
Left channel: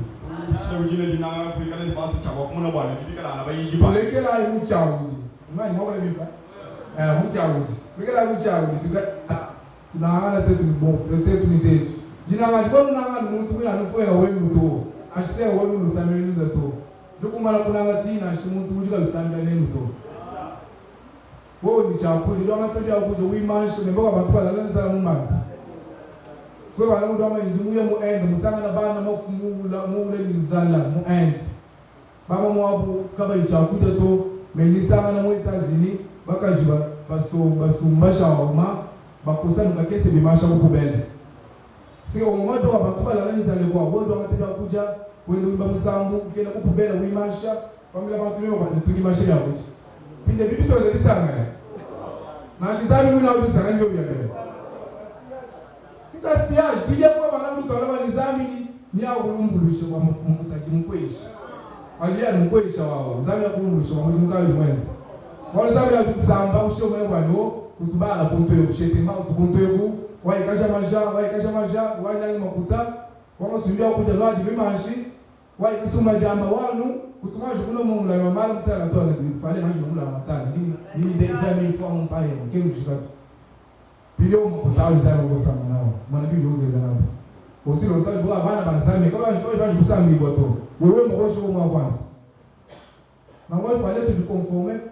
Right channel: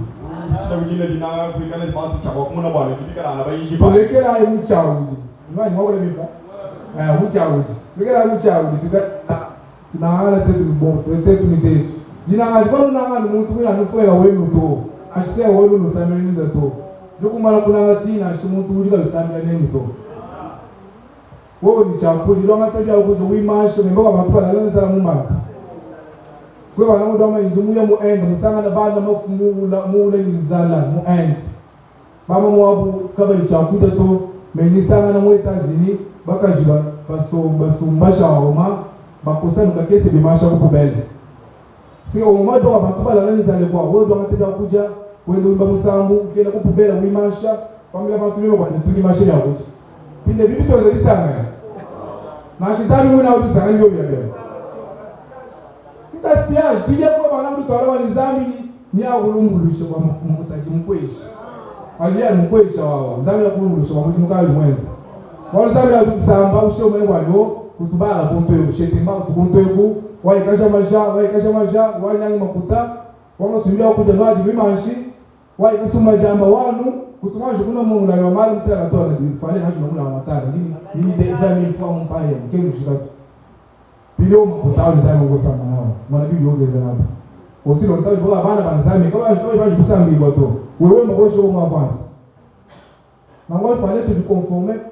Tulekela mchaudi. Nani mwale bipa? Mchaudi. Tulekela mchaudi tunaangana tetu bon, tetu ni tetu. Jina alikuwa nangana mtu mimi anufua wewe mtu. Ashia wewe nusameni ndoto. Ndugu mara kuna ngatina ashimuntu ujika bisamira nendo. Wewe ni chakuli lo ngataja ukuzo wimashe mboga matupa nalana za mumanzi. Kwa bana mudoma injumuye mu end musanga na bana mafumula mule nizala mu end. Mama mwabu kaba ichakuta to menisanga na mwetazini bakajiba basumbasha oma bakosana bakese bimasha ko bele. Sio umoja wa matupa nalana nizale kwa wodo ngataja kuja wende umba musambu kena ko bele wimasha pamela bantu bimo kwa tuli mashe ya kuja. Pinde bibi to zalisanga. Na shizani muna udusanga ndio bia. Gaspiage bijya kwa bana mutwala walizamini nya kulumbulisha kwa mukutaji mkweshi aliya mkweshi wao nzamira kulumbulisha kwa mukali mwenzi walizamira tukusamba usho mene kwanyo kutubara ponto yo shetemba kutunto yo waikasha maja wanyangi makuta wangasubira kuja lwaji bimanshi waikasuma jamba wanu kutumaje kuna mungu la mali mtana tola bifale hajo mungu la matana ni de examen form pale kemu shikatu Pilio mkutano sana ngosama nao. Mwana bibi yogeza nabo. Osilo ntabi boga bana banzame kama baje kusambi bato. Wewe mwoje wo avance. Na moi fallait te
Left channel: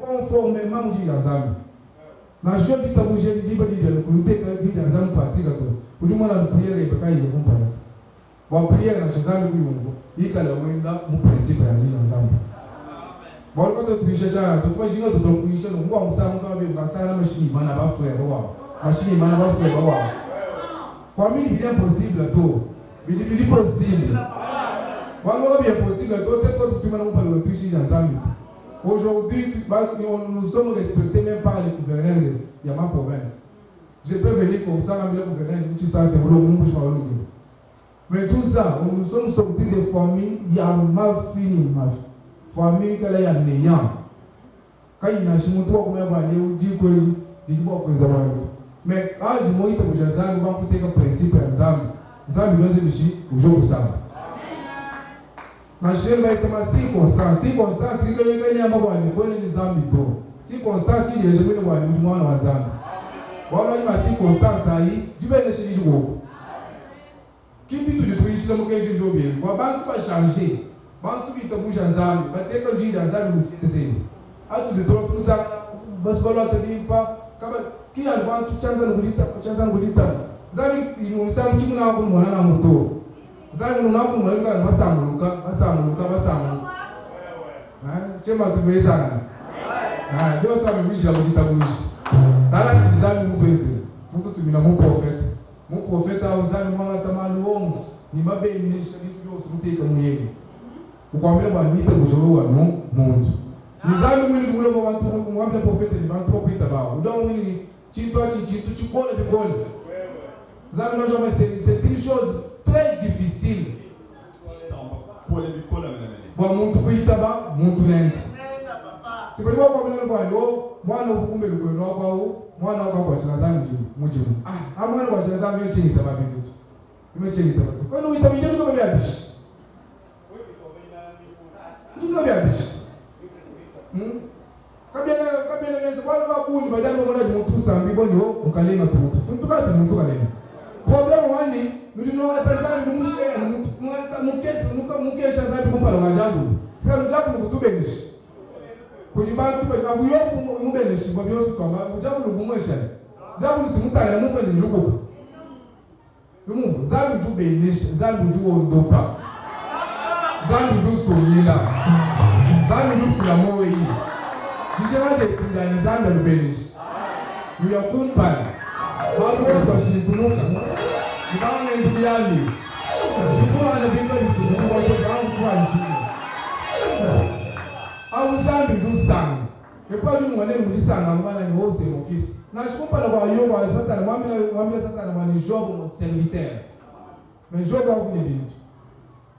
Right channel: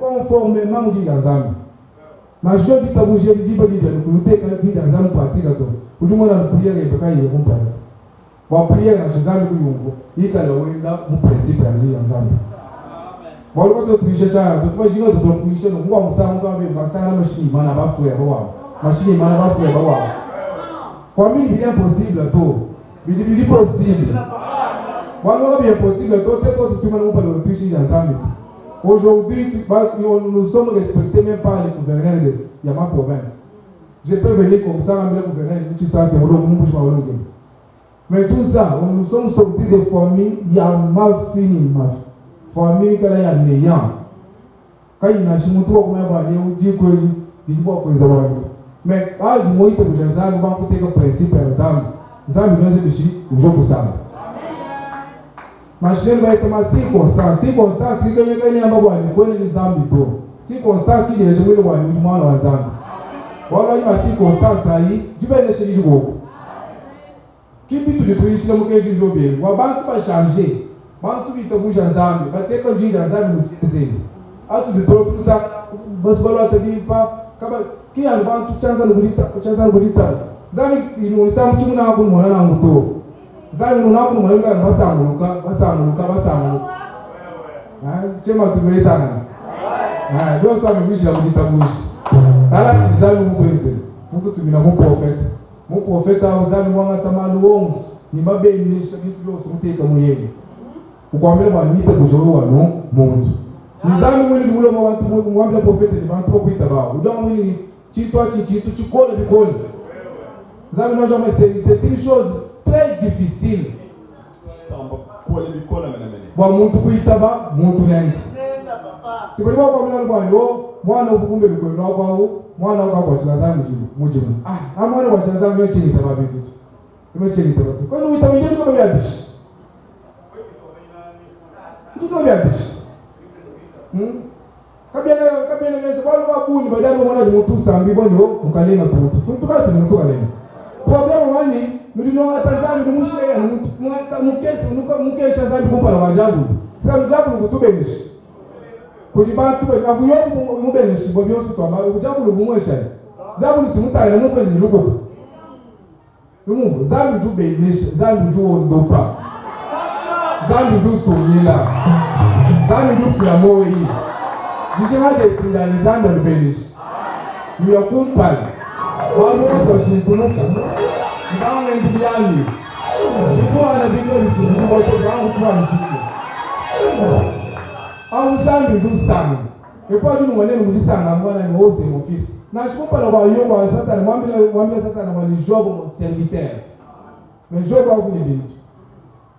conformément mu diga nzambe. Na je dis tabuje di ba di kuite ka di nzambe parti gato. Kujuma na prière ibaka ile kumpa. Wa prière na nzambe kuyumvo. Ikala wenda mu principe ya nzambe. Bolo ko to trisha cha to twajinga to kuisha no ngwa musamu to abe kasana mashini mana bafu ya bawa. Machine mana bafu ya bawa. Kwa mimi bien possible to. Bili possible. Walo bien possible to te to tu mana upale utuishi ya nzambe. Aujourd'hui, nous sommes respectés même par les gouverneurs de ma province. Je peux venir comme ça, mais les gouverneurs qui sont c'est vraiment bouche à l'autre. Mais tout ça, nous sommes sortis des familles, il y a mal fini, ma famille qui est néant. Quand il y a un chimoto comme un balai, on dit que je dis pas que ça va. Mais quand je me dis que je sais, on va écouter comme principe par exemple. Ça me donne des chiffres, je vous savez. Ma chérie va être ma circonstance. Circonstance, si je viens à ma voix, je connais les ambitaux. Circonstance, qui est je vais le voir, du moins dans les ambits. Voilà, il ma circonstance, je vais aller chez lui. Qui dit tout de tout, ici, le mot que je veux bien. On va tout changer. Bantu vite bouge en zambi. Va te quand j'ai dans zambi, nous te zéro. À tout de tout ça, bas voilà te dit pas. Qui a le vent tout chance le bonita, chance le bonita. Zambi, il nous semble tout le monde pour moi dans moto. Zai muna ku mun ga basamuka. Chema tumeitana. Ndio sasa mwisho wa kitabushi. Ala tizami mtu hizi. Mtu tumina mu profeta. Mu profeta uzani mwanga tamalu wongs. Ni mabeni shabitu byose muteka muyege. Ukwambira bamite kujoro wa no muntu. Nizami mwili mulo mu bantu mwambira profeta ni bantu kwita bawo. Udama mwili chitwa chichitu chikole bikole. Zami najoma c'est une chose très difficile. bwa muntu kuitaba muntu nende sibali bwa kwa mwana bwani o mwana ukumbe bikono kwa mwana kwa chinazamu mujibu mwana kwa chinazamu yo chini taba bitu imechini taba kwa nini uitaba ndio kwa biabishi ndio biabishi kabena meza wale bakuni badala mwana muntu sambi bonyo mukalenga tutu tuntukati muntu kalenga problema wani mulino atazami numushike mukesha zambi kumpala wajabu sika mjabu kutubenishi kulibantu bavuyo mubenishi bobyo sutoma ujabu lugumwesha jabu simutale mufenzi lukuka lumu zambi jubenishi zambi juondopa zambi jusumila zambi jufya moyi jishimade kundani zambi lubenishi uyakumpala wabu waso shintunuka Ngang ndumiani, ikuwa na vitu vizuri wote wangu kwa mshiki. Au zambi dusanga. Ekuwa dunu mwanene mudisanga mwana ni hoze office. Na shikupa na wayo wa sata na mwambila sata na wali job mon serviteur. Mais job wa kuni bintu.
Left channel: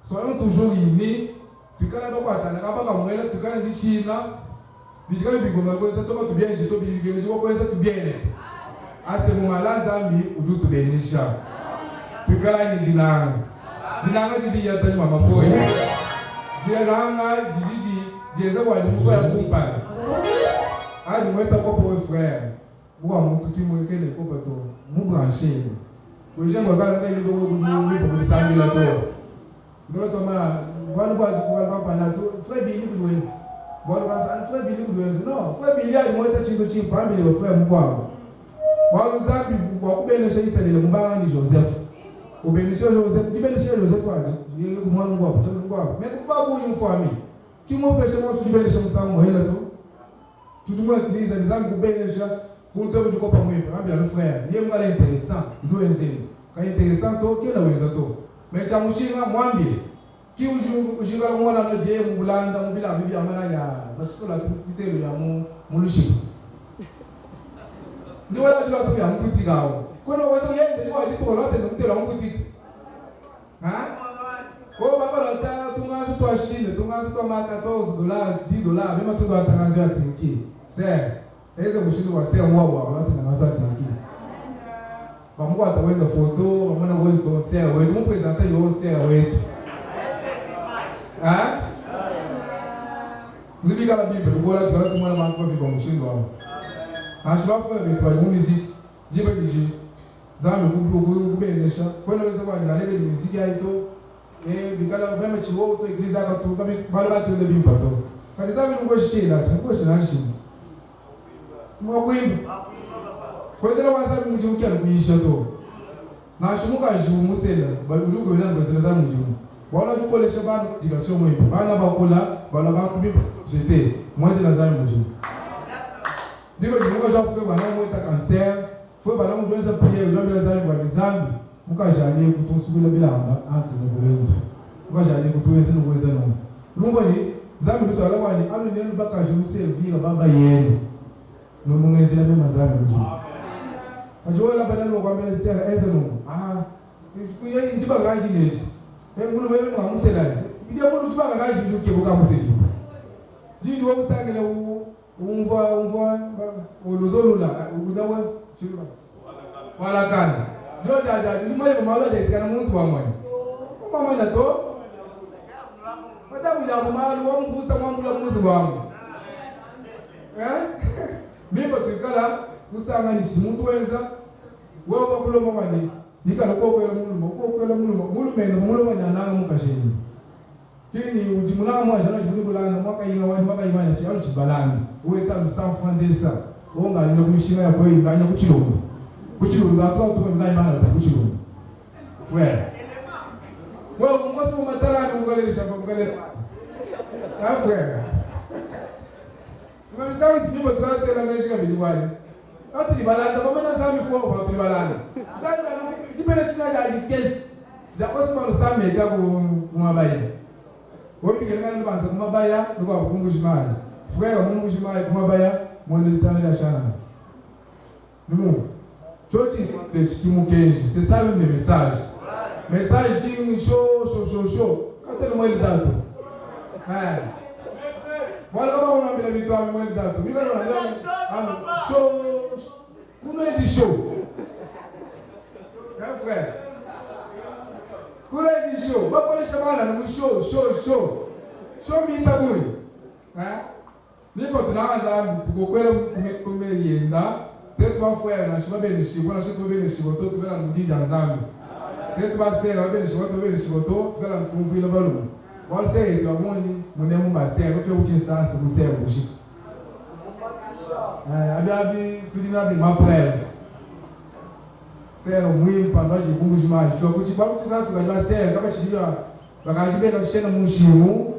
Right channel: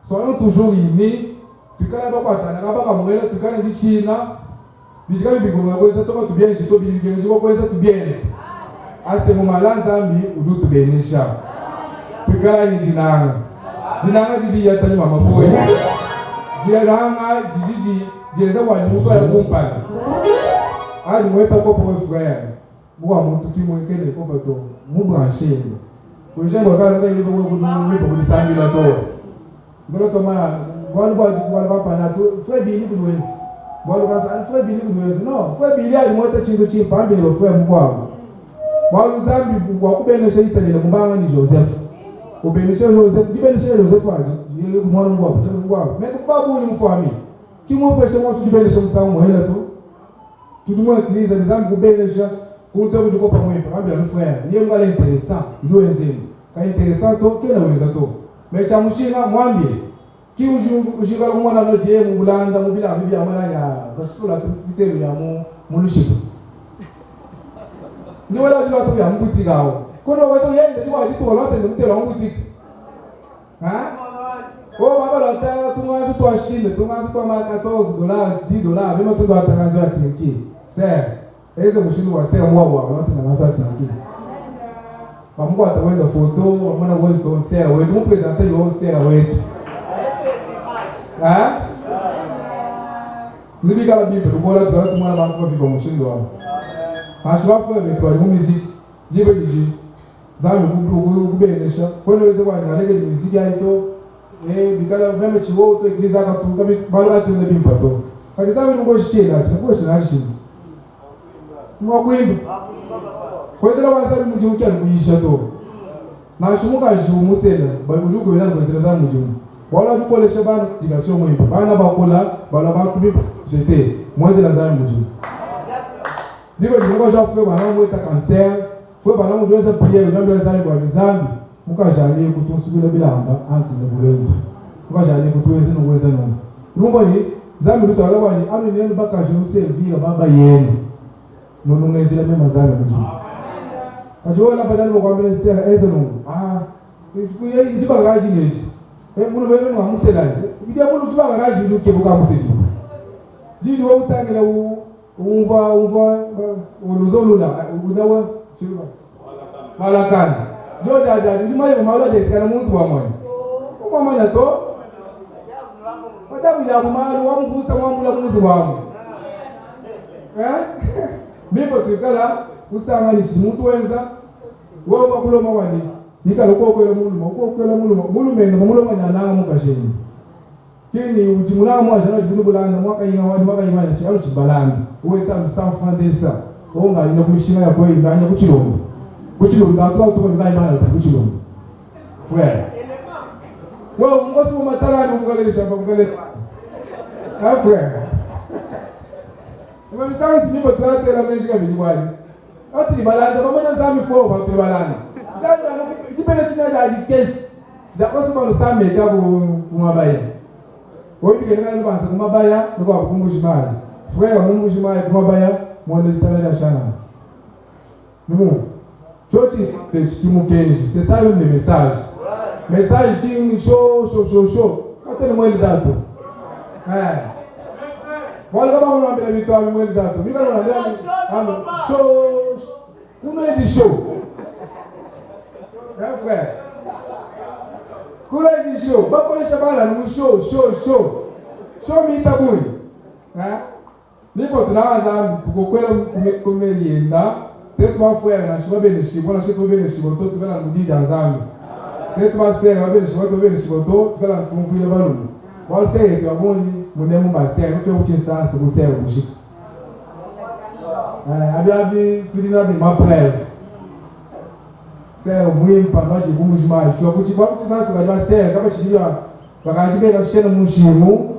Soyons toujours unis. Tukana kwa tana kaba mwela tukana ndichina. Bijika bigoma kweza toka tubienje to bigenge kweza tubienje. Ase mu malanzambi udu tubenisha. Tukala ni dinanga didi yatani mama boy dinanga didi jeza wani mutu ya kumpana ali mweta ko pour frère bwa mutu kimwekele ko bato mu brancher ko je ngo bana ngai ndo ko ku disambi la to ngolo to ma wali ba pana to frère bini ku wezi wali ka san frère bini ku wezi no frère bini ali mweta chingo chimpa ambi lo frère mkwao wali zambi kwa kubenesha isalile mbanga ni Joseph ubenisha Joseph dibenisha Joseph aje yeye mwana ngwa ngwa mais babu ni mfami kimo pesha mwa dibenisha msamu hela tu tudumwa kiliza nizambi kubenisha kunto kuko pamoja ambia ni frère yeye ngale interessant ndio wenzenu ka interessant to kila wenza to mecha mushinga mwambie ki ujinga mwana no je mu bulanda mu bila bibi amana ya basula bitero ya mu lushipo ni wala jua to ya mbuti gao kono wato yende ni wajitu walote ni mtelo mbuti o baba la tanga tumazi to ashinde tumazi to ma $14 $10 bima tu batangazo ya tinki sir eze mushindu wa sir mwa walote na nazo tinki pamoja atawenda foto amana wetu sir wetu mu presenter yo sir wetu nibi kala bibi rubola tu mwana banko fiko mushindu wa ashwafu wetu wa muziki jibe jiji zambi kubenesha kono weze kwa ngaleke muziki aito bikala vema chiwo to igriza ka tu kama balo atu ne bimpato kali zambi ngo shina shina simwa kwimba kwezela wasabi mujuki alikuisha to na shumuka jumu sela balugo bela kwezela za mujumu wala dukolesha bana digasio mwimba bana bakola bala bakubi c'était mwezela za mujumu digo dingo jafu bana mweta cancer fwe bana mu doza priere ndio za kwa bizambi mukajali kutusubira bilamba antu nebulendo mukajali kutuweze nuweza no rumbo ni zambi lutala wani alo ni baka juse via baba yenu nono ngezela mema zambi mujumu ajola badala mukwambele sera eze no kuye ndiba gaji neji kuno bebe no amusela bidia kuno ndiba gaji nduke buka museji jini wo utangela umva uluzolula udawa chiba balakana joja jadi ni mayo mawala je kana mungu wa mwana mama na to madamu ya mama wa mgusa mwamula mungu wangu mimbo tukala usanganishi muntu wenza woba kuloma wani nikalo ko kwela mulu meno mulu manyana mukasheni kini ujimuna mwaje na jinu bulanda mwaka ina wadi mwaka imani chi aluchi balanda uweta msafandesa onga ina kushima ya boy nganya kuchilombo atwa to nganya bana kuchilombo frère wo ngosu matala ni ngale shamba ngale frère mimi sasa nipo tukate la menjika bidwali ati balanda mama na zami fo ba tu balanda zanda no kipele shina ya kesi da kosu mano same kabu kumabaya wobi kene kana banza kumabaya nuko akumbushimali frère kumbushimali kumabaya mwende sana la shana numu choti kimukenji c'est ça le message qui chaud quand le mwende dato Moi, je vais vous rappeler la victoire avec moi. Je vais vous rappeler chaud. Vous m'avez dit chaud. Hein, frère? Vous m'avez dit chaud. Vous connaissez pas là, nous chaud. Chaud, mi tabouille. Hein? N'importe là, pour que vous comme il y a peut-être mon frère, je suis bien ici. Voilà, je suis bien ici. Tu vas nous dire dans un. Peut-être ma sœur, tu vas bien ici. Tu vas nous trouver le ballon. Moi, c'est tu vas bon. Mon aime ma sœur, nous faisons autre chose, c'est vous sœur bougie. Abi, tu dis là, ma preuve. Sœur, moi, pendant que je bouge mal, je suis au petit pas petit sens pour ma sœur. Quand je dis là, regarde bien la chaîne mouchimou.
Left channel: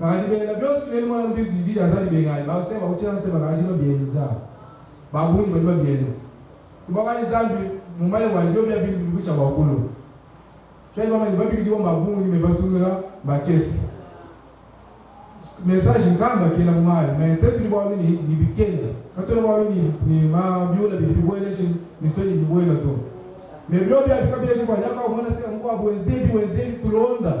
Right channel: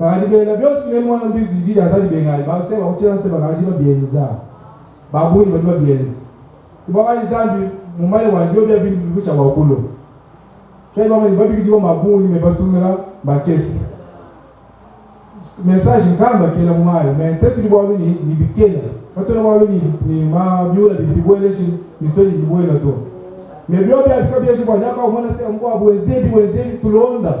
Regarde bien la bien sûr, moi, on dit dans ça du Bengal. Ma sœur, on tient ça, regarde bien ça. Babou, il va bien. Tu vois quand ils ont vu, mon mari va dire bien bien bien que tu vas au boulot. Quand il va me dire que tu vas babou, il me passe là, ma caisse. Message calme qui est là mais peut-être tu vois ni bikena quand tu vois ni ma biola bi boile ni soli ni boile to mais bio bien je vois d'accord on sait on voit wenzebi tulonda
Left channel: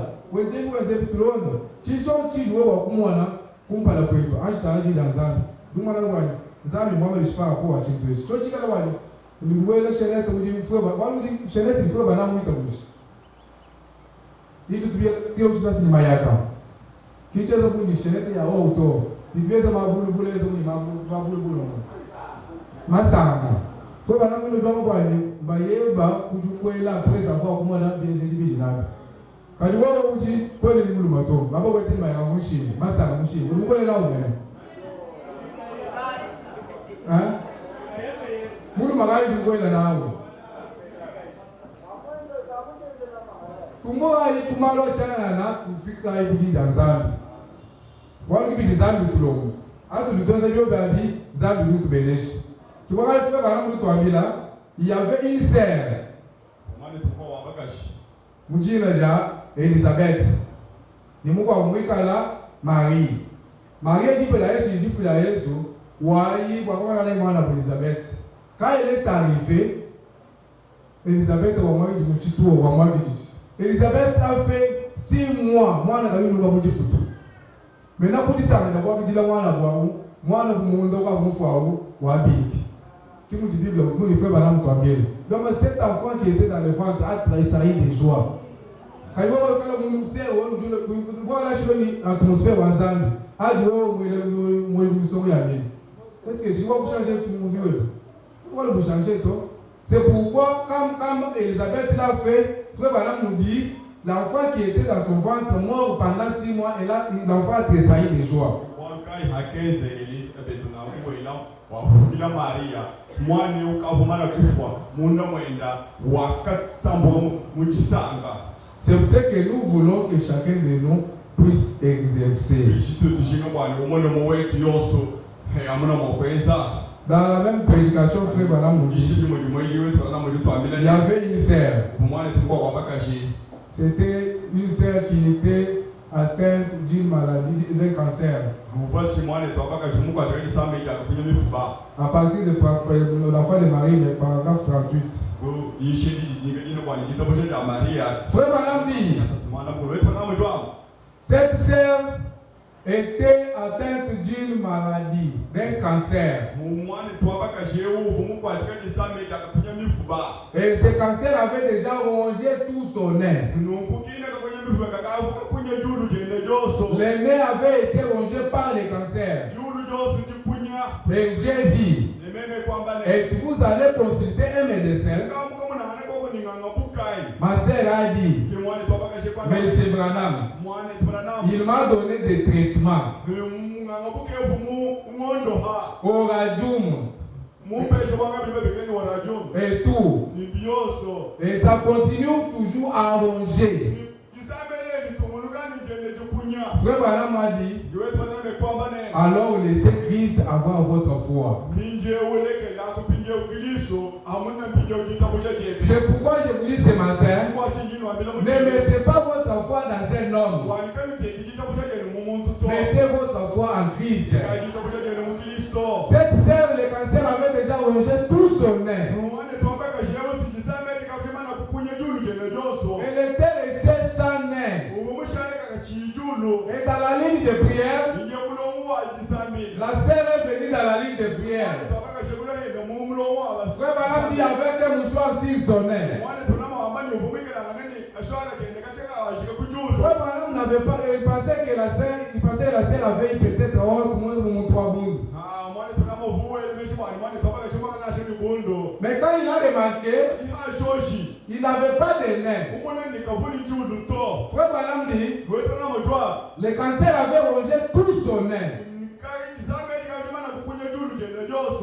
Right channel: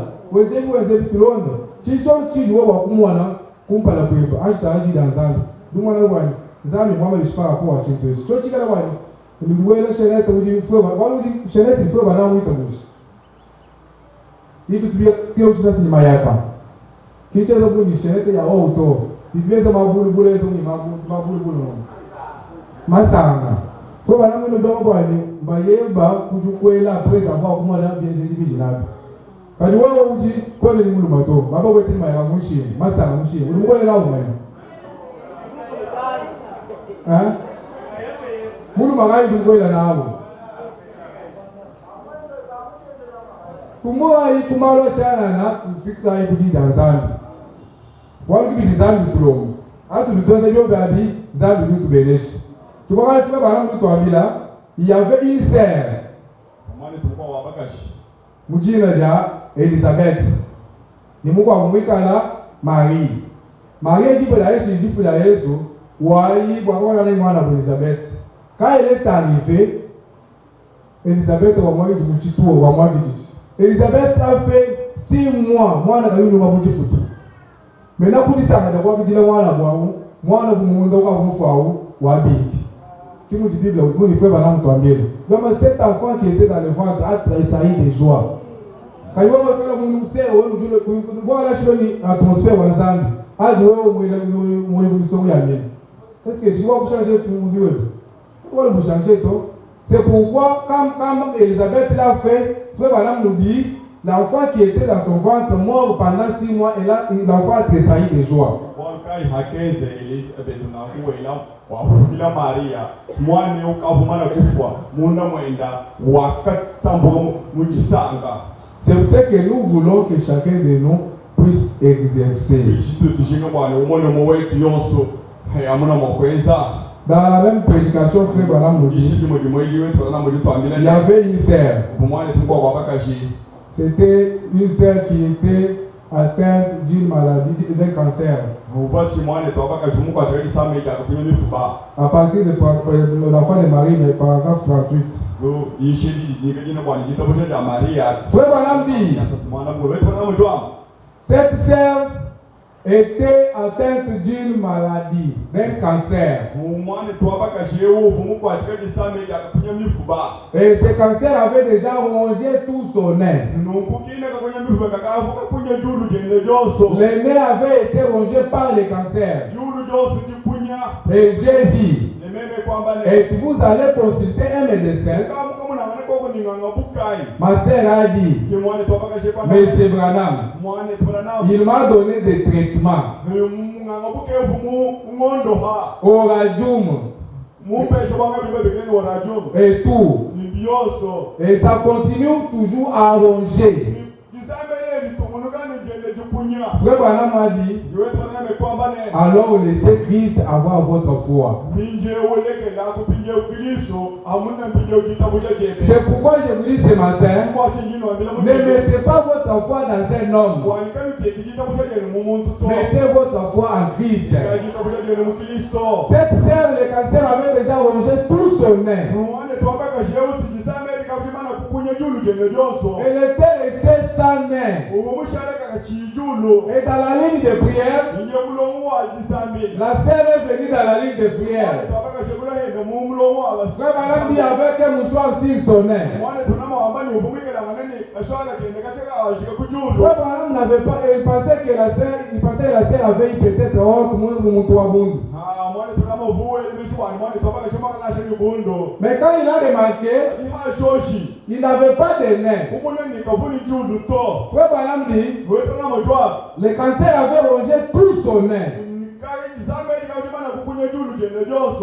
chicho si ni wa kumwana kumpala kweba ajita dans zambi dumwana wani zambi mama bishpara kwa chinto cho chikala wani ni boile chenete udi froba wani chenete froba na mwita bushi itu tubia kile uchisa ni mayaka kicha za bunyi shenete ya auto iveza mabulubulu ezo ni mabulubulu masanga fo bana muno dongo bani bayeba kujukwela presa kwa kumwana bienje divisional kadi wewe uji kwele ni mulu mato baba wete maya mushi masanga mushi ulungwele la umwe mulu magai dunkwela nawo tumwa ikumalo chana na kufika ibuji danzambi wali bi zambi tulomo atu lutoza yo babi zambi lutu beleshi tubaka tuka bana lutu amila il y avait une sœur mwana tukwa wa bagashi mujina ja Elisabeth ni mukwa kumwikala Marie dit la Yesu dit la Yesu wali bwakona na mwana wa Elisabeth quand elle est arrivée Elisabeth wa mwa du mchituo wa mwa kijiji Elisabeth a fait 6 mois mwana kayunu wa bujifutu Maintenant, pour dire ça, d'abord, vous dites moi, vous m'avez dit qui nous dit Bible, vous ne faites pas l'entendre. Donc, cet enfant qui était dans le ventre a tressailli de joie. Quand il va faire mon sœur, on dit voilà, je suis dans l'atmosphère ensemble. Ah, je vois est-ce que je vais vous changer tout mon vieux? Pourquoi vous changer tout? C'est pourquoi, quand Elisabeth l'a fait, frère Madame nous dit l'enfant qui était dans son ventre mort pendant 6 mois, et là, l'enfant a tressailli de joie. C'est pour ça que nous voulons que chacun de nous puisse exercer. Dans la même prédication, frère Branham nous dit, il y avait une sœur. C'était une sœur qui était atteinte d'une maladie, d'un cancer. À partir de l'enfant de Marie, le paragraphe 38. Frère Branham dit, cette sœur était atteinte d'une maladie, d'un cancer. Et ce cancer avait déjà rongé tout son nez. Le nez avait été rongé par le cancer. Et j'ai dit, et vous allez consulter un médecin. Ma sœur a dit, mais c'est Branham. Il m'a donné des traitements. Au radium. Et tout. Et ça continue toujours à ronger. Frère Branham m'a dit, alors laissez Christ avoir votre foi. C'est pourquoi je vous dis ce matin, ne mettez pas votre foi dans un homme. Mettez votre foi en Christ. Cette sœur, le cancer avait déjà rongé tout son nez. Elle était restée sans nez. Et dans la ligne de prière, la sœur est venue dans la ligne de prière. Frère Branham dit avec un mouchoir sur son nez. Frère Branham n'avait pas, il pensait que la sœur avait peut-être honte, mais quand il a remarqué, il n'avait pas de nez. Frère Branham dit, le cancer avait rongé tout son nez.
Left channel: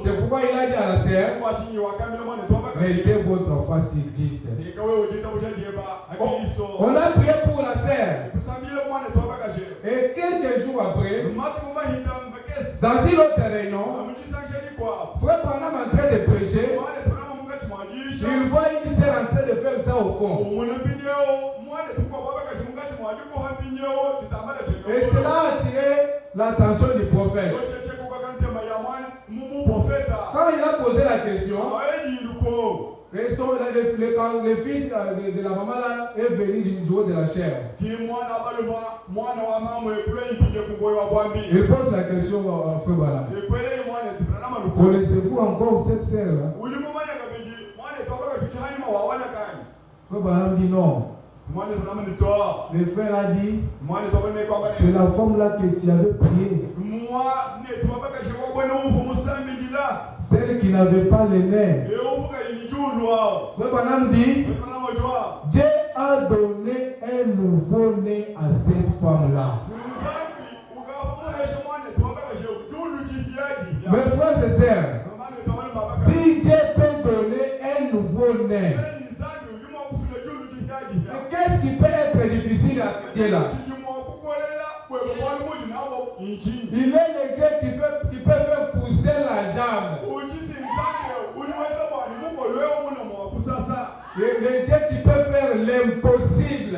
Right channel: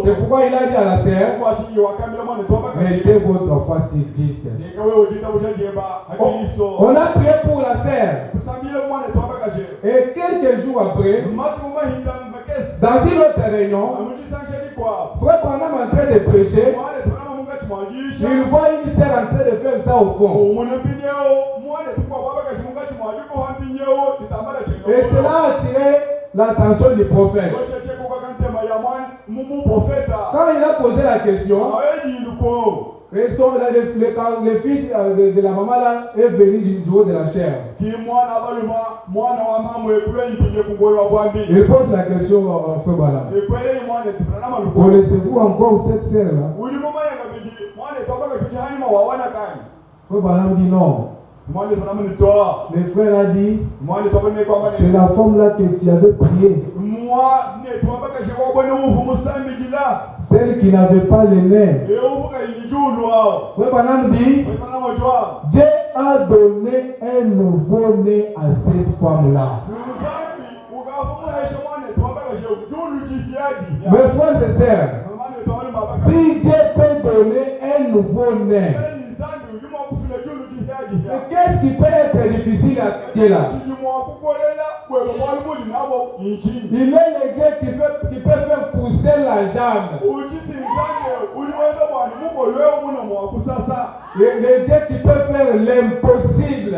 C'est pourquoi il a dit à la sœur, mettez votre foi sur Christ. On a prié pour la sœur. Et quelques jours après, dans une autre réunion, Frère Branham en train de prêcher, il voit une sœur en train de faire ça au fond. Et cela a attiré l'attention du prophète. Quand il a posé la question, le fils de la maman là est venu du haut de la chair. Il pose la question à Frère Branham. Connaissez-vous encore cette sœur là? Frère Branham dit non. Le frère a dit, c'est la femme là que tu avais prié. Celle qui n'avait pas le nez. Frère Branham dit, Dieu a donné un nouveau nez à cette femme là. Mes frères et sœurs, si Dieu peut donner un nouveau nez, mais qu'est-ce qui peut être difficile à Dieu là? Il est le Dieu qui peut faire pousser la jambe. Le Dieu qui peut faire l'impossible.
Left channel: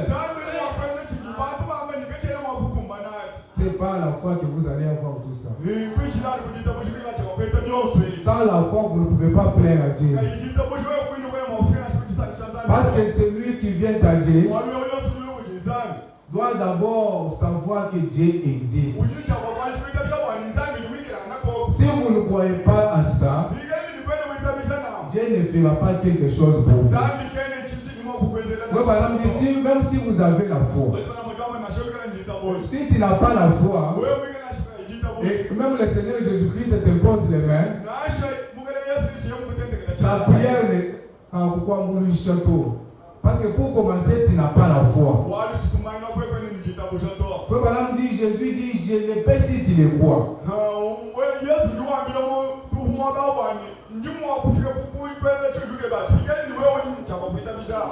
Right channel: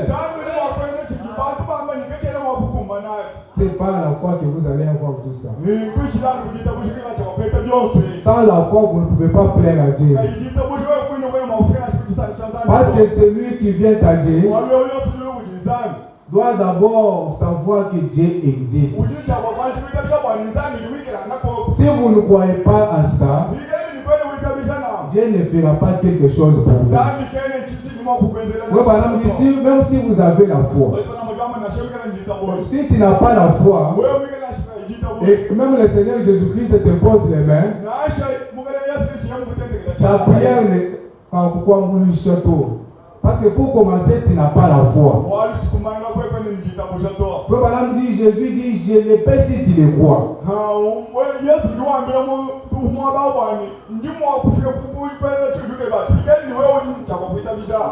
C'est pas la foi que vous allez avoir tout ça. Sans la foi, vous ne pouvez pas plaire à Dieu. Parce que celui qui vient à Dieu doit d'abord savoir que Dieu existe. Si vous ne croyez pas à ça, Dieu ne fera pas quelque chose pour vous. Même si vous avez la foi, si tu n'as pas la foi, et même le Seigneur Jésus-Christ te pose les mains, sa prière n'est pas pourquoi on lui château. Parce que pour commencer, tu n'as pas la foi. Frère Branham dit, Jésus dit, je le paie si tu le crois.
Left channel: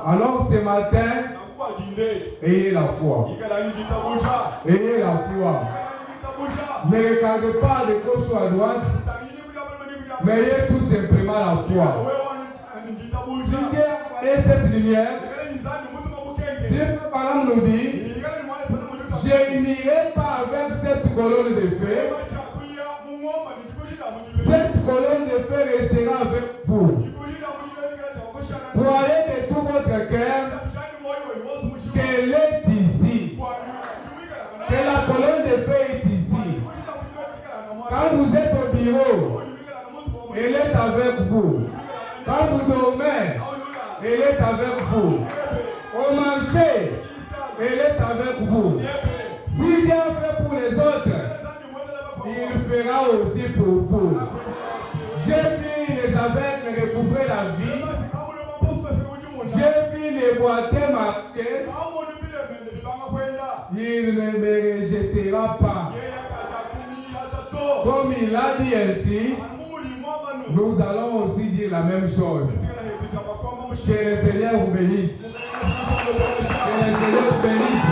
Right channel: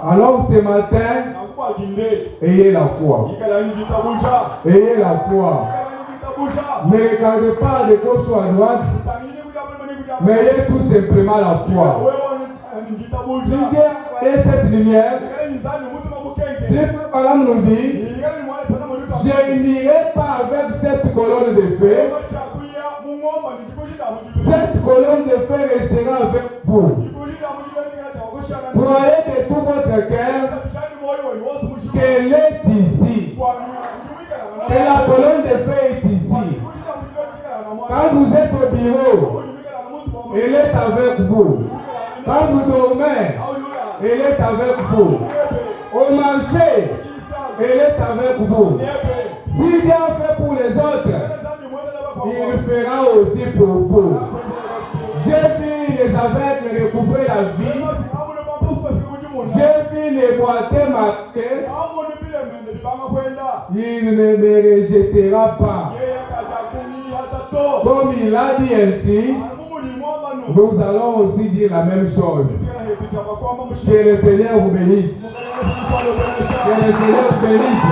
Alors ce matin, ayez la foi. Ayez la foi. Ne regardez pas de gauche ou à droite, mais ayez tout simplement la foi. Si Dieu a cette lumière, si Frère Branham nous dit, je n'irai pas avec cette colonne de feu, cette colonne de feu restera avec vous. Croyez de tout votre cœur qu'elle est ici, que la colonne de feu est ici. Quand vous êtes au bureau, elle est avec vous. Quand vous dormez, elle est avec vous. Au marché, elle est avec vous. Si Dieu a fait pour les autres, il fera aussi pour vous. J'ai vu les aveugles recouvrer la vie. J'ai vu les boiteux marquer. Il ne me rejettera pas. Comme il a dit ainsi, nous allons aussi dire la même chose. Que le Seigneur vous bénisse. Que le Seigneur vous bénisse.